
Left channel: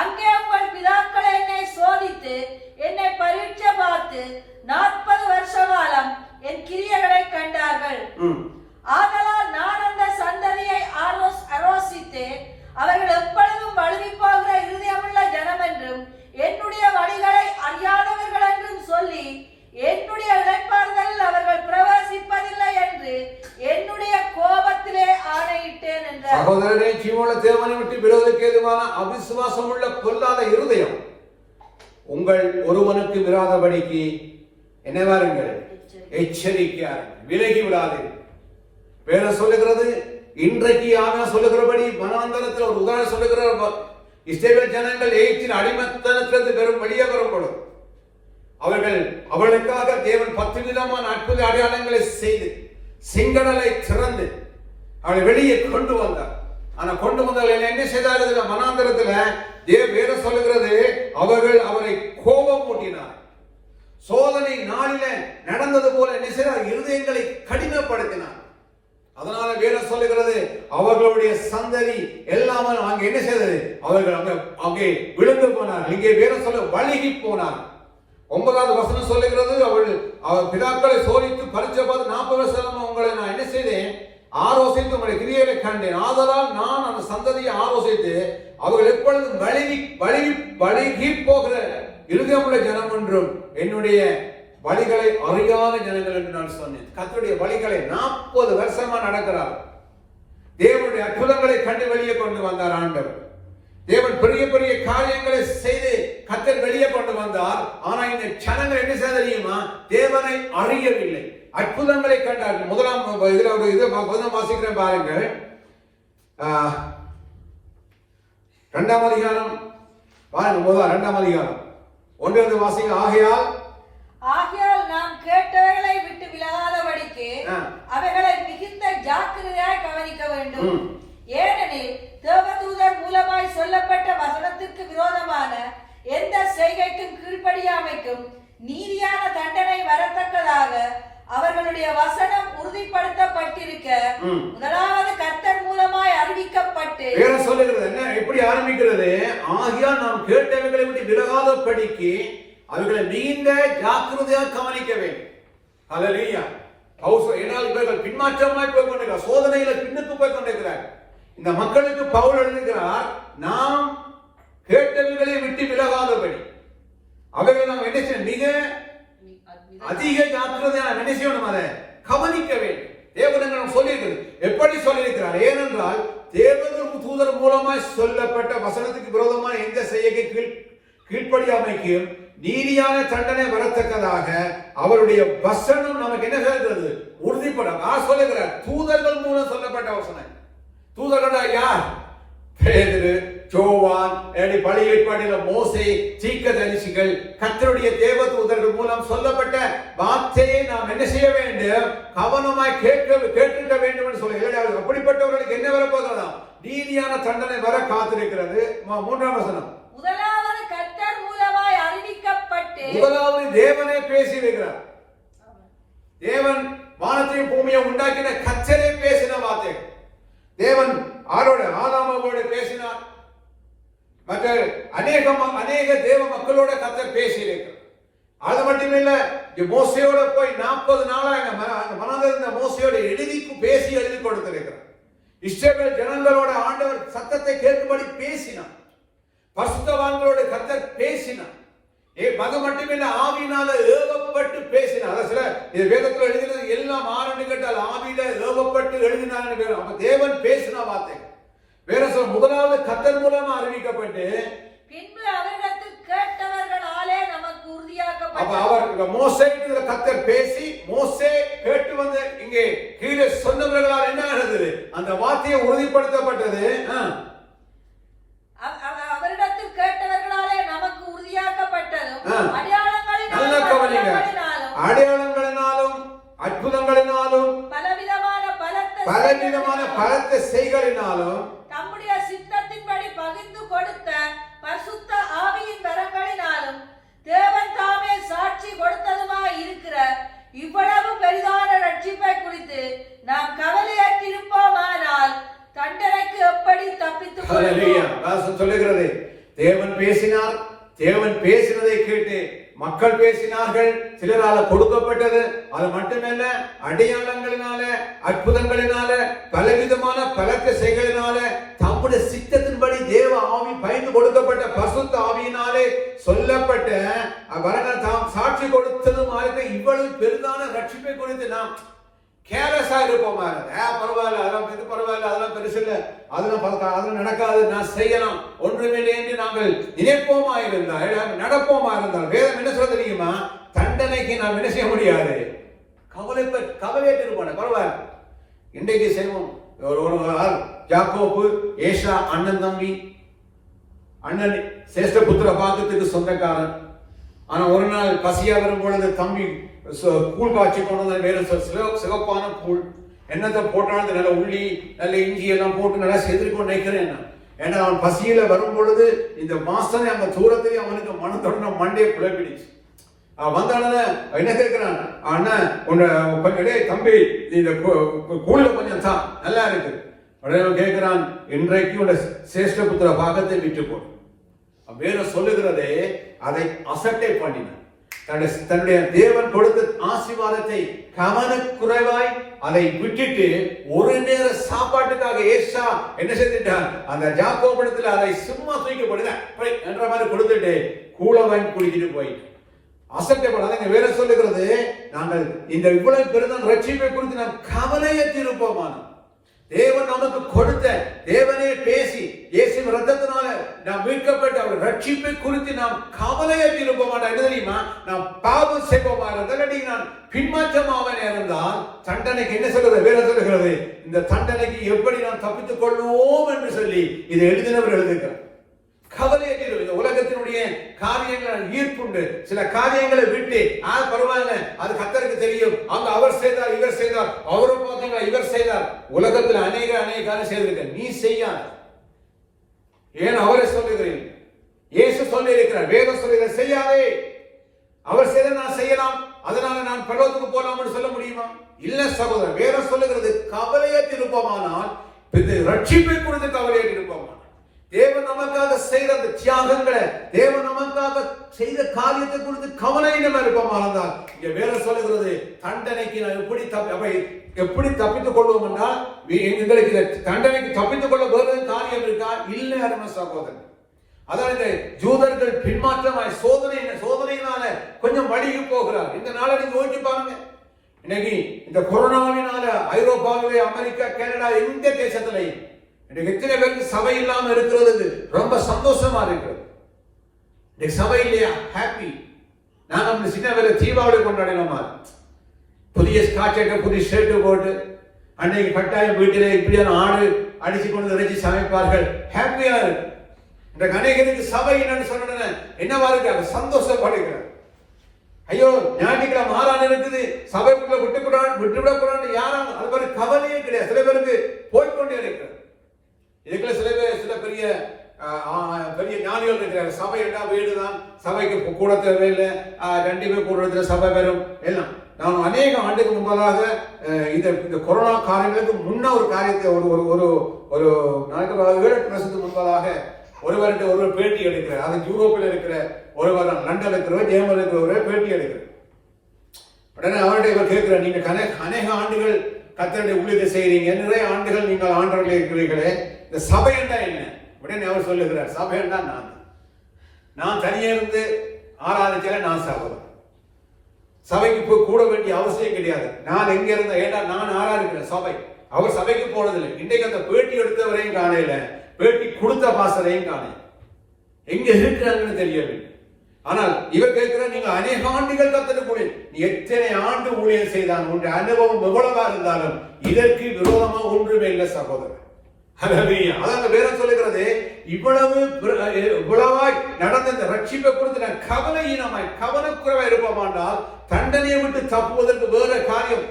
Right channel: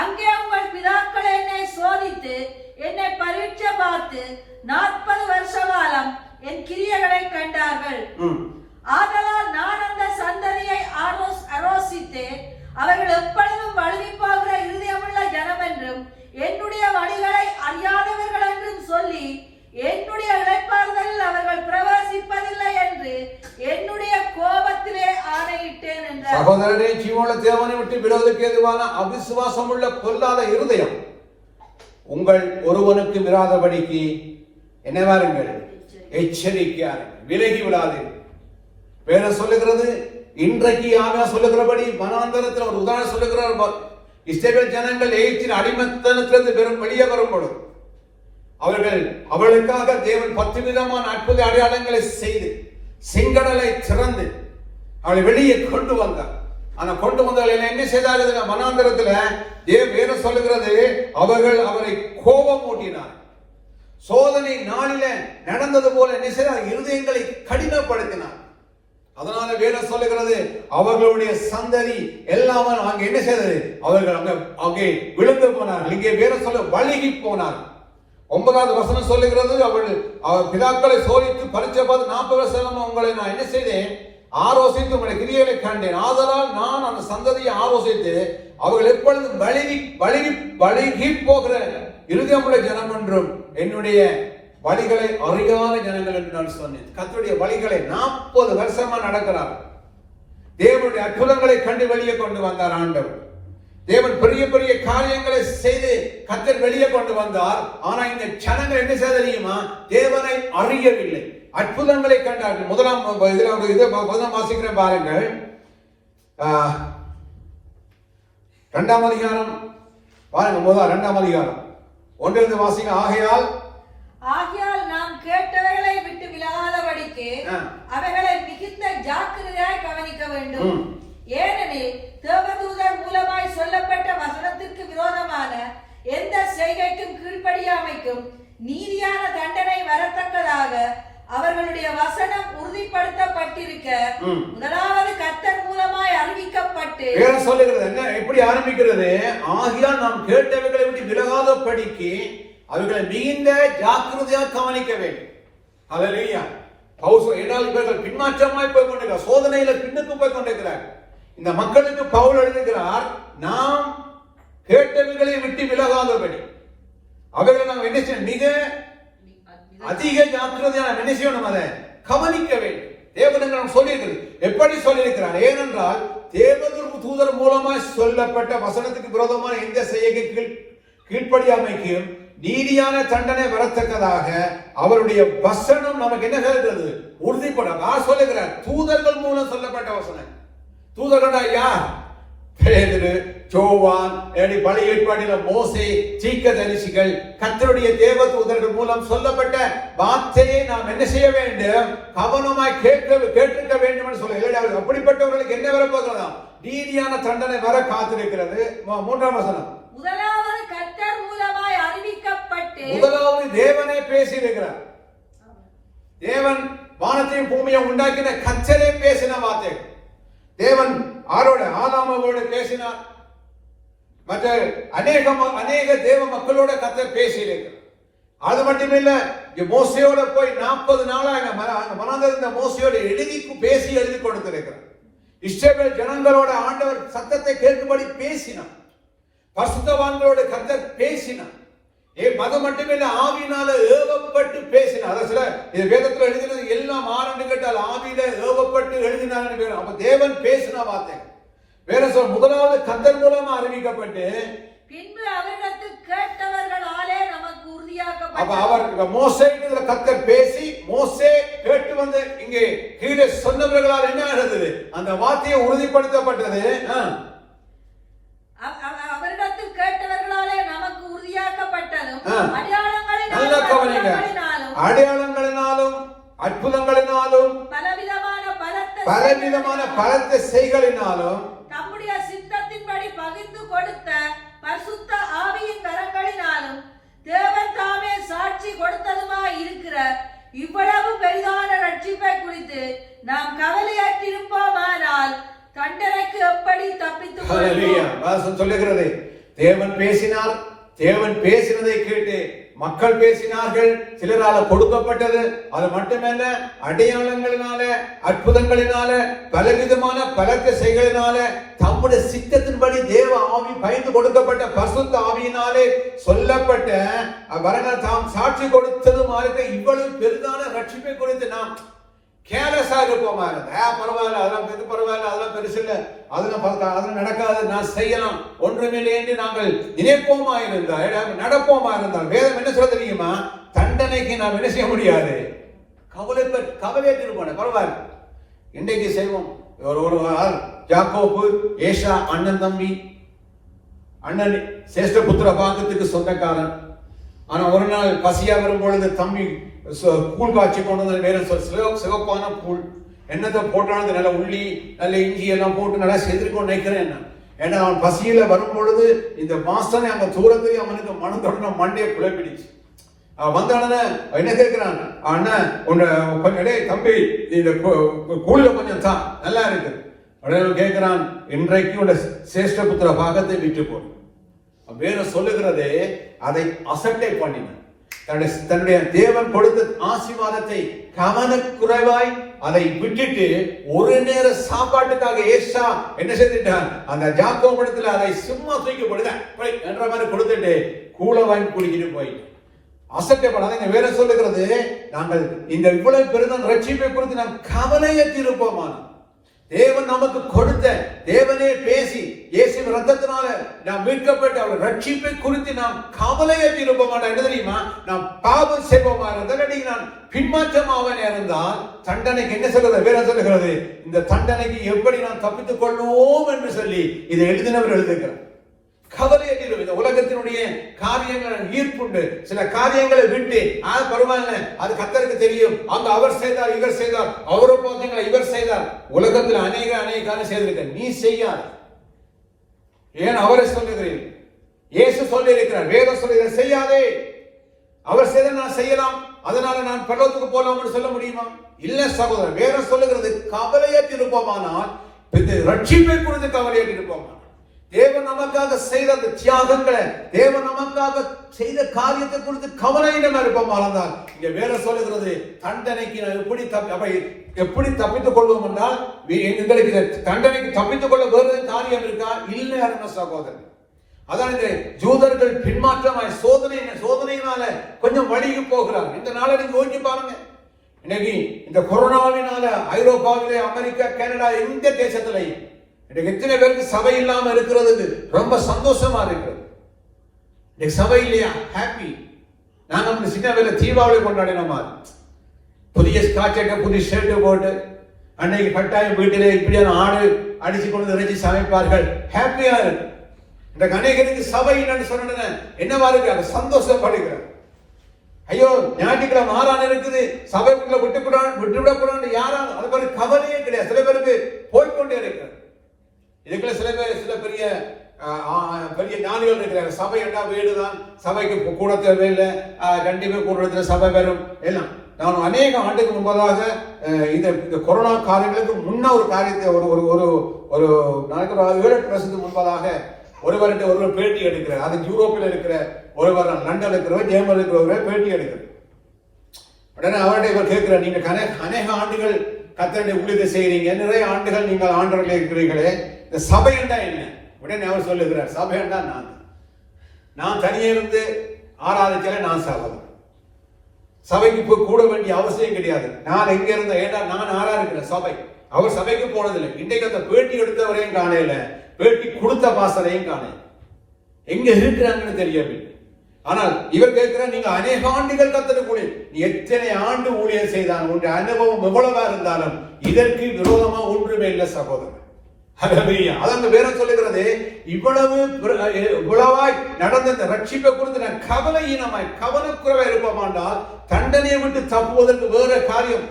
அங்கே உங்கள் பிதாக்கள் என்னை சோதித்து என்னை பரீட்சை பார்த்து 40 வருஷ காலம் என் கிரியைகளை கண்டார்கள். ஆதலால் நான் அந்த சந்ததியை ஆரோசித்தேன். அவர்கள் எப்பொழுதும் வழுவி போகிற இருதயமுள்ள ஜனம் என்றும் என்னுடைய வழிகளை அறியாதவர்கள் என்றும் சொல்லி என்னுடைய இளைப்பாறுதலில் அவர்கள் பிரவேசிப்பதில்லை என்று என்னுடைய கோபத்திலே ஆணையிட்டேன் என்றார். சகோதரனே, ஜீவனுள்ள தேவனை விட்டு விலகுவதற்கு ஏதுவான அவிசுவாசம் உள்ள பொல்லாத இருதயம் உங்கள் ஒருவனுக்கு விராதபடிக்கு என்னவாருங்கள்? எச்சரிக்கையாருங்கள், விலகி விடாதீர்கள். வேற சொல்லுகிறது, இன்றைக்கு ஆனா சொல்லுகிறபடி வனாந்தரத்தில் ஒரு உதாரணம் சொல்லுகிறார். இஸ்ரவேல் ஜனங்கள் எகிப்தின் அடிமைத்தனத்திலிருந்து வெறும் வெளியே வரும் பொழுது அவளுக்காக தேவன் 10 விதமான அற்புத அடையாளங்களை செய்து செங்கடலை திறந்து அவளை வெளியே கொண்டு வந்தார். ஆனா கொண்டு வந்தால் என்ன செய்தார்கள்? வனாந்தரத்துல வேற சொல்லுகிறது, அவர்கள் அவரை கோபம் ஊட்டினார். சோதனை நாளில நடந்தது போல என்ன செய்தார்? இருதயங்களை கடினப்படுத்தினார். அதனால வேற சொல்லுகிறது, அவர்களுடைய சந்ததி எல்லாம் அங்க என்ன செய்தது? அவர்கள் அங்கே விழுந்து போனார்கள். இங்கே வேற சொல்ல வழுகி போனார்கள். 9வது வசனம் சொல்லுகிறது, அவர்கள் பிதாக்களை சோதித்து பரீட்சை பார்த்து 40 வருஷம் உங்களை நான் என்ன செய்தேன்? ஆலோசித்து உங்களுடைய கிரியைகளை கண்டேன். ஆதலால் நான் அந்த சந்ததியை ஆலோசித்து அவர்கள் எப்பொழுதும் வழிகி போகிற இருதயமுள்ள ஜனம் என்றும் என்னுடைய வழிகளை அறியாத ஜனங்கள் என்று நான் சொன்னேன். கர்த்தருடைய வழிகளை 40 வருஷமா நடக்கிறார். தேவனுடைய அற்புதங்களை கண்டு வெளியே கொண்டு வந்தார் ஆண்டவர். தேவன் பெரிய பெரிய காரியங்களை செய்து கர்த்தர் வெளியே கொண்டு வந்தார். ஆனா இந்த ஜனங்கள் என்ன செய்ய தெரியுமா? தேவனை அறியவில்லை. அற்புதங்களை கண்டார்கள். முதலாம் வாசிக்கிறேன் பாருங்கள். 2ஆம் அதிகாரம் பாருங்க. 2ஆம் அதிகாரம் 1 வாசிங்க. ஆகையால் நாம் கேட்டவர்களை விட்டு விலகாதபடிக்கு அவைகளை மிகுந்த ஜாக்கிரதையாய் கவனிக்க வேண்டும். ஏனெனில் தேவதூதர் மூலமாய் சொல்லப்பட்ட வசனத்திற்கு விரோதமான எந்த செய்கைக்கும் கீழ்ப்படியாமைக்கும் நீதியான தண்டனை வரத்தக்கதாக அவர்களுடைய வசனம் உறுதிப்படுத்தப்பட்டிருக்க முதலாவது கர்த்தர் மூலமாய் அறிவிக்கப்பட்டு சொல்லுகிறது. என்ன எப்படி ஆரம்பிக்கிறது? ஆகையால் நாம் கேட்டவைகளை விட்டு விலகாதபடிக்கு அவர்களை மிகுந்த ஜாக்கிரதையாக கவனிக்க வேண்டும். ஹல்லேலூயா. இவர்கள் பின்மாற்றமாய் போய் கொண்டிருக்கிறார். சோதனையில பின்னுக்கு போய் கொண்டிருக்கிறார். இந்த மக்களுக்கு பவுல் எழுதுகிறார், நாம் கேட்டவைகளை விட்டு விலகாதபடி அவர்கள் நாம் என்ன செய்யணும்? மிக அதிக ஜாக்கிரதையாக என்ன செய்யணும்? அதை கவனிக்க வேண்டும். தேவதூதர் சொல்லியிருக்கிறது. எப்படி சொல்லியிருக்கிறார்? ஏனென்றால் தேவதூதர் மூலமாய் சொல்லப்பட்ட வசனத்துக்கு விரோதமான எந்த செய்கைக்கு கீழ்ப்படியாமைக்கும் நீதியான தண்டனை வரத்தக்கதாக அவருடைய வசனம் நமக்கு என்ன சொல்கிறது? உறுதிப்படும். சொல்லுகிறார், தூதர்கள் மூலம் சொல்லப்பட்ட வசனம். தூதர்கள் யார்? பேதுரு, யோவான், பழைய ஏற்பாட்டில் மோசே, தீர்க்கதரிசிகள், கர்த்தருடைய தேவதூதர்கள் மூலம் சொல்லப்பட்ட வார்த்தையை நாம் என்ன செய்ய வேண்டும்? கவனமாய் கேட்க வேண்டும் என்று சொல்ல. அப்படிப்பட்டவர்களுக்கு என்ன வரப்போகிறதா? நீதியான தண்டனை வர காத்திருக்கிறது. 3ஆம் வசனம். முதலாவது கர்த்தர் மூலமாய் அறிவிக்கப்பட்டு முதலாவது தேவனே பேசியிருக்கிறார். தேவன் வானத்தையும் பூமியை உண்டாக்கின கர்த்தரே பேசின வார்த்தை. தேவன் ஆதாமோடு பேசினார். மற்ற அநேக தேவ மக்களோட கர்த்தர் பேசியிருக்கிறார். அது மட்டுமில்ல, மோசையோட போய் 40 நாளாக மோசையோட எழுதி கொடுத்திருக்கிறார். இஸ்ரவேல் ஜனங்களோட ஆண்டவர் சத்தத்தை கேட்கும்படி பேசினார். பரிசுத்தவான்களோட கர்த்தர் பேசினார். அது மட்டுமில்ல, ஆவியினால ஏவப்பட்டு பேசினார். சில வேதத்தில் எழுதினது எல்லாம் ஆரம்பி கேட்டால் ஆவியில ஏவப்பட்டு எழுதினார். அப்ப தேவன் பேசின வார்த்தை வேற சொல்ல. முதலாவது கர்த்தர் மூலமா அறிவிக்கப்பட்டு பின்பு அவரிடத்தில் கேட்டவர்களாலே நமக்கு உறுதியாக்கப்பட்டது. அப்ப அவர் மோசேக்கு கர்த்தர் பேசி மோசே கேட்டு வந்து இங்கே கீழே சொன்னவர்களால் என்ன ஆனது? அந்த வார்த்தையை உறுதிப்படுத்தப்பட்டது. அவரிடத்தில் கேட்டவர்களாலே நமக்கு உறுதியாக்கப்பட்டதும் அடையாளங்களினாலும் அற்புதங்களினாலும் பலவிதமான பலத்த செய்களினாலும் தம்முடைய சித்தத்தின்படி பகிர்ந்து கொடுத்த பரிசுத்த ஆவியின் கரங்களினாலும் தேவன் தாமே சாட்சி கொடுத்ததுமாக இருக்கிற இவ்வளவு பெரிதான ரட்சிப்பை குறித்து நாம் கவலையாக்கி இருப்போமானால் தண்டனைக்கு எப்படி தப்பித்துக் கொள்வோம்? சொல்லுகிறது, தேவன் பேசினார். தேவன் பேசினதை கேட்டு மக்கள் பேசினார்கள். சிலரால கொடுக்கப்பட்டது. அது மட்டுமல்ல, அடையாளங்களினால அற்புதங்களினால பலவிதமான பலத்த செய்களினால தம்முடைய சித்தத்தின்படி தேவ ஆவி பயந்து கொடுக்கப்பட்ட பரிசுத்த ஆவியினாலே சொல்லப்பட்ட தாம் சாட்சி கொடுத்ததும் இவ்வளவு பெரிதான ரட்சிப்பை குறித்து நாம் கேர்லெஸ்ஸா இருப்போமா? பரவாயில்ல, அதெல்லாம் இது பரவாயில்ல, அதெல்லாம் பெருசு இல்லை, அதெல்லாம் நடக்காது, நான் செய்யலாம், ஒன்றுமில்லை என்று நாங்கள் நினைப்போமா இருந்தால், நடப்போமா இருந்தால், வேதம் என்ன சொல்ல தெரியுமா? தண்டனைக்கு நாம் என்ன செய்ய முடியாது, கவலையற்று இருப்பாங்க. பரவாயில்ல, இன்றைக்கு செய்வோம். ஒரு யாக்கோபு, ஏசா அண்ணன் தம்பி. அண்ணன் சேஷ்ட புத்திர பாகத்துக்கு சொந்தக்காரன். ஆனா ஒரு நாள் பசியா வரும்பொழுது தம்பி கூழ் காய்ச்சி கொண்டு வந்து வேற சிவப்பான கூழ், என்னத்தை போட்டாலும் நல்ல உள்ளி நல்ல இஞ்சி எல்லாம் போட்டு நல்லா செதுக்கொண்டு நினைக்கிறேன். ஏன்னா அவன் பசியில வரும் பொழுது இந்த மாசமே அந்த தூரத்துக்கு அவனுக்கு மனு தொடர்ந்து மண்டையை புலப்பிடிச்சு. அவன் வந்தான என்ன கேட்கிறான், அண்ணன் கொஞ்சம் தம்பி இந்த கூழ்ல கொஞ்சம் தான் நல்லா இருக்கு. உடனே கேட்கிறான், இன்றைக்கு உள்ள சேஷ்ட புத்திர பாகத்தை விட்டு போடு. வேற சொல்லுகிறதே அதை அசட்டை பண்ணினான். தன்னுடைய தேவன் கொடுத்த ஆசீர்வாதத்தை கவனக்குறைவாய் அதை விட்டுட்டு ஒரு நேர சாப்பாட்டுக்காக ஏசா என்ன செய்துட்டார், அந்த ஜாக்கோப் இடத்துல அதை சும்மா தூக்கி என்ற மாதிரி கொடுத்துட்டு கூழ வாங்கி குடிக்கிட்டு போயிட்டு அசட்டப்படாத. வேற சொல்லுகிறது, நாங்கள் இந்த இவ்வளவு பெருதான் ரட்சிப்பை குறித்து நாம் கவலையற்று இருப்போமா? தேவன் நமக்கு கொடுத்த, தேவனே பேசி இயேசுவின் ரத்தத்தினால நாம் மீட்கப்பட்ட அவர் ரட்சிப்பை குறித்து நாம் கவலையற்று இருப்போமா? என்ன தெரியுமா, நாம் பாவம் செய்வோமா இருந்தால், நான் பின்மாற்றமாக இருந்தால் தண்டனைக்கு என்ன சொல்றது, வேற சொல்லுகிறது, இந்த தண்டனைக்கு எப்படி நாம் தப்பித்துக் கொள்வோம் என்று சொல்லி இதை எழுதினவர் எழுதுகிறார். கவலையற்று இந்த உலகத்தினுடைய காரியங்கள் ஈர்ப்புண்டு, சில காரியங்களை விட்டு பரவாயில்ல, அது கர்த்தருக்கு தெரியும், அவங்க அவர் செய்தார், இவர் செய்தார், அவரை போங்க, இவர் செய்தார். உலகத்தில் அநேக காரியம் செய்திருக்க, நீ செய்யாத. ஏன் அவரை சொல்லுகிறீர்கள்? இயேசு சொல்லி இருக்கிறார், வேதம் சொல்லுகிற செய்யாதே. அவர் செய்த நான் செய்யலாம், அதனால நான் பரலோகத்துக்கு போலாம் சொல்ல முடியுமா? இல்ல சகோதரர், வேதம் சொல்லுகிறது கவலையற்று இருப்போமானால் ரட்சிப்பை குறித்து கவலையற்று இருப்போமா? தேவன் நமக்காக செய்த அந்த தியாகங்களை, தேவன் நமக்காக செய்த காரியத்தை குறித்து கவலையினமா இருப்போம். இங்க வேற சொல்லுகிறது, தண்டனைக்கு எப்படி தப்பித்துக் கொள்வோம் என்றால், எங்களுக்கு தண்டனைக்கு தப்பித்துக் கொள்ள வேறு காரியம் இருக்கா? இல்லை அருமை சகோதரன். அதான் இந்த ஜூதர்கள் பின்மாற்றமாய் சோதனையினால கொஞ்சம் வழிக்கு போகிறார். இந்த நாளை நீங்க யோசிச்சு பாருங்க. இன்னைக்கு இந்த கொரோனாவினால ஐரோப்பாவிலே, அமெரிக்கா, கனடா, எந்த தேசத்திலையும் எத்தனை பேருக்கு சபை இல்லாம இருக்கிறது ரொம்ப சந்தோஷமா இருக்கு. சபை இல்லையா? ஹாப்பி. நாங்க அந்த சின்ன வேலை தீபாவளி கொண்டாடினோமா, புதிய ஸ்காட்சை புதிய ஷர்ட் போட்டு அன்னைக்கு கட்டாயம் வீட்டிலே இப்படியான ஆடு அடிச்சு கொண்டு இறைச்சி சமைப்பார்கள். ஹாப்பியா இருக்கு. இந்த அநேகருக்கு சபை என்னன்னு சொன்ன என்னவா இருக்கு, சந்தோஷப்படுகிறார். ஐயோ ஞாயிற்றுக்கிழமை மாறான இருக்குது, சபைக்குள்ள விட்டுவிடக்கூடாது யாரும் அது மாதிரி கவலையே கிடையாது. சில பேருக்கு போய்கொண்டே இருக்கிறார். இதுக்குள்ள சில பேர் சில பெரிய ஞானிகள் இருக்கிறாங்க. சபை என்ன வீடுதான், சபைக்கு கூட தேவையில்லை, 2 பேர் கூடுறதுல சபை வரும் எல்லாம். நான் அநேக ஆண்டுக்கு முன்பதாக இந்த கொரோனா காரியங்களுக்கு முன்ன ஒரு காரியத்தை ஒரு 7-8 வருஷத்துக்கு முன்பதாக ஒருவர் பேட்டி எடுக்கிறார். அது யூரோப்பில் இருக்கிற ஒருவர், லண்டன்ல இருக்கிறவர், ஜெர்மனில் இருக்கிறவரை பேட்டி எடுக்கிறார். உடனே அவர்கிட்ட இவர் கேட்கிறார், நீங்க அநேக ஆண்டுகள் கர்த்தருடைய ஊழியத்தை செய்கிறீங்க, நிறைய ஆண்டுகள் நீங்கள் ஆண்டவர்களே இருக்கிறீர்களே, இந்த சபை என்றா என்ன? உடனே அவர் சொல்லுகிறார், சபை என்றா நான் தனியே இருந்து ஆராதிக்கல, நான் சகோதரன். சபைக்கு போய் கூட வேண்டிய அவசியம் கிடையாது. நான் எங்க இருந்த ஏன்னா நான் ஆராதிக்கிறேன். சபை அவர் சபைக்கு போனதில்லை. இன்றைக்கு அந்த பேட்டி எடுத்தவரையும் காணையில, பேட்டி கொடுத்த பாசனையும் காணையில, எங்க இருக்கிறாங்கன்னு தெரியவில்லை. ஆனால் இவர் கேட்கிறார், நீங்க அநேக ஆண்டுகள் கர்த்தருக்கு நீ எத்தனை ஆண்டு ஊழியர் செய்தாங்க, உன்னுடைய அனுபவம் எவ்வளவா இருந்தாலும் இதற்கு விரோதமா ஒன்றுமே இல்லை சகோதரர். அதான் வேற சொல்லுகிறது, இவ்வளவாய் நடந்த இந்த ரட்சிப்பை குறித்து நான் கவனக்குறைவா இருப்போமாண்டால் தண்டனையை விட்டு தப்புவதற்கு வேற காரியம்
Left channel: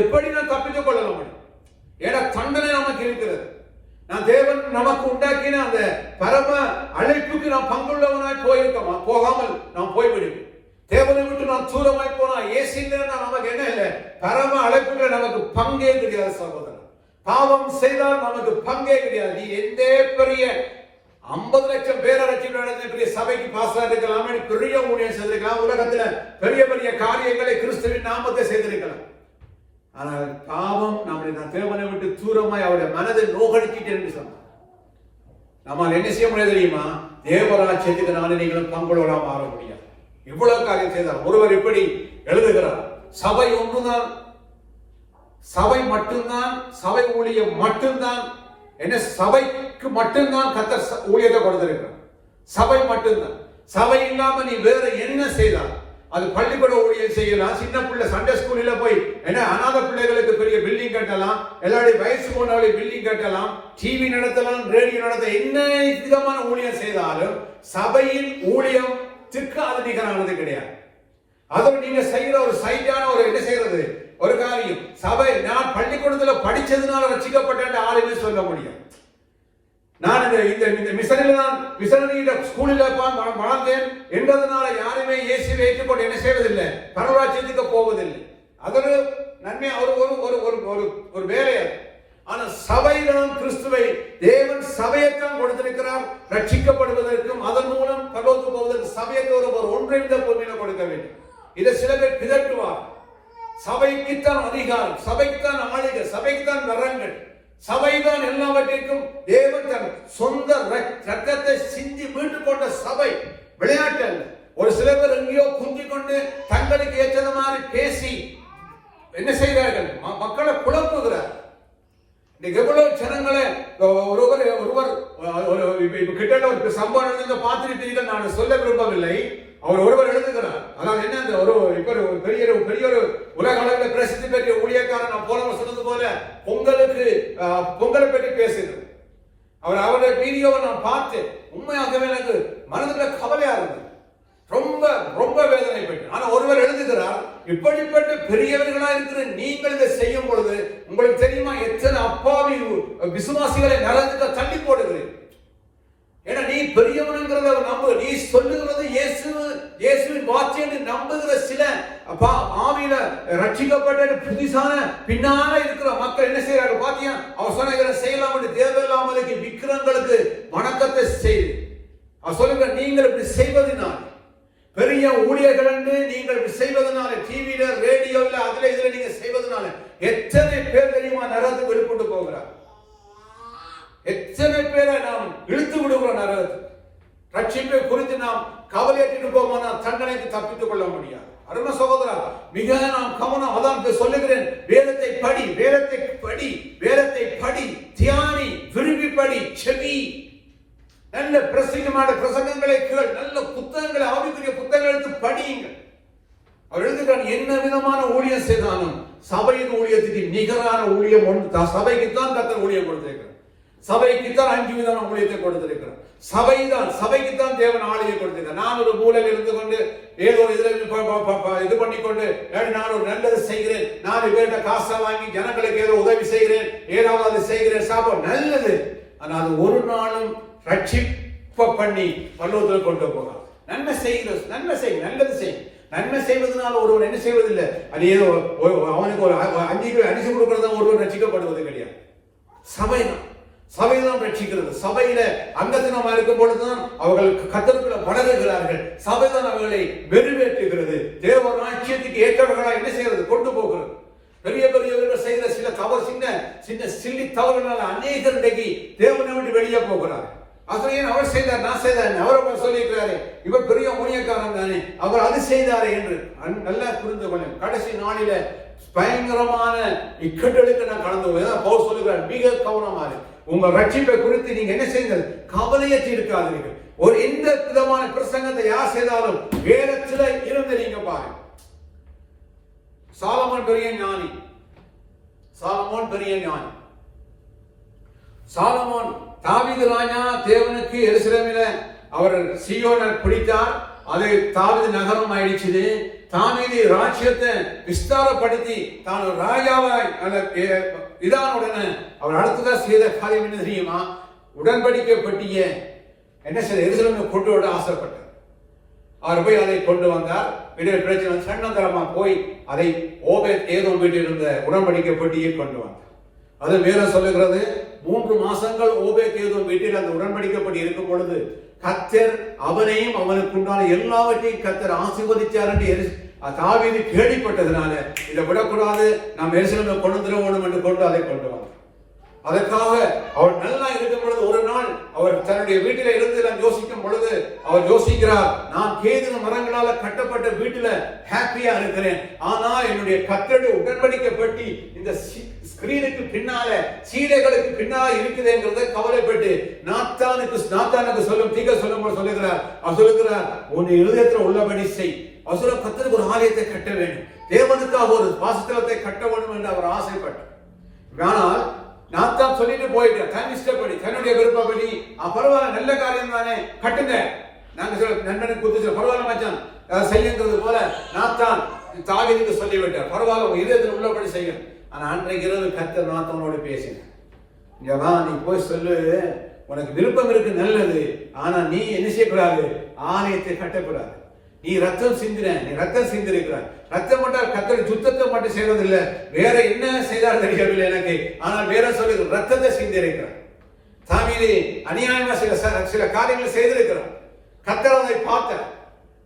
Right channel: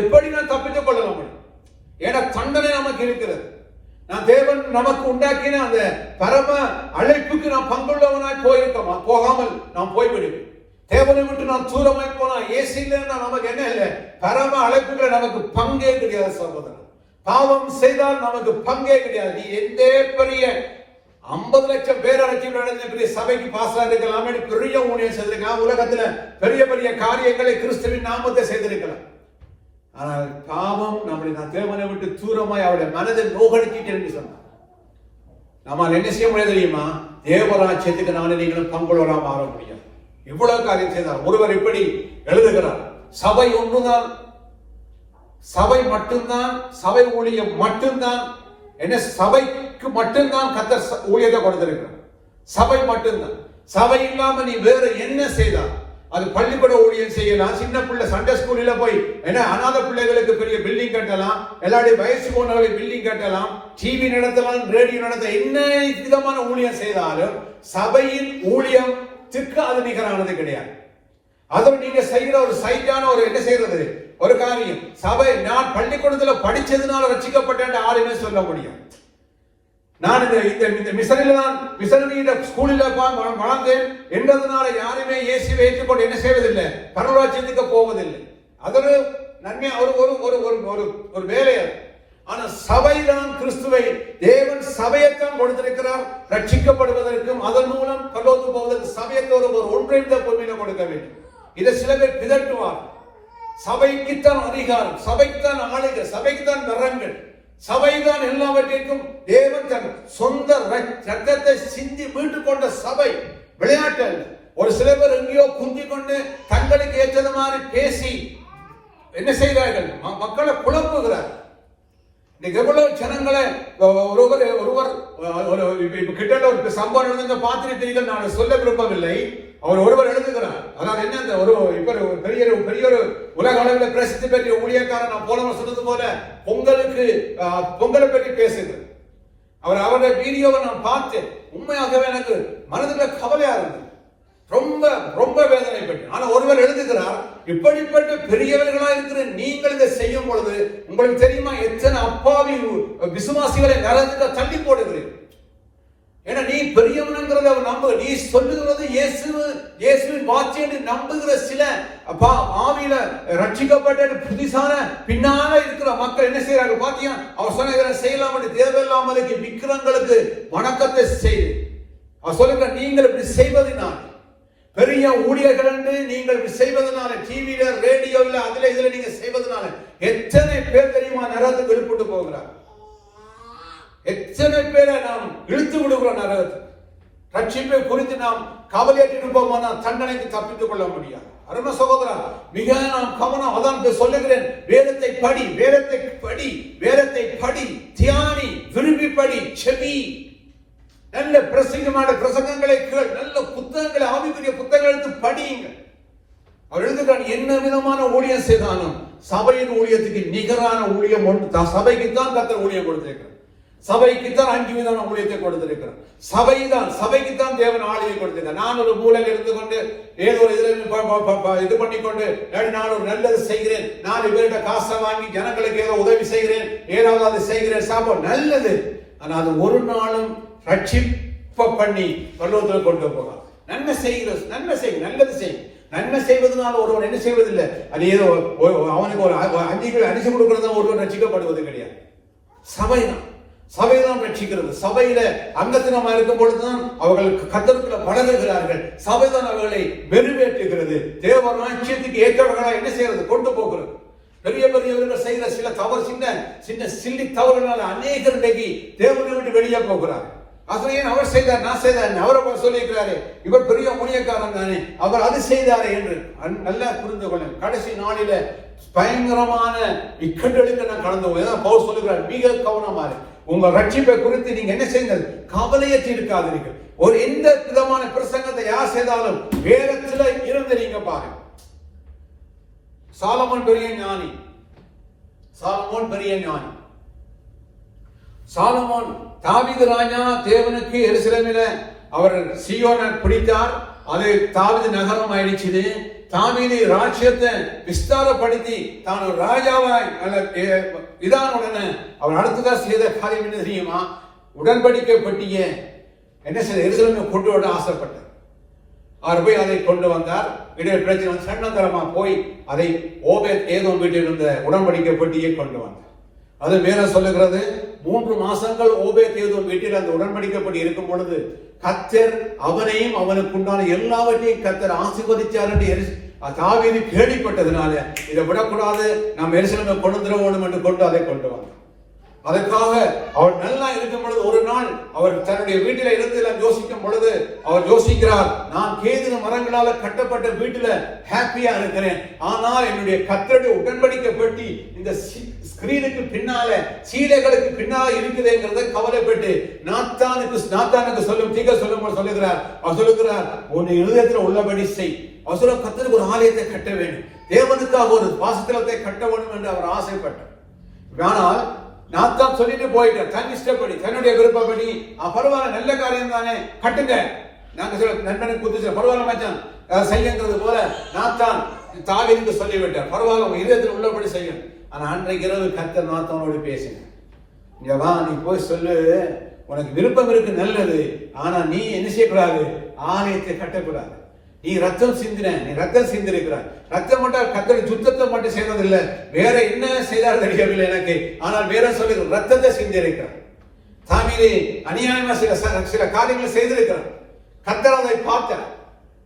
எப்படி நான் தப்பித்துக் கொள்ள முடியும்? ஏன்னா தண்டனை நமக்கு இருக்கிறது. நான் தேவன் நமக்கு உண்டாக்கின அந்த பரம அழைப்புக்கு நாம் பங்குள்ளவனாய் போயிருக்கோமா? போகாமல் நாம் போய்விடுவோம். தேவனை விட்டு நான் தூரமாய் போனா ஏசில நமக்கு என்ன இல்லை, பரம அழைப்புகளை நமக்கு பங்கே கிடையாது சகோதரர். பாவம் செய்தால் நமக்கு பங்கே கிடையாது. நீ எந்த பெரிய 50 லட்சம் பேர் அழைச்சி பெரிய சபைக்கு பாசா இருக்கலாம், பெரிய ஊழியர் செய்திருக்கலாம், உலகத்துல பெரிய பெரிய காரியங்களை கிறிஸ்துவின் நாமத்தை செய்திருக்கலாம். ஆனால் பாவம் நம்முடைய தேவனை விட்டு தூரமாய் அவருடைய மனதை நோகடிக்கிட்டு என்று சொன்னார். நம்ம என்ன செய்ய முடியாது தெரியுமா? தேவராஜ்யத்துக்கு நானே நீங்களும் பங்குள்ளவராக மாற முடியாது. இவ்வளவு காரியம் செய்தார். ஒருவர் இப்படி எழுதுகிறார், சபை ஒன்றுதான், சபை மட்டும்தான், சபை ஊழியம் மட்டும்தான், என்ன சபைக்கு மட்டும்தான் கர்த்தர் ஊழியத்தை கொடுத்திருக்கிறார். சபை மட்டும்தான். சபை இல்லாம நீ வேற என்ன செய்யலாம்? அது பள்ளிக்கூட ஊழியம் செய்யலாம், சின்ன பிள்ளை சண்டே ஸ்கூல்ல போய் என்ன அநாத பிள்ளைகளுக்கு பெரிய பில்டிங் கட்டலாம், எல்லாருடைய வயசு போனவர்களுக்கு பில்டிங் கட்டலாம், டிவி நடத்தலாம், ரேடியோ நடத்த, என்ன விதமான ஊழியம் செய்தாலும் சபையின் ஊழியத்திற்கு அது நிகரானது கிடையாது. அதோடு நீங்க செய்கிற ஒரு சைட்டான ஒரு என்ன செய்யறது ஒரு காரியம். சபை நான் பள்ளிக்கூடத்துல படிச்சதுனால ரட்சிக்கப்பட்ட ஆளுமே சொல்ல முடியும். நான் இந்த மிஷனரியில ஸ்கூலில் வளர்ந்தேன் என்றதுனால யாருமே இயேசுவை ஏற்றுக்கொண்டு என்ன செய்வதில்லை, பரலோகத்துக்கு போவதில்லை. அது ஒரு நன்மை, ஒரு வேலை. ஆனா சபையிலும் கிறிஸ்துவை தேவன் சபையைத்தான் கொடுத்திருக்கிறார். ரட்சிக்கப்படுவதற்கும் அதன் மூலம் பரலோகத்துக்கு போவதற்கு சபையத்தோடு ஒரு ஒன்றிணைந்த பொறுமையில கொடுக்க வேண்டும். இதை சில பேர் பிதட்டுவார். சபைக்குத்தான் அதிகாரம், சபைக்குத்தான் ஆளுகை, சபைக்குத்தான் வரங்கள், சபைதான் எல்லாவற்றிற்கும் தேவன் தன் சொந்த ரத்தத்தை சிந்தி மீட்டுக் கொண்ட சபை, விளையாட்டு அல்ல. ஒரு சில பேர் எங்கேயோ குந்திக் கொண்டு தங்களுக்கு ஏற்றது மாதிரி பேசி என்ன செய்கிறார்கள்? மக்களை குழப்புகிறார். இன்னைக்கு எவ்வளவு ஜனங்களை ஒருவர் கிட்ட ஒரு சம்பவம் பார்த்திருப்பீர்கள், நான் சொல்ல விரும்பவில்லை. அவர் ஒருவர் எழுதுகிறார். அதாவது என்ன, ஒரு பெரிய ஒரு உலக அளவில் பிரசித்தி பெற்ற ஊழியக்காரன், நான் போனவர் சொன்னது போல பொங்கலை பற்றி பேசுகிறேன். அவருடைய வீடியோவை நான் பார்த்தேன். உண்மையாகவே எனக்கு மனதில் கவலையா இருந்தது, ரொம்ப வேதனைப்பட்டு. ஆனா ஒருவர் எழுதுகிறார், இப்படிப்பட்ட பெரியவர்களா இருக்கிற நீங்கள் இதை செய்யும் பொழுது உங்களுக்கு தெரியுமா எத்தனை அப்பாவி விசுவாசிகளை நரகத்துக்கு தள்ளி போடுகிறீர்கள். ஏன்னா நீ பெரியவனுங்கிறத நம்பு, நீ சொல்லுகிறது இயேசுவின் வார்த்தை என்று நம்புகிற சில ஆவியில ரட்சிக்கப்பட்ட புதுசான பின்னால இருக்கிற மக்கள் என்ன செய்யறாங்க பாத்தியா? அவர் சொன்ன இதனை செய்யலாம் என்று தேவையில்லாமலுக்கு விக்கிரங்களுக்கு வணக்கத்தை செய்து அவர் சொல்லுங்க, நீங்கள் இப்படி செய்வதனால் பெரிய ஊழியர்கள் என்று நீங்கள் செய்வதனால, டிவியில ரேடியோவில் அதுல இதுல நீங்க செய்வதனால எத்தனை பேர் தெரியுமா நரகத்துக்கு வெளிப்பட்டு போகிறார்? எத்தனை பேரை நாம் இழுத்து விடுகிறோம் நரகத்துக்கு. ரட்சிப்பை குறித்து நாம் கவலையிட்டு போவோம், தண்டனைக்கு தப்பித்துக் கொள்ள முடியாது. அருமை சகோதரா, மிக நாம் கவனம். அதான் சொல்லுகிறேன், வேதத்தை படி, வேதத்தை படி, வேதத்தை படி, தியானி, விரும்பி படி, செவி. நல்ல பிரசங்கமான பிரசங்கங்களை கேள், நல்ல புத்தகங்களை, ஆவிக்குரிய புத்தகங்களை எடுத்து படியுங்க. அவர் எழுதுகிறான், என்ன விதமான ஊழியம் செய்தாலும் சபையின் ஊழியத்துக்கு நிகரான ஊழியம் ஒன்று. சபைக்குத்தான் கர்த்தர் ஊழியம் கொடுத்திருக்கிறார். சபைக்குத்தான் 5 விதமான ஊழியத்தை கொடுத்திருக்கிறார். சபைக்குத்தான் தேவன் ஆளுகை கொடுத்திருக்கிறார். நான் ஒரு மூலையில் இருந்து கொண்டு ஏதோ இது பண்ணிக்கொண்டு நான் ஒரு நல்லது செய்கிறேன், நான் இவர்கிட்ட காசை வாங்கி ஜனங்களுக்கு ஏதோ உதவி செய்கிறேன், ஏதாவது அது செய்கிறேன், சாப்பிட நல்லது. ஆனால் அது ஒரு நாளும் ரட்சிப்ப பண்ணி பரலோகத்தில் கொண்டு போகிறார். நன்மை செய்கிறது, நன்மை செய், நல்லது செய். நன்மை செய்வதனால ஒருவன் என்ன செய்வதில்லை, அது ஏதோ அவனுக்கு ஒரு 5 கிலோ அரிசி கொடுக்கறதா ஒருவன் ரட்சிக்கப்படுவது கிடையாது. சபைதான் ரட்சிக்கிறது. சபையில அங்கத்தினமா இருக்கும் பொழுதுதான் அவர்கள் கர்த்தருக்குள்ள வளருகிறார்கள். சபைதான் அவர்களை வெறுவேற்றுகிறது. தேவ ராஜ்யத்துக்கு ஏற்றவர்களா என்ன செய்யறது? கொண்டு போகிறது. பெரியவர்கள் செய்த சில தவறு, சின்ன சில்லி தவறுனால அநேகர் இன்றைக்கு தேவனை விட்டு வெளியே போகிறார். அசலையன் அவர் செய்தார், நான் செய்தார், அவர் சொல்லியிருக்கிறாரு, இவர் பெரிய ஊழியக்காரன் தானே, அவர் அது செய்தாரே என்று நல்லா புரிந்து கொள்ளும். கடைசி நாளில பயங்கரமான இக்கட்டுகளுக்கு நான் கடந்து போய் பவுல் சொல்லுகிறார், மிக கவனமாக உங்க ரட்சிப்பை குறித்து நீங்க என்ன செய்யுங்கள், கவலையற்றி இருக்காதீர்கள். ஒரு எந்த விதமான பிரசங்கத்தை யார் செய்தாலும் வேதத்துல இருந்து நீங்க பாருங்க. சாலமோன் பெரிய ஞானி. சாலமோன் தாவீது ராஜா தேவனுக்கு எருசலேமில அவர் சீயோனை பிடித்தார். அது தாவீது நகரம் ஆயிடுச்சு. தாவீது ராஜ்யத்தை விஸ்தாரப்படுத்தி தான் ஒரு ராஜாவாய் இதான உடனே அவர் அடுத்ததா செய்த காரியம் என்ன தெரியுமா? உடன்படிக்கை பட்டிய என்ன செய்ய எருசலேமுக்கு கொண்டு வர ஆசைப்பட்டார். அவர் போய் அதை கொண்டு வந்தார். பிரச்சனை சன்னதரமா போய் அதை ஓபேத் ஏதோம் வீட்டில் இருந்த உடன்படிக்கை பட்டியை கொண்டு வந்தார். அது மேல சொல்லுகிறது, 3 மாசங்கள் ஓபேத் ஏதோம் வீட்டில் அந்த உடன்படிக்கப்படி இருக்கும் பொழுது கர்த்தர் அவனையும் அவனுக்கு உண்டான எல்லாவற்றையும் கர்த்தர் ஆசீர்வதிச்சார் என்று தாவீது கேள்விப்பட்டதுனால இதை விடக்கூடாது, நாம் எருசலேமுக்கு கொண்டு வர வேண்டும் என்று கொண்டு அதை கொண்டு வந்தார். அதற்காக அவர் நல்லா இருக்கும் பொழுது ஒரு நாள் அவர் தன்னுடைய வீட்டில இருந்து யோசிக்கும் பொழுது அவர் யோசிக்கிறார், நான் கேதுரு மரங்களால கட்டப்பட்ட வீட்டுல ஹாப்பியா இருக்கிறேன், ஆனால் என்னுடைய கர்த்தருடைய உடன்படிக்கை பற்றி இந்த ஸ்கிரீனுக்கு பின்னால சீலைகளுக்கு பின்னால இருக்குதுங்கிறத கவலைப்பட்டு நாத்தானுக்கு சொல்லும் தீங்க சொல்லும் சொல்லுகிறார். அவர் சொல்லுகிறார், உன் இருதயத்தில் உள்ளபடி செய். அவர் சொல்ல, கர்த்தருக்கு ஒரு ஆலயத்தை கட்ட வேண்டும், தேவனுக்காக ஒரு வாசஸ்தலத்தை கட்ட வேண்டும் என்று அவர் ஆசைப்பட்டார். ஆனால் நாத்தான் சொல்லிட்டு போயிட்டார், தன் இஷ்டப்படி, தன்னுடைய விருப்பப்படி. பரவாயில்ல, நல்ல காரியம் தானே, கட்டுங்க. நாங்க சொல்ல நண்பனுக்கு குத்து பரவாயில்ல மச்சான் செய்யுங்கிறது போல நாத்தான் தாவீதுக்கு சொல்லிவிட்டார், பரவாயில்ல இதயத்தில் உள்ளபடி செய்யும். ஆனா அன்றைக்கு இரவு கர்த்தர் நாத்தானோடு பேசினார், இங்க வா, நீ போய் சொல்லு, உனக்கு விருப்பம் இருக்கு நல்லது, ஆனா நீ என்ன செய்யக்கூடாது, ஆலயத்தை கட்டக்கூடாது. நீ ரத்தம் சிந்திருக்கிறாய். ரத்தம் மட்டும் கர்த்தர் சுத்தத்தை மட்டும் செய்வதில்லை, வேற என்ன செய்தார் தெரியவில்லை எனக்கு, ஆனால் வேற சொல்லி ரத்தத்தை சிந்திருக்கிறார். தாவீது அநியாயமா சில காரியங்களை செய்திருக்கிறார். கர்த்தர் அதை பார்த்தார்.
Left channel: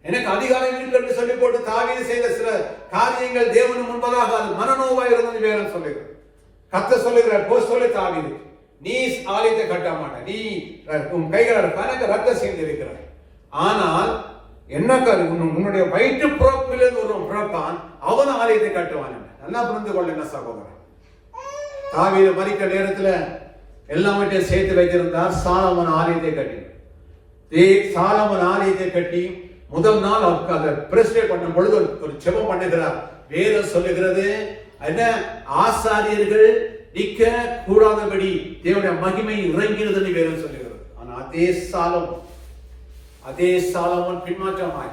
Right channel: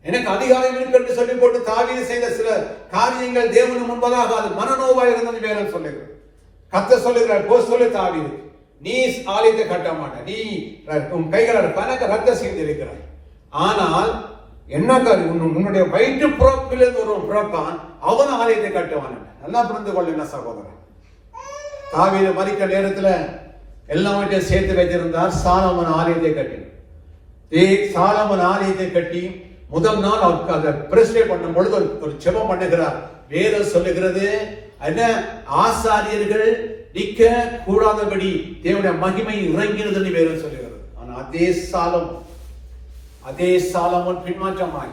எனக்கு அதிகாரம் இருக்கு என்று சொல்லி போட்டு தாவீது செய்த சில காரியங்கள் தேவனு முன்பதாக அது மனநோவாக இருந்தது வேற சொல்லுகிறேன். கர்த்தர் சொல்லுகிறார், போ சொல்லி தாவீது, நீ ஆலயத்தை கட்ட மாட்ட, நீ உன் கைகளால் கணக்கு ரத்த செய்து இருக்கிறாய். ஆனால் என்ன உன்னுடைய வயிற்று புறப்பிலிருந்து ஒரு பிறப்பான், அவன் ஆலயத்தை கட்டுவான். நல்லா புரிந்து கொள்ளுங்க சகோதரன். தாவீது மரிக்க நேரத்துல எல்லாவற்றையும் சேர்த்து வைத்திருந்தார். சாலமன் ஆலயத்தை கட்டி சாலமன் ஆலயத்தை கட்டி முதல் நாள் அதை பிரஸ்டே பண்ணும் பொழுது ஒரு ஜெபம் பண்ணுகிறார். வேதம் சொல்லுகிறது, என்ன ஆசாரியர்கள் நிற்க கூடாதபடி தேவனுடைய மகிமை இறங்கினது வேதம் சொல்லுகிறது. ஆனா அதே சாலமோன் பின்மாற்றமாய்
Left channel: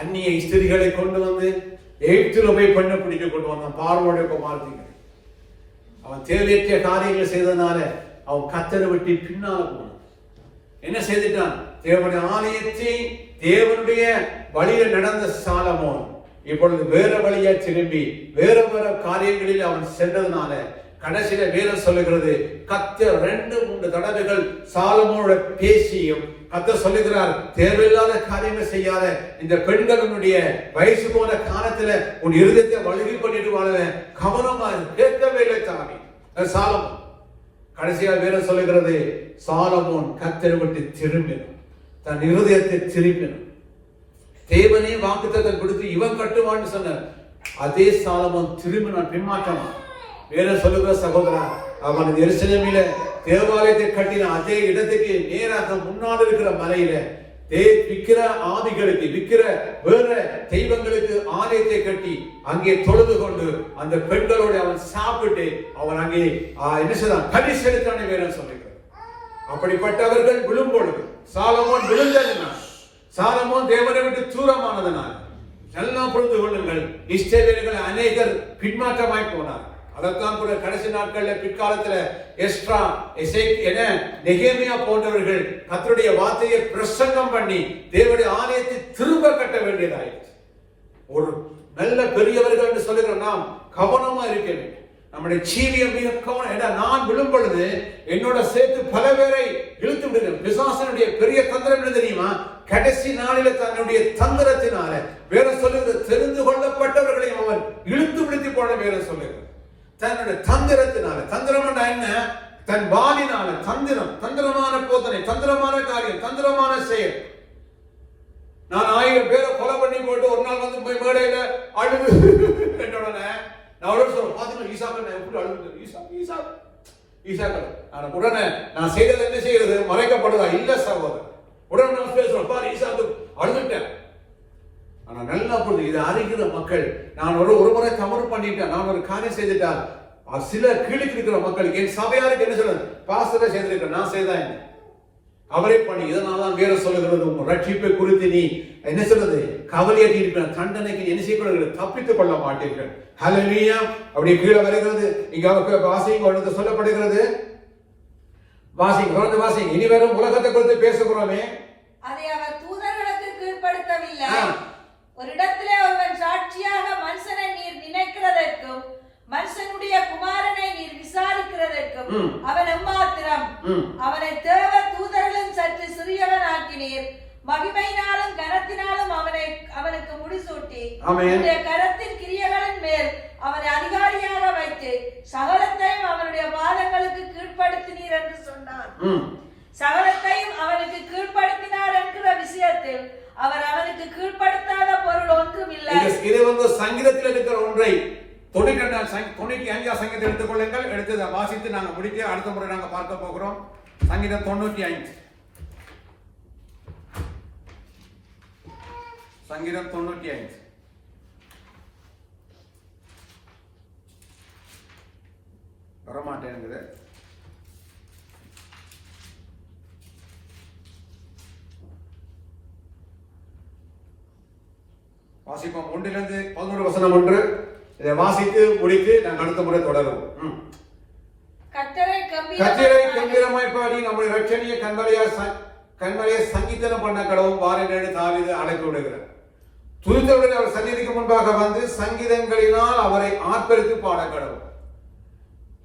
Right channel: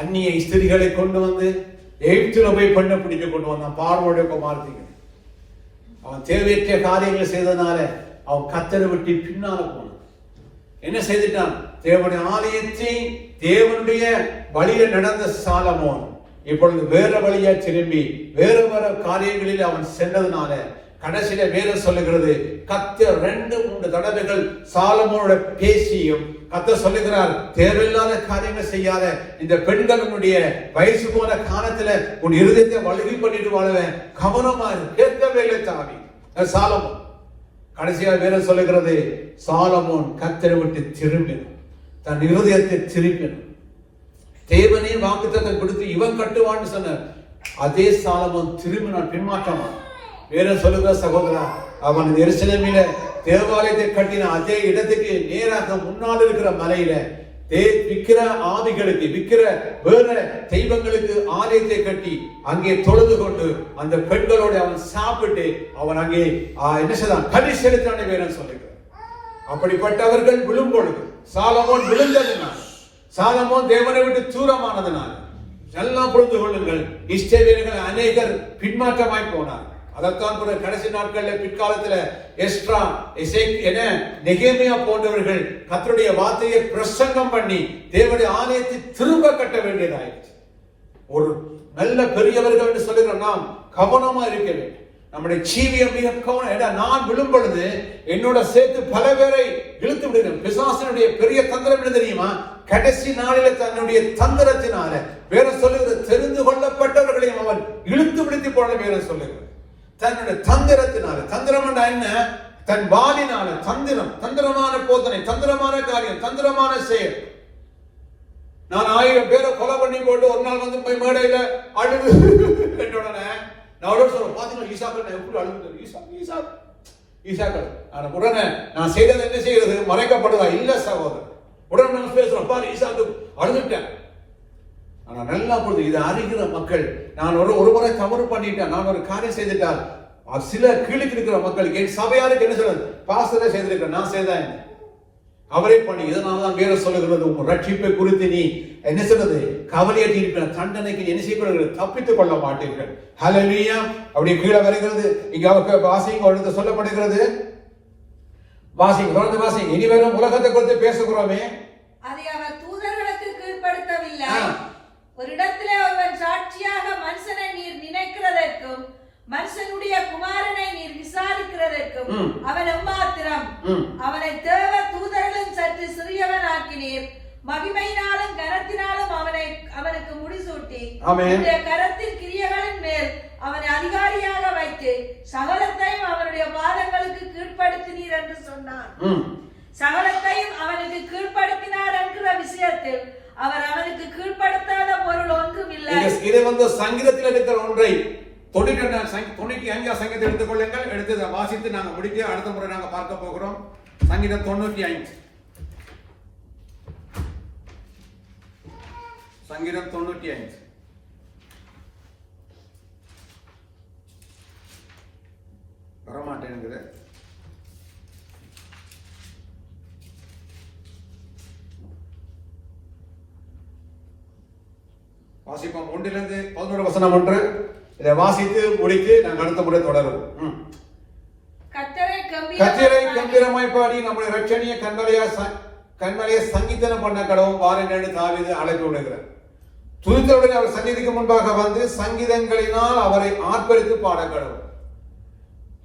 அந்நிய ஸ்திரிகளை கொண்டு வந்து எகிப்தில போய் பெண்ணை பிடிக்க கொண்டு வந்தான். பார்வோடைய குமாரத்திகள் அவன் தேவையற்ற காரியங்களை செய்ததுனால அவன் கர்த்தரை விட்டு பின்னால போனான். என்ன செய்துட்டான்? தேவனுடைய ஆலயத்தை தேவனுடைய வழியில நடந்த சாலமோன் இப்பொழுது வேற வழியா திரும்பி வேற காரியங்களில் அவன் சென்றதுனால கடைசியில வேதம் சொல்லுகிறது, கர்த்தர் 2-3 தடவைகள் சாலமோனோட பேசியும் கர்த்தர் சொல்லுகிறார், தேவையில்லாத காரியங்கள் செய்யாத, இந்த பெண்களுடைய வயசு போன காலத்துல உன் இருதயத்தை வழுகி பண்ணிடுவாங்க, கவனமா கேட்கவே இல்லை தாவி சாலமோன். கடைசியா வேதம் சொல்லுகிறது, சாலமோன் கர்த்தரை விட்டு திரும்பினான், தன் இருதயத்தை திரும்பினான். தேவனே வாக்குத்தத்தம் கொடுத்து இவன் கட்டுவான்னு சொன்னார். அதே சாலமோன் திரும்பினான், பின்மாற்றம். வேற சொல்லுகிற சகோதரா, அவன் எருசலேமில தேவாலயத்தை கட்டின அதே இடத்துக்கு நேராக முன்னால் இருக்கிற மலையில விக்கிர ஆவிகளுக்கு விக்கிர வேற தெய்வங்களுக்கு ஆலயத்தை கட்டி அங்கே தொழுது கொண்டு அந்த பெண்களோடு அவன் சாப்பிட்டு அவன் அங்கே என்ன செய்தான்? கறி செலுத்தான வேற சொல்லுகிறார். அப்படிப்பட்டவர்கள் விழும்பொழுது சாலமோன் விழுந்ததுனால், சாலமோன் தேவனை விட்டு தூரமானதுனால் எல்லாம் புரிந்து கொள்ளுங்கள், இஸ்ரவேலர்கள் அநேகர் பின்மாற்றமாய் போனார். அதைத்தான் கூட கடைசி நாட்கள்ல பிற்காலத்துல எஸ்ட்ரா நெகேமியா போன்றவர்கள் கர்த்தருடைய வார்த்தையை பிரசங்கம் பண்ணி தேவனுடைய ஆலயத்தை திரும்ப கட்ட வேண்டியதாயிடுச்சு. ஒரு நல்ல பெரியவர்கள் சொல்லுகிற நாம் கவனமா இருக்க வேண்டும். நம்முடைய ஜீவியம் மிக கவனம். நான் விழும் பொழுது என்னோட சேர்த்து பல பேரை இழுத்து விடுகிறேன். பிசாசனுடைய பெரிய தந்திரம் என்ன தெரியுமா? கடைசி நாளில் தன்னுடைய தந்திரத்தினால வேற சொல்லுகிறது, தெரிந்து கொள்ளப்பட்டவர்களையும் அவன் இழுத்து விடுத்தி போன வேற சொல்லுகிறது. தன்னுடைய தந்திரத்தினால, தந்திரம் என்ன? தன் வாலினால தந்திரம், தந்திரமான போதனை, தந்திரமான காரியம், தந்திரமான செயல். நான் 1000 பேரை கொலை பண்ணி போட்டு ஒரு நாள் வந்து போய் மேடையில அழுது உடனே நான் பாத்தீங்கன்னா ஈசாக்கள் எப்படி அழுது ஈசாக்கள் உடனே நான் செய்யறது என்ன செய்யறது? மறைக்கப்படுதா? இல்ல சகோதரர், உடனே நான் பேசுறேன், பாரு ஈசாக்கு அழுதுட்டேன். ஆனா நல்லா புரியுது, இது அறிகிற மக்கள். நான் ஒரு முறை தவறு பண்ணிட்டேன், நான் ஒரு காரியம் செய்துட்டால் சில கீழுக்கு இருக்கிற மக்களுக்கு என் சபையாருக்கு என்ன சொல்றது? பாஸ்டரை செய்திருக்கிறேன், நான் செய்தேன், அவரே பண்ணி. இதனால்தான் வேற சொல்லுகிறது, உங்க ரட்சிப்பை குறித்து நீ என்ன சொல்றது? கவலையாட்டி இருக்கிற தண்டனைக்கு என்ன செய்ய தப்பித்துக் கொள்ள மாட்டீர்கள். ஹல்லேலூயா. அப்படி கீழே வருகிறது, இங்க வாசிங்க ஒழுங்கு சொல்லப்படுகிறது. வாசிங்க, தொடர்ந்து வாசிங்க. இனி வரும் உலகத்தை குறித்து பேசுகிறோமே, அதை அவர் தூதர்களுக்கு கீழ்ப்படுத்தவில்லை. ஒரு இடத்திலே ஒருவன் சாட்சியாக மனுஷனை நீர் நினைக்கிறதற்கும் மனுஷனுடைய குமாரனை நீர் விசாரிக்கிறதற்கும் அவன் எம்மாத்திரம்? அவனை தேவ தூதர்களும் சற்று சிறியவன் ஆக்கினீர். மகிமையினாலும் கனத்தினாலும் அவனுக்கு முடிசூட்டி அவனுடைய கரத்தின் கிரியைகளின் மேல் அவனை அதிகாரியாக வைத்து சகலத்தையும் அவனுடைய பாதங்களுக்கு கீழ்ப்படுத்தினீர் என்று சொன்னான். சகலத்தையும் அவனுக்கு கீழ்ப்படுத்தினார் என்கிற விஷயத்தில் அவர் அவனுக்கு கீழ்ப்படுத்தாத பொருள் ஒன்றும் இல்லை. இது வந்து சங்கீதத்தில் இருக்கிற ஒன்றை 95 சங்கீதத்தை எடுத்துக் கொள்ளுங்கள். எடுத்து வாசித்து நாங்க முடிக்க அடுத்த முறை நாங்க பார்க்க போகிறோம். சங்கீதம் 95, சங்கீதம் 95. வரமாட்டேங்குது. வாசிப்போம். 1-11 வசனம் 1. இதை வாசித்து முடித்து நாங்கள் அடுத்த முறை தொடருவோம். கர்த்தரை கம்பீரமாய் பாடி நம்முடைய இரட்சணிய கண்மலையை சங்கீதனம் பண்ண கடவும் வாரினு தாவீது அழைப்பு விடுகிறார். துதித்தவுடனே அவர் சந்நிதிக்கு முன்பாக வந்து சங்கீதங்களினால் அவரை ஆர்ப்பரித்து பாட கடவும்.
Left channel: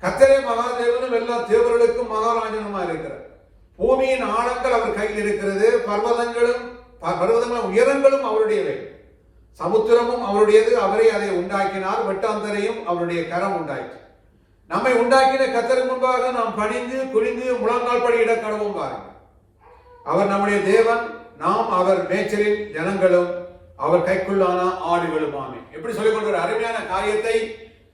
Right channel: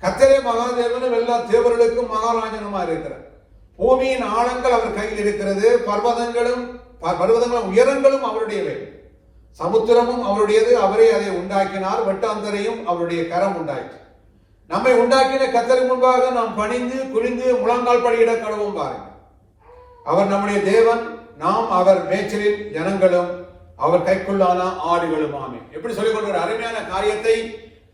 கர்த்தரே மகாதேவனும் எல்லா தேவர்களுக்கும் மகாராஜனுமா இருக்கிறார். பூமியின் ஆழங்கள் அவர் கையில் இருக்கிறது, பர்வதங்களும் பர்வதங்களும் உயரங்களும் அவருடையவை, சமுத்திரமும் அவருடையது, அவரே அதை உண்டாக்கினார், வெட்டாந்தரையும் அவருடைய கரம் உண்டாக்கி. நம்மை உண்டாக்கின கர்த்தருக்கு முன்பாக நாம் பணிந்து குனிந்து முழங்கால் படியிட கடவுள் பாருங்கள். அவர் நம்முடைய தேவன், நாம் அவர் மேய்ச்சலின் ஜனங்களும் அவர் கைக்குள்ளான ஆடுகளும் ஆமே. எப்படி சொல்லிக் கொள்கிற அருமையான காரியத்தை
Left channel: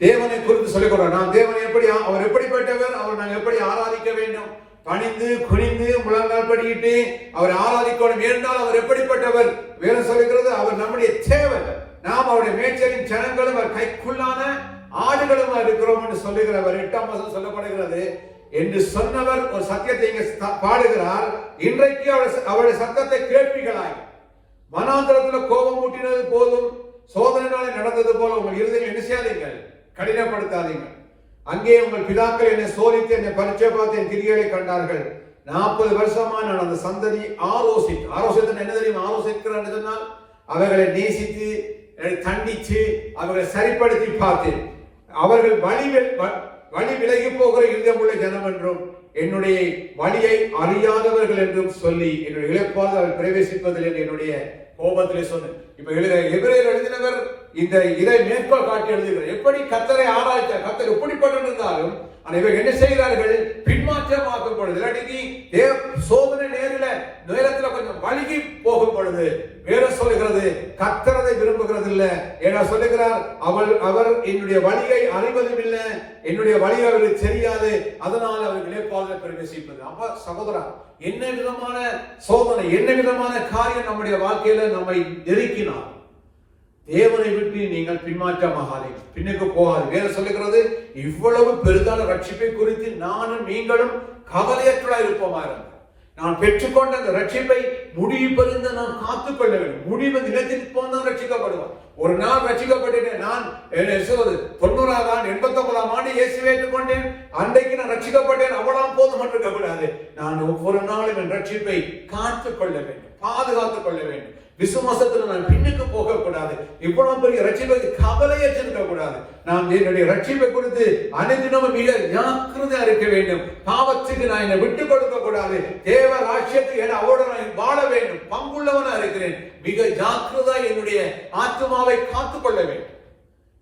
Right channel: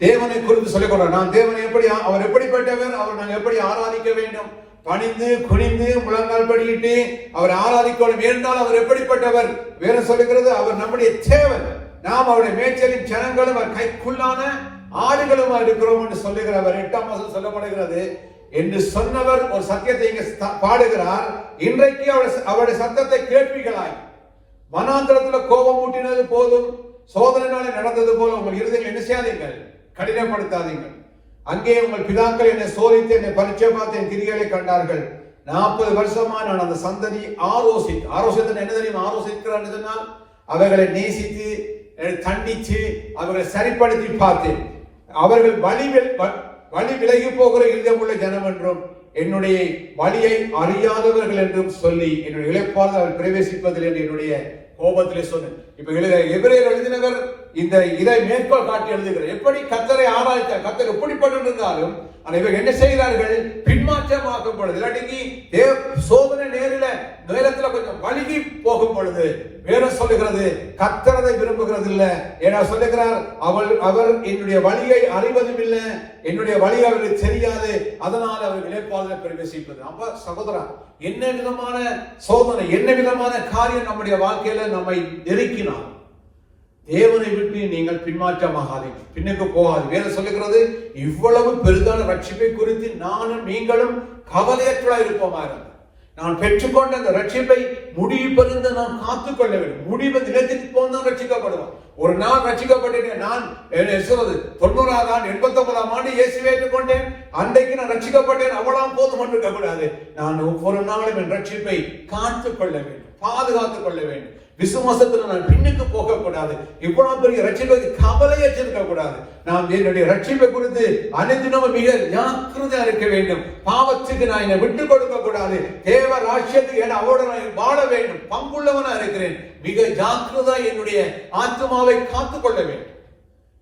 தேவனை குறித்து சொல்லிக் கொள்கிறார். நான் தேவன் எப்படி, அவர் எப்படிப்பட்டவர், அவர் நாங்கள் எப்படி ஆராதிக்க வேண்டும், பணிந்து குனிந்து முழங்கால் படியிட்டு அவர் ஆராதிக்கணும் என்றால் அவர் எப்படிப்பட்டவர் வேறு சொல்லுகிறது. அவர் நம்முடைய தேவன், நாம் அவருடைய மேய்ச்சலின் ஜனங்களும் அவர் கைக்குள்ளான ஆடுகளும் இருக்கிறோம் என்று சொல்லுகிறவர். 8ஆம் வசனம் சொல்லப்படுகிறது என்று சொன்னவர் ஒரு சத்தியத்தை இங்கே பாடுகிறார். இன்றைக்கு அவருடைய சத்தத்தை கேட்பீர்களாய். வனாந்தரத்தில் கோபம் ஊட்டினது போதும், சோதனைனாலே நடந்தது போல உங்கள் இருதயம் என்ன செய்யாதீர்கள், கடினப்படுத்தாதீர்கள். அங்கே உங்கள் பிதாக்கள் என்னை சோதித்து என்னை பரீட்சை பார்த்து என் கிரியைகளை கண்டார்கள். 40 வருஷமா நான் அந்த சந்ததி ஆரோசித்து என்ன தெரியும், ஆரோசிக்கிறான்னு சொன்னால் அவர்களை நேசித்து கண்டிச்சு அவர்களை சரிப்படுத்தி பார்த்தேன். அவர்கள் வழி விலகி போகிற இருதயமுள்ள ஜனம் என்றும் என்னுடைய வழியை அறியாதவர்கள் என்றும் சொல்லி என்னுடைய இழப்பால் அவர் பிரவேசிப்பதில் என்று என்னுடைய கோபத்திலே சொன்னேன். இப்ப எபிரேயர் எழுதினவர் இந்த இதை மேற்கோள் காட்டி எழுதுகிறார். எப்படி கர்த்தரை ஆராய்ச்சார், கர்த்தர் எப்படிப்பட்டு இருந்தாலும் இவர் என்ன செய்கிறார்கள், பின்மாற்றமாக்கும் பொழுது, இல்லாட்டி சோதனை நேரத்துல கொஞ்சம் வழுகி போகும் பொழுது வேதம் சொல்லுகிறது கர்த்தரை விரும்புகிறது இல்ல. ஏன்னா சொல்லுகிறார், அவர் என்னுடைய வழியை அறிவதும் இல்லை, என்னுடைய வழி அவர்களுக்கு தெரியாது, அதனால் அவர் இழைப்பாக பிரவேசிப்பது. அப்ப சகோதரா, என்ன விதமான சோதனை, என்ன விதமான காரியம் நம்முடைய வாழ்க்கையில நம்மை நெருக்கினார், தேவனை விட்டு நீங்கள் பின்மாற்றமாகாதீர்கள், பின்னுக்கு போகாது. வேற சொல்லுகிறது, இவ்வளவு பெரிதான ரட்சிப்பை குறித்து நானும் நீங்களும் கவலையற்றா இருப்போமா இருந்தார். நான் பெற்றுக்கொண்ட அந்த ரட்சிப்பை முடிவு பெறுந்த நான் காத்துக்கொள்ள வேண்டும். முடிவு நிலத்திற்கு போனால் ரட்சிக்கப்படுவோம். ஒரு நாள் ரட்சிக்கப்பட்டேன். நான் சொல்றது 90ஆம் ஆண்டு 89ஆம் ஆண்டு இயேசுவை ஏற்றுக்கொண்டேன். அன்றைக்கு நான் ரட்சிக்கப்பட்டேன், அவ்வளவு போதும் என்று கூடாது. நான் ஒவ்வொரு நாளும் என் ரட்சிப்பை காத்துக்கொள்ள வேண்டும், பாதுகாத்துக் கொள்ள வேண்டும். விசுவாசத்தில் நான் பின்னுக்கு போக கூடாது. இவ்வளவு பெரிய ரட்சிப்பை கவலையற்றிருக்க கூடாது. நான் என்னுடைய ரட்சிப்பை குறித்து அனைத்தினமும் மிக ஜாக்கிரதையா இருக்க வேண்டும். பாவத்துக்கு நான் என்னை விட்டுக் கொடுக்க கூடாது. தேவ ராஜ்யத்துக்கு என அவரோடு நான் வாழ வேண்டும். பங்குள்ளவனா இருக்கிறேன். மிக ஜாக்கிரதா என்னுடைய ஆத்மாவை காத்துக் கொள்ள வேண்டும்.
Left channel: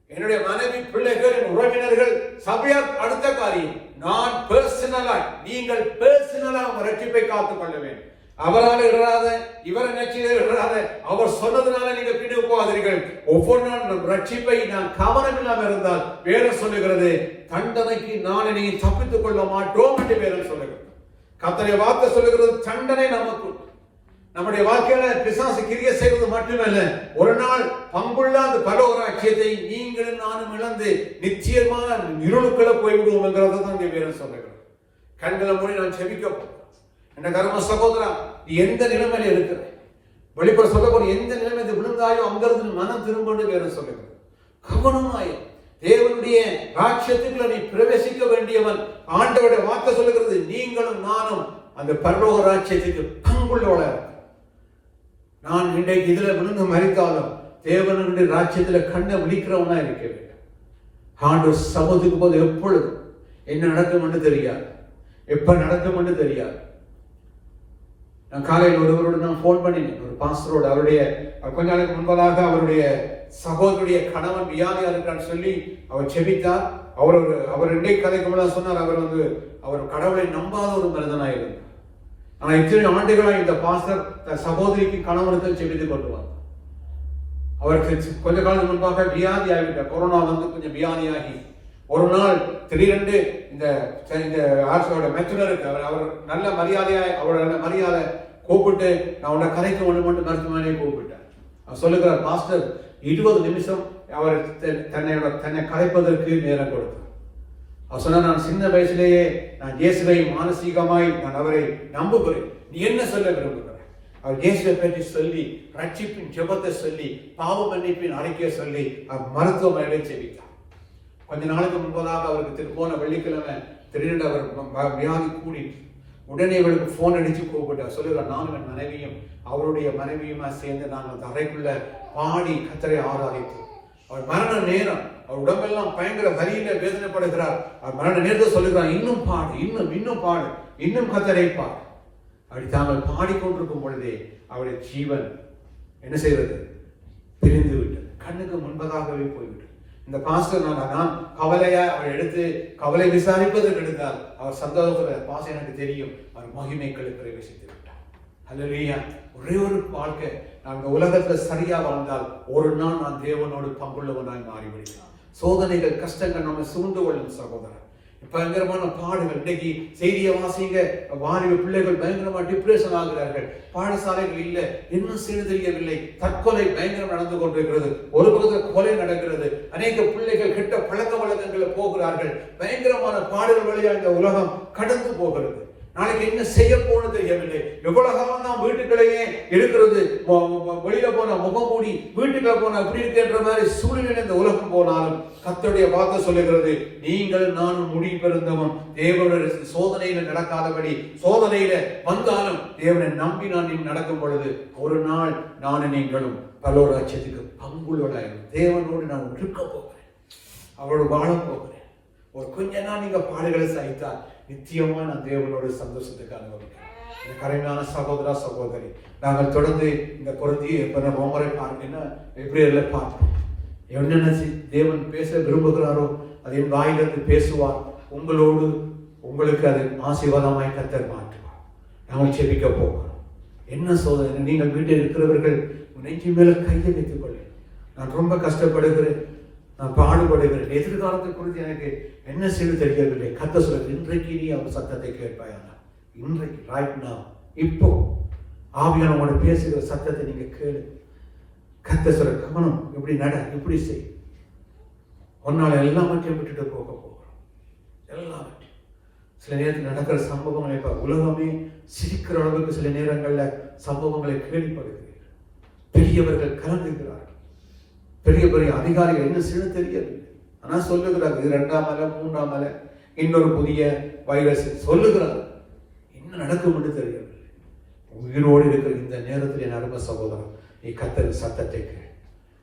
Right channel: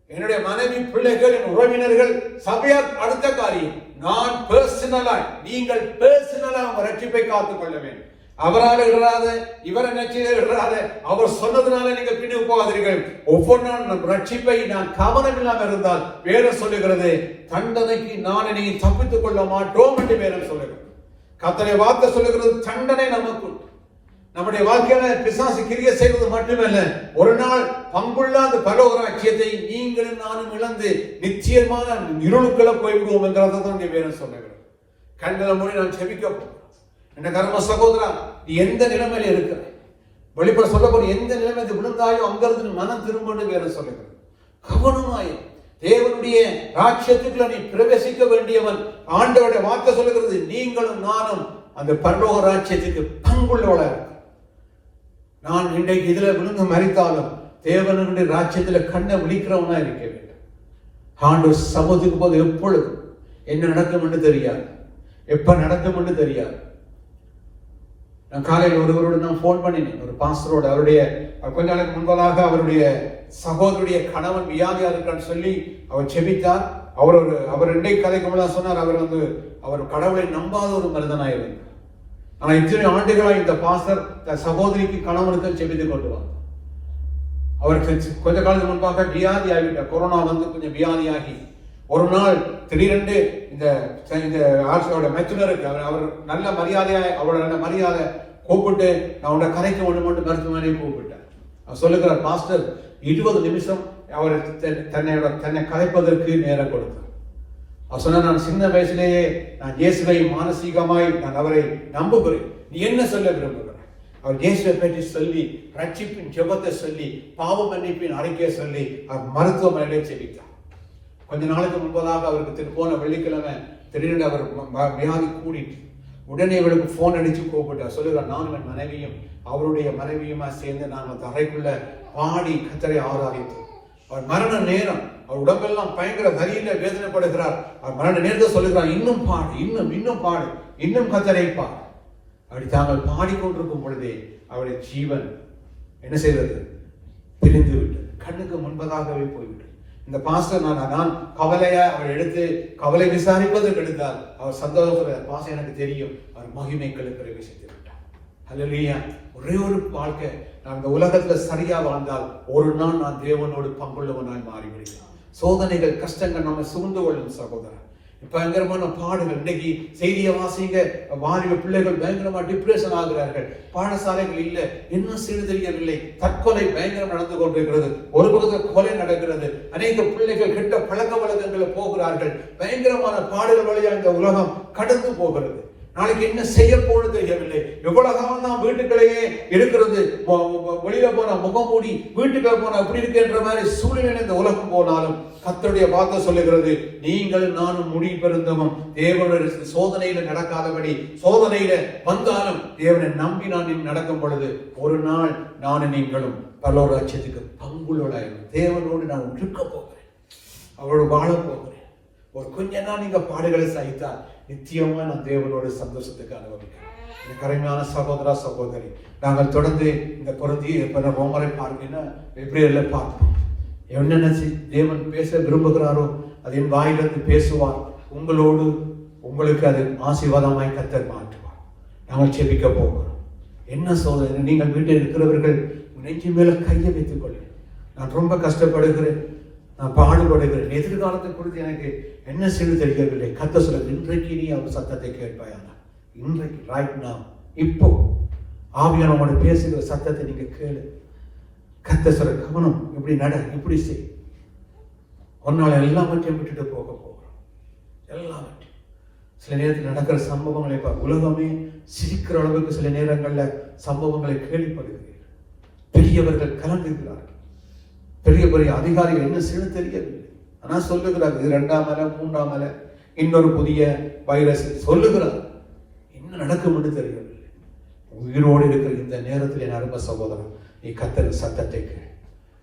என்னுடைய மனைவி, பிள்ளைகள், உறவினர்கள், சபையார் அடுத்த காரியம். நான் பர்சனலாய், நீங்கள் பர்சனலா உங்க ரட்சிப்பை காத்துக் கொள்ள வேண்டும். அவரால் இடாத, இவரை நச்சிடாத, அவர் சொன்னதுனால நீங்க பின்னுக்கு போகாதீர்கள். ஒவ்வொரு நாள் ரட்சிப்பை நான் கவனம் இல்லாமல் இருந்தால் வேதம் சொல்லுகிறது, தண்டனைக்கு நான் நீ தப்பித்துக் கொள்ள மாட்டோம் என்று வேதம் சொல்லுகிறது. கர்த்தருடைய வார்த்தை சொல்லுகிறது, தண்டனை நமக்கு நம்முடைய வாழ்க்கையில பிசாசு கிரியை செய்வது மட்டுமல்ல, ஒரு நாள் பங்குள்ள அந்த பரலோகராட்சியத்தை நீங்களும் நானும் இழந்து நிச்சயமான இருளுக்குள்ள போய்விடுவோம் என்கிறத தான் வேதம் சொல்லுகிறது. கண்களை மூடி நான் செபிக்க என்ன கர்ம சகோதரா, நீ எந்த நிலைமையில இருக்கிற, வெளிப்பட சொல்ல போற எந்த நிலைமை விழுந்தாயோ அங்கிருந்து மனம் திரும்ப வேற சொல்லுகிறது. கவனமாய் தேவனுடைய ராஜ்யத்துக்குள்ள நீ பிரவேசிக்க வேண்டியவன். ஆண்டவருடைய வார்த்தை சொல்லுகிறது, நீங்களும் நானும் அந்த பரலோக ராஜ்யத்துக்கு பங்குள்ளவளா இருக்க. நான் இன்றைக்கு இதுல விழுந்து மறித்தாலும் தேவனுடைய ராஜ்யத்துல கண்ணை விழிக்கிறவனா இருக்க வேண்டும். ஆண்டு சமூகத்துக்கு போது எப்பொழுது என்ன நடக்கும் என்று தெரியாது, எப்ப நடக்கும் என்று தெரியாது. நான் காலையில் ஒருவரோடு நான் போன் பண்ணினேன், ஒரு பாஸ்டரோடு. அவருடைய கொஞ்ச நாளுக்கு முன்பதாக அவருடைய சகோதரருடைய கணவன் வியாதியா இருக்கான்னு சொல்லி அவர் செபித்தார். அவர் இன்றைக்கு கதைக்கு சொன்னார், அவர் கடவுளை நம்பாத ஒரு மனிதனாக இருந்தார். ஆனா இத்தனை ஆண்டுகளாக இந்த பாஸ்டர் சகோதரிக்கு கணவனுக்கு செபித்து கொண்டு வந்தார். அவருக்கு கொஞ்ச காலத்துக்கு முன்பாக வியாதி ஆகிவிட்டார். கொரோனா வந்து கொஞ்சம் வியாதியாகி ஒரு நாள் திடீரென்று இந்த ஆட்சியோட மெத்துனருக்கு அவர் நல்ல மரியாதையா, அவரோட மரியாதை கூப்பிட்டு நான் உன்னை கதைக்கு ஒன்று மட்டும் மருத்துவமனையை கூப்பிட்டேன். அவர் சொல்லுகிறார், பாஸ்டர் 20 நிமிஷம் அவர் தன்னை கதைப்பதற்கு நேரம் கொடுத்தார். அவர் சொன்னார், நான் சின்ன வயசுலேயே நான் இயேசுவை மானசீகமாய் நான் அவரை நம்புகிறேன், நீ என்ன சொல்ல விரும்புகிறேன்? அவர் இயேசுவை பற்றி சொல்லி, ரட்சிப்பின் ஜெபத்தை சொல்லி, பாவ மன்னிப்பின் அறிக்கையை சொல்லி அவர் மருத்துவமனையிலே செபித்தார். கொஞ்ச நாளுக்கு முன்பதாக அவருக்கு போன வெள்ளிக்கிழமை திடீரென்று அவர் வியாதி கூடிட்டு உடனே அவருக்கு போன் அடிச்சு கூப்பிட்டார். சொல்லுகிறார், நானும் என் மனைவியும் அவருடைய மனைவியுமா சேர்ந்து நாங்கள் தரைக்குள்ள பாடி கர்த்தரை ஆராதித்தோம். அவர் மரண நேரம், அவர் உடம்பெல்லாம் பயங்கர வலியில வேதனைப்படுகிறார். அவர் மரண நேரத்தை சொல்லுகிறார், இன்னும் பாடு, இன்னும் பாடு, இன்னும் கர்த்தரை பாடு. அப்படி தாங்கள் பாடிக்கொண்டிருக்கும் பொழுதே அவருடைய ஜீவன் என்ன செய்வது? பிரிந்து விட்டது, கண்ணுக்கு முன்பதாகவே போய்விட்டது. இந்த பாஸ்டர் நான் கவலையா அவர் எடுத்து கவலை விசாரிப்பதற்கு எடுத்தால் அவர் சந்தோஷத்துல பாஸ்டர் எனக்கு தெரியும் அவர் மகிமைகளுக்கு பிரவேசித்து விட்டார். அல்லேலூயா. ஒரே ஒரு வாழ்க்கை நான் இந்த உலகத்துல சரியா வாழ்ந்தால் ஒரு நாள் நான் தேவனோடு பங்குள்ளவனாய் மாறிவிடுவேன். சோதனைகள் கஷ்டங்கள் நம்ம சூழ்ந்து கொள்ளும் சகோதரன். பயங்கரமான பாடுகள். இன்னைக்கு செய்தியை வாசிங்க, வாலிப பிள்ளைகள் பயங்கரமா டிப்ரெஷன் ஆகிறார்கள். பாடசாலைகள் இல்லை, இன்னும் செய்து தெரியவில்லை. தற்கொலை பயங்கரம் நடந்து கொண்டிருக்கிறது. ஒரு கொலை நடக்கிறது. அநேக பிள்ளைகள் கெட்ட பழக்க வழக்கங்களை போகிறார்கள். பயங்கரமான பாடுகள் வழியாக இந்த உலகம் கடந்து போகிறது. நாளைக்கு என்ன செய்ய போறது தெரியவில்லை. எவ்வளவு காலம் தான் வீட்டுக்குள்ளேயே இருக்கிறது. வெளியில போனா முகம் மூடி, வீட்டுக்குள்ள போனா இப்படி இருக்கின்ற மாதிரி சூழ்நிலை இந்த உலகம் போனாலும் கர்த்தருடைய வார்த்தை சொல்லுகிறது, நீங்கள் நானும் முடி பெருந்தவன் தேவனுடைய சோதனையில நடக்காதபடி, சோதனையில வந்தாலும் தேவனை நம்பி நான் நடக்கும் பொழுது ஒரு நாள் நானும் நீங்களும் பரலோகராஜ்யத்துக்கு பங்குள்ளவர்களாயிரும். தேவனோடு நான் இருக்க போகிறேன், அவரோடு வாழ போகிறேன். ஒரு கொஞ்ச நாள் நீங்க பாடுகளை சகித்தால் நிச்சயமா நான் தேவனோட சந்தோஷத்துக்கு அனுபவிக்கிறேன். இந்த கரைமையான சகோதரா சகோதரி, நாங்கள் தொடர்ந்து இந்த பொருந்தி ரோமரை பார்ப்பீங்கன்னா எப்ரேல பார்ப்போம். என்னென்ன தேவன் பேச விரும்புகிறாரோ அது என் வாயிலிருந்து பேசுவார். உங்களோடு உங்களுக்கு அது ஆசீர்வாதமாய் கர்த்தர் மாற்றுவார். நாங்கள் செபிக்க போகிறோம். என்ன சோதனை? நீங்கள் வீட்டில் இருக்கிறவர்கள் நெஞ்சு மேல கையை வைத்துக் கொள்ள. நான் ரொம்ப கஷ்டப்படுகிறேன், நான் பாடுபடுகிறேன், எதிர்காலத்தை குறித்து எனக்கு என்ன செய்ய தெரியவில்லை. கர்த்தர் சொல்ல, இன்றைக்கு நீ அவர் சத்தத்தை கேட்பாயா? இன்றைக்கு ரைட் நவ், இப்போ ஆவியானவரோட பேசுகிற சத்தத்தை நீங்க கேளு. கர்த்தர் சொல்ற கவனம், இப்படி நட, இப்படி செய். ஒன்னால எல்லாவற்றையும் விட்டுட்டு போக போகிறோம். எல்லாவற்றையும் சில நேரத்தில் நடக்கிற சம்பவங்களை உலகமே சிரிக்கிற அளவுக்கு சில நேரங்கள்ல சம்பவங்களை கேள்விப்படுகிறீர்கள். பெரியவர்கள் கலந்துகிறார்கள், பெரிய பெரிய அதிகாரிகள் என்ன செய்ய தெரியவில்லை. ஆனா சொல்லுகிறார், இது 2ஆம் அலை 3ஆம் அலை, இன்னொரு புதிய வைரஸ் சொல்லுகிறார். என்ன நடக்கும் என்று தெரியவில்லை. உயிரோடு இருக்கிற இந்த நேரத்தில் என் அருமை சகோதரன், நீ கர்த்தரின் சத்தத்தை கேள்,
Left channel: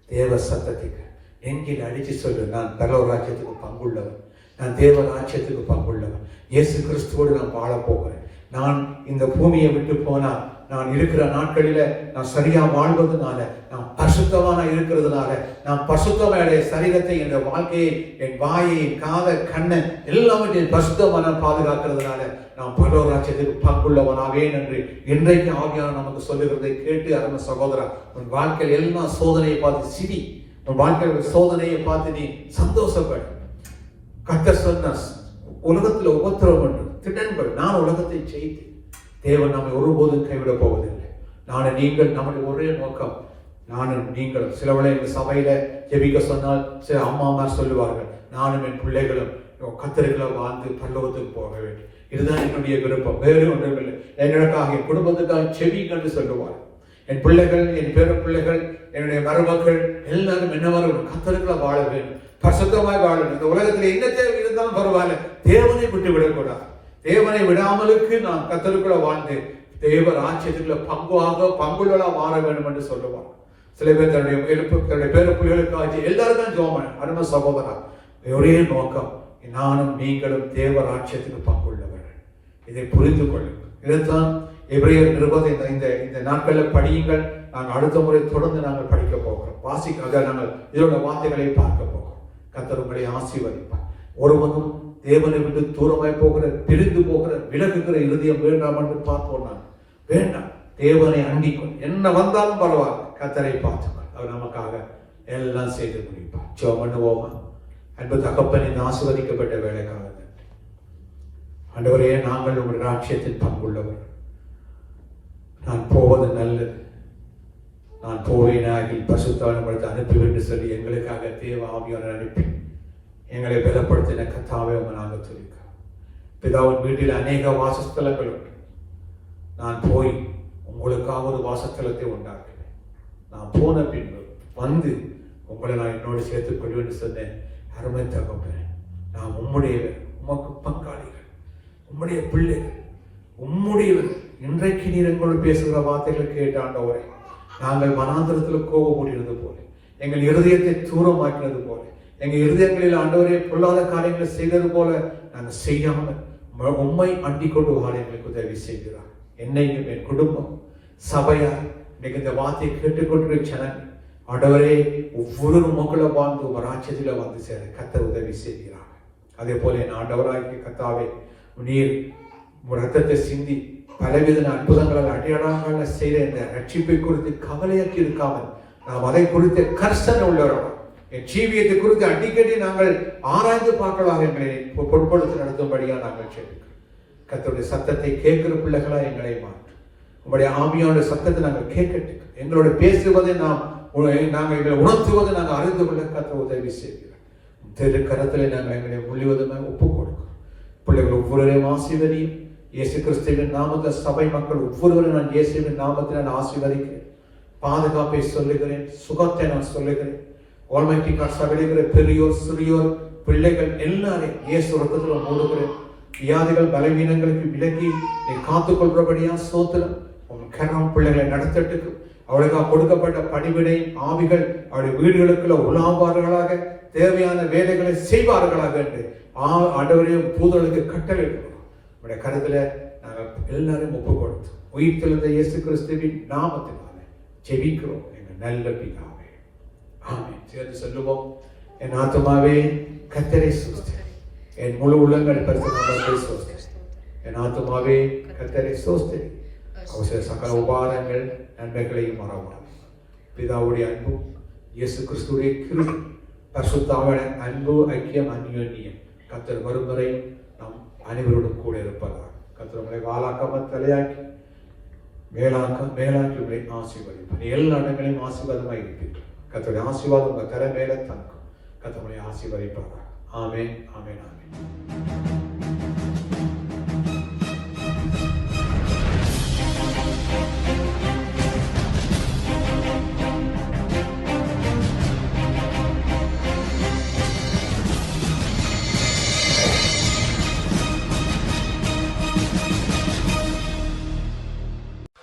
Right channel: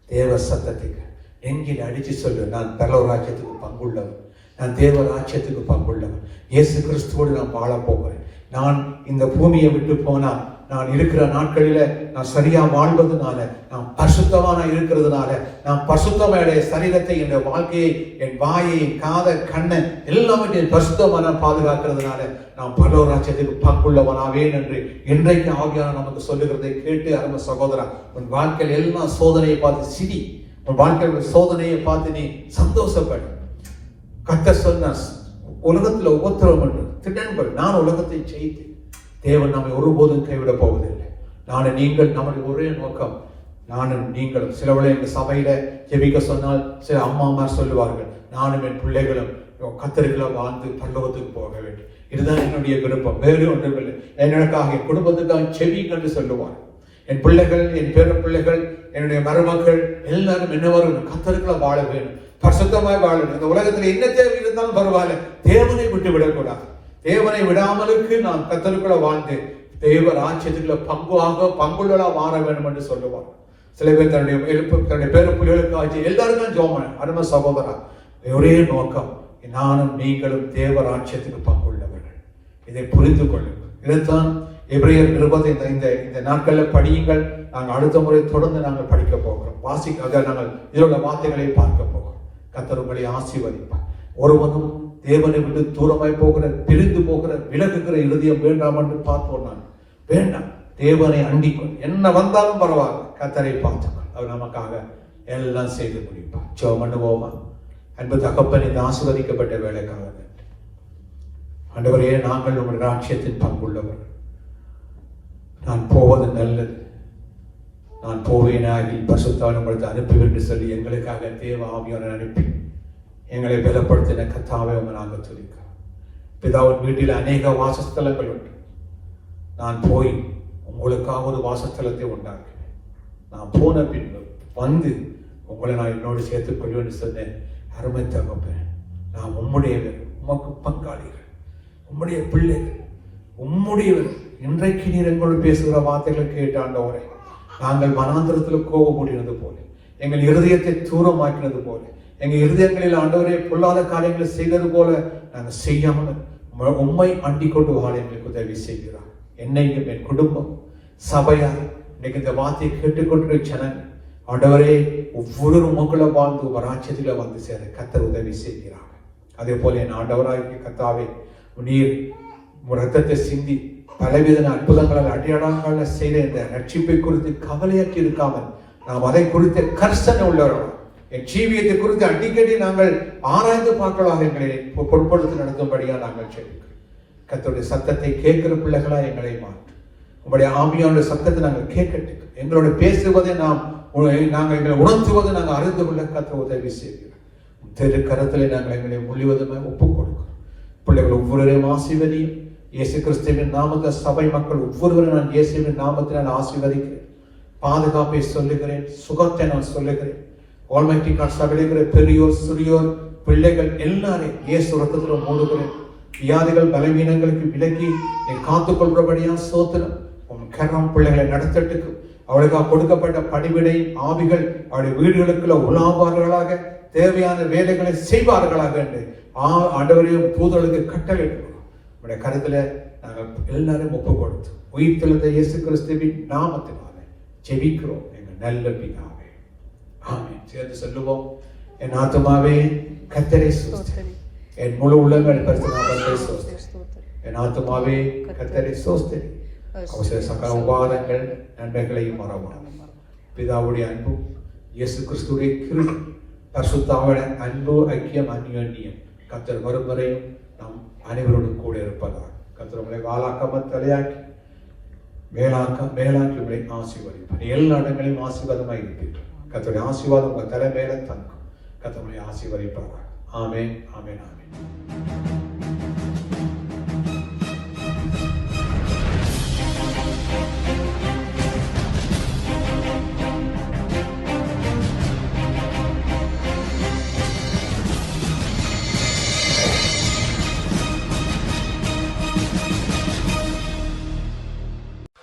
தேவ சத்தத்தை கேள். நெஞ்சில் அடிச்சு சொல்லு, நான் பரலோகராஜ்யத்துக்கு பங்குள்ளவன், நான் தேவ ராஜ்யத்துக்கு பங்குள்ளவன், இயேசு கிறிஸ்துவோடு நான் வாழ போகிறேன். நான் இந்த பூமியை விட்டு போனால் நான் இருக்கிற நாட்களில நான் சரியா வாழ்வதனால, நான் பரிசுத்தமான இருக்கிறதுனால, நான் பரிசுத்தமான சரீரத்தை, என் வாழ்க்கையை, என் வாயை, காத, கண்ணை எல்லாவற்றையும் பரிசுத்தமான பாதுகாக்கிறதுனால நான் பரலோகராஜ்யத்துக்கு பங்குள்ளவனாவேன் என்று இன்றைக்கு ஆவியானவர் நமக்கு சொல்லுகிறதை கேட்டு அருமை சகோதரா, உன் வாழ்க்கையில் எல்லாம் சோதனையை பார்த்து சிரி, உன் வாழ்க்கையில் சோதனையை பார்த்து நீ சந்தோஷப்படு. கர்த்தர் சொன்னார், உலகத்துல உபத்திரவம் என்று திட்டன்படு, நான் உலகத்தை ஜெயித்து. தேவன் நம்மை ஒருபோதும் கைவிட போவதில்லை. நானும் நீங்கள், நம்முடைய ஒரே நோக்கம் நானும் நீங்கள். சிலவளை எங்கள் சபையில ஜெபிக்க சொன்னால் சில அம்மாமார் சொல்லுவார்கள், நானும் என் பிள்ளைகளும் கர்த்தருக்குள்ள வாழ்ந்து பரலோகத்துக்கு போக வேண்டும். இதுதான் என்னுடைய விருப்பம், வேறு ஒன்றுமில்லை. எனக்காக என் குடும்பத்துக்காக செவிங்க என்று சொல்லுவார். என் பிள்ளைகள், என் பேர பிள்ளைகள், என்னுடைய மருமக்கள் எல்லாரும் என்ன வரும், கர்த்தருக்குள்ள வாழ வேண்டும், பரிசுத்தமாய் வாழ வேண்டும். இந்த உலகத்தில் என்ன தேவை இருந்தாலும் பரவாயில்ல, தேவனை விட்டு விடக்கூடாது. தேவனை விடாமலுக்கு நான் கர்த்தருக்குள்ள வாழ்ந்து தேவ ராஜ்யத்துக்குள்ள பங்குள்ளா வாழ வேண்டும் என்று சொல்லுவார். சில பேர் தன்னுடைய பேர பிள்ளைகளுக்கு எல்லாரும் தான் ஜோமன். அருமை சகோதரா, ஒரே நோக்கம், நானும் நீங்களும் தேவ ராஜ்யத்துக்கு பங்குள்ளவர்கள். இதை புரிந்து கொள்ளுங்கள். இதைத்தான் எபிரேயர் 20 இந்த நாட்கள்ல படியுங்கள். நாங்கள் அடுத்த முறை தொடர்ந்து நாங்கள் படிக்க போகிறோம், வாசிக்க நாங்கள் இதோட வார்த்தைகளை பார்க்க போகிறோம். கர்த்தர் உங்களை ஆசீர்வதிப்பார். ஒருவனும் தேவனை விட்டு தூரமாய் போகிற, பிரிந்து போகிற, விலகுகிற இருதயம் வேண்டாம் என்று பார்ப்போம். நான் வேண்டாம், தேவனை அண்டிக்கும். என்ன வந்தாலும் பரவாயில்ல, கர்த்தரை பார்த்துக்கொள். அவர் நமக்காக எல்லாம் செய்து முடிப்பார். ஜெபம் பண்ணுவோமா? அன்பு தகப்பன், இந்த ஆசீர்வதிக்கப்பட்ட வேலைக்காக நன்றி. ஆண்டவரே, நாங்கள் உங்கள் ராஜ்யத்தின் பங்குள்ளவர். நான் போவது நல்லது, நான் போவேனாகி பரிசுத்தவான் உங்களுக்கு அனுப்புவேன் சொல்லி எங்களுக்காக தேவ ஆவியானவரை அனுப்பி எங்களை பலப்படுத்தின கர்த்தாவே நாங்கள் துதிக்கிறோம். பிதாவின் வீட்டில் அநேக வாசஸ்தலங்கள் உண்டு. நான் போய் உங்களுக்காக ஒரு வாசஸ்தலத்தை உண்டாக்குவேன். நான் போன பின்பு வந்து உங்களை நான் என்னோடு சேர்த்துக் கொள்வேன் சொன்னேன். அருமை தகப்பனே, நான் உம்முடையவர், உமக்கு பங்காளிகள், உம்முடைய பிள்ளைகள், உம்முடையவர். இன்றைக்கு நீர் எங்களோடு பேசுகிற வார்த்தைகள் கேட்டாண்டவரை, நாங்கள் வனாந்திரத்தில் கோபமூடினது போல, எங்கள் இருதயத்தை தூரமாக்கினது போல, எங்கள் இருதயங்களில் ஆண்டவரே பொல்லாத காரியங்களை செய்தது போல நாங்கள் செய்யாமல் உம்மை அண்டிக் கொண்டு வாழ எங்களுக்கு உதவி செய்கிறார். என்னைக்கும் என் குடும்பம் சபையார் இன்னைக்கு இந்த வார்த்தையை கேட்டுக்கொண்டு ஜனங்கள் ஆண்டவரே ஒவ்வொரு மக்களை வாழ்ந்து ஒரு ராஜ்யத்தில வந்து சேர கர்த்தர் உதவி செய்கிறார். அதே போல என் ஆண்டவராகிய கர்த்தாவே நீர் ரத்தத்தை சிந்தி பலவித அற்புதங்களால் அடையாளங்கள் செய்த இந்த ரட்சிப்பை குறித்து கவலையாக்கி இருக்காமல் நாம் அதை குறித்து கர்சனை உள்ளவர்கள் என் ஜீவியத்தை குறித்து அடிக்கடி நாங்கள் ஆராய்ந்து பார்க்கலாக எங்களை பொருட்படுத்தி நடத்தும்படியா நாங்கள் செய்வோம். கர்த்தருடைய சத்தத்தை கேட்கிற பிள்ளைகளா எங்களை மாற்றும். உங்களுடைய ஆவியான சத்தத்தை நாங்கள் கேட்கட்டும். எங்களோட பேசுவதை நாங்கள் எங்களை உணர்த்துவதை நாங்கள் அறிந்து கொள்ள கர்த்தர் உதவி செய்கிறோம். திரு கரத்திலே நாங்கள் எங்களை முழுவதுமாக ஒப்புக் கொடுக்கிறோம். பிள்ளைகள் ஒவ்வொருவரையும் ஆசீர்வதியும். இயேசு கிறிஸ்துவின் நாமத்தை சபை மக்கள் ஒவ்வொருவரும் நான் இயேசுவின் நாமத்தினால் ஆசீர்வதிக்கிறேன். பாதுகாப்பை சொல்லுகிறேன், சுகத்தை நான் சொல்லுகிறேன். ஆல்மைட்டி காட் சபையிலுங்கிற பெரியோர் சிறியோர் பிள்ளைகள் எல்லாரையும் இயேசு ரத்தத்தில் மூடுகிறேன். வியாதிகள் பலவீனங்களுக்கு விலக்கி நீ காத்துக்கொள்றபடியா சோத்திரம். உன் கரம் பிள்ளைகளை நடத்தட்டுக்கு அவளுக்காக கொடுக்கப்பட்ட படிவிடை ஆவிகள் அவருடைய வீடுகளுக்குள்ள உலாவார்களாக தேவையான வேலைகளை செய்வார்களாக என்று ஆண்டவரையும் தூதர்களுக்கு கட்டளையிடுகிறோம். உடைய கருத்துல நாங்கள் எல்லாரும் ஒப்புக் கொடுத்து உயிர்த்தெழுந்த இயேசு கிறிஸ்துவின் நாமத்தினால ஜெபிக்கிறோம் எங்கள் நல்ல பிதாவே. ஆமென். சேர்ந்து சொல்லுவோம். என் ஆத்துமாவே கர்த்தரை ஸ்தோத்திரி, என் முழு உள்ளங்கள் பரிசுத்தமானவரை ஸ்தோத்திரி. என் ஆத்துமாவே கர்த்தரை ஸ்தோத்திரி, அவருடைய சகல உபகாரங்கள் நன்மைகளையும் மறவாதே. பிதாவுடைய அன்பும் இயேசு கிறிஸ்துவின் கிருபை பரிசுத்த ஆவியின் அன்பு ஐக்கியம் அந்யோன்யம் கர்த்தர் வரும் வரை நாம் அனைவரோடும் கூட இருப்பதால் கர்த்தர் உங்களை வாளாக்காமல் தலையாக்கி மேலாக்கி உங்களை ஆசீர்வதிப்பார். எல்லா இடங்களையும் ஆசீர்வாதமாக இருப்பீர்கள். கர்த்தருடைய ஆசீர்வாதம் உங்கள் தலை மேலே தங்கும். கர்த்தர் உங்களை ஆசீர்வதிப்பார். ஆமென், ஆமென், ஆமென்.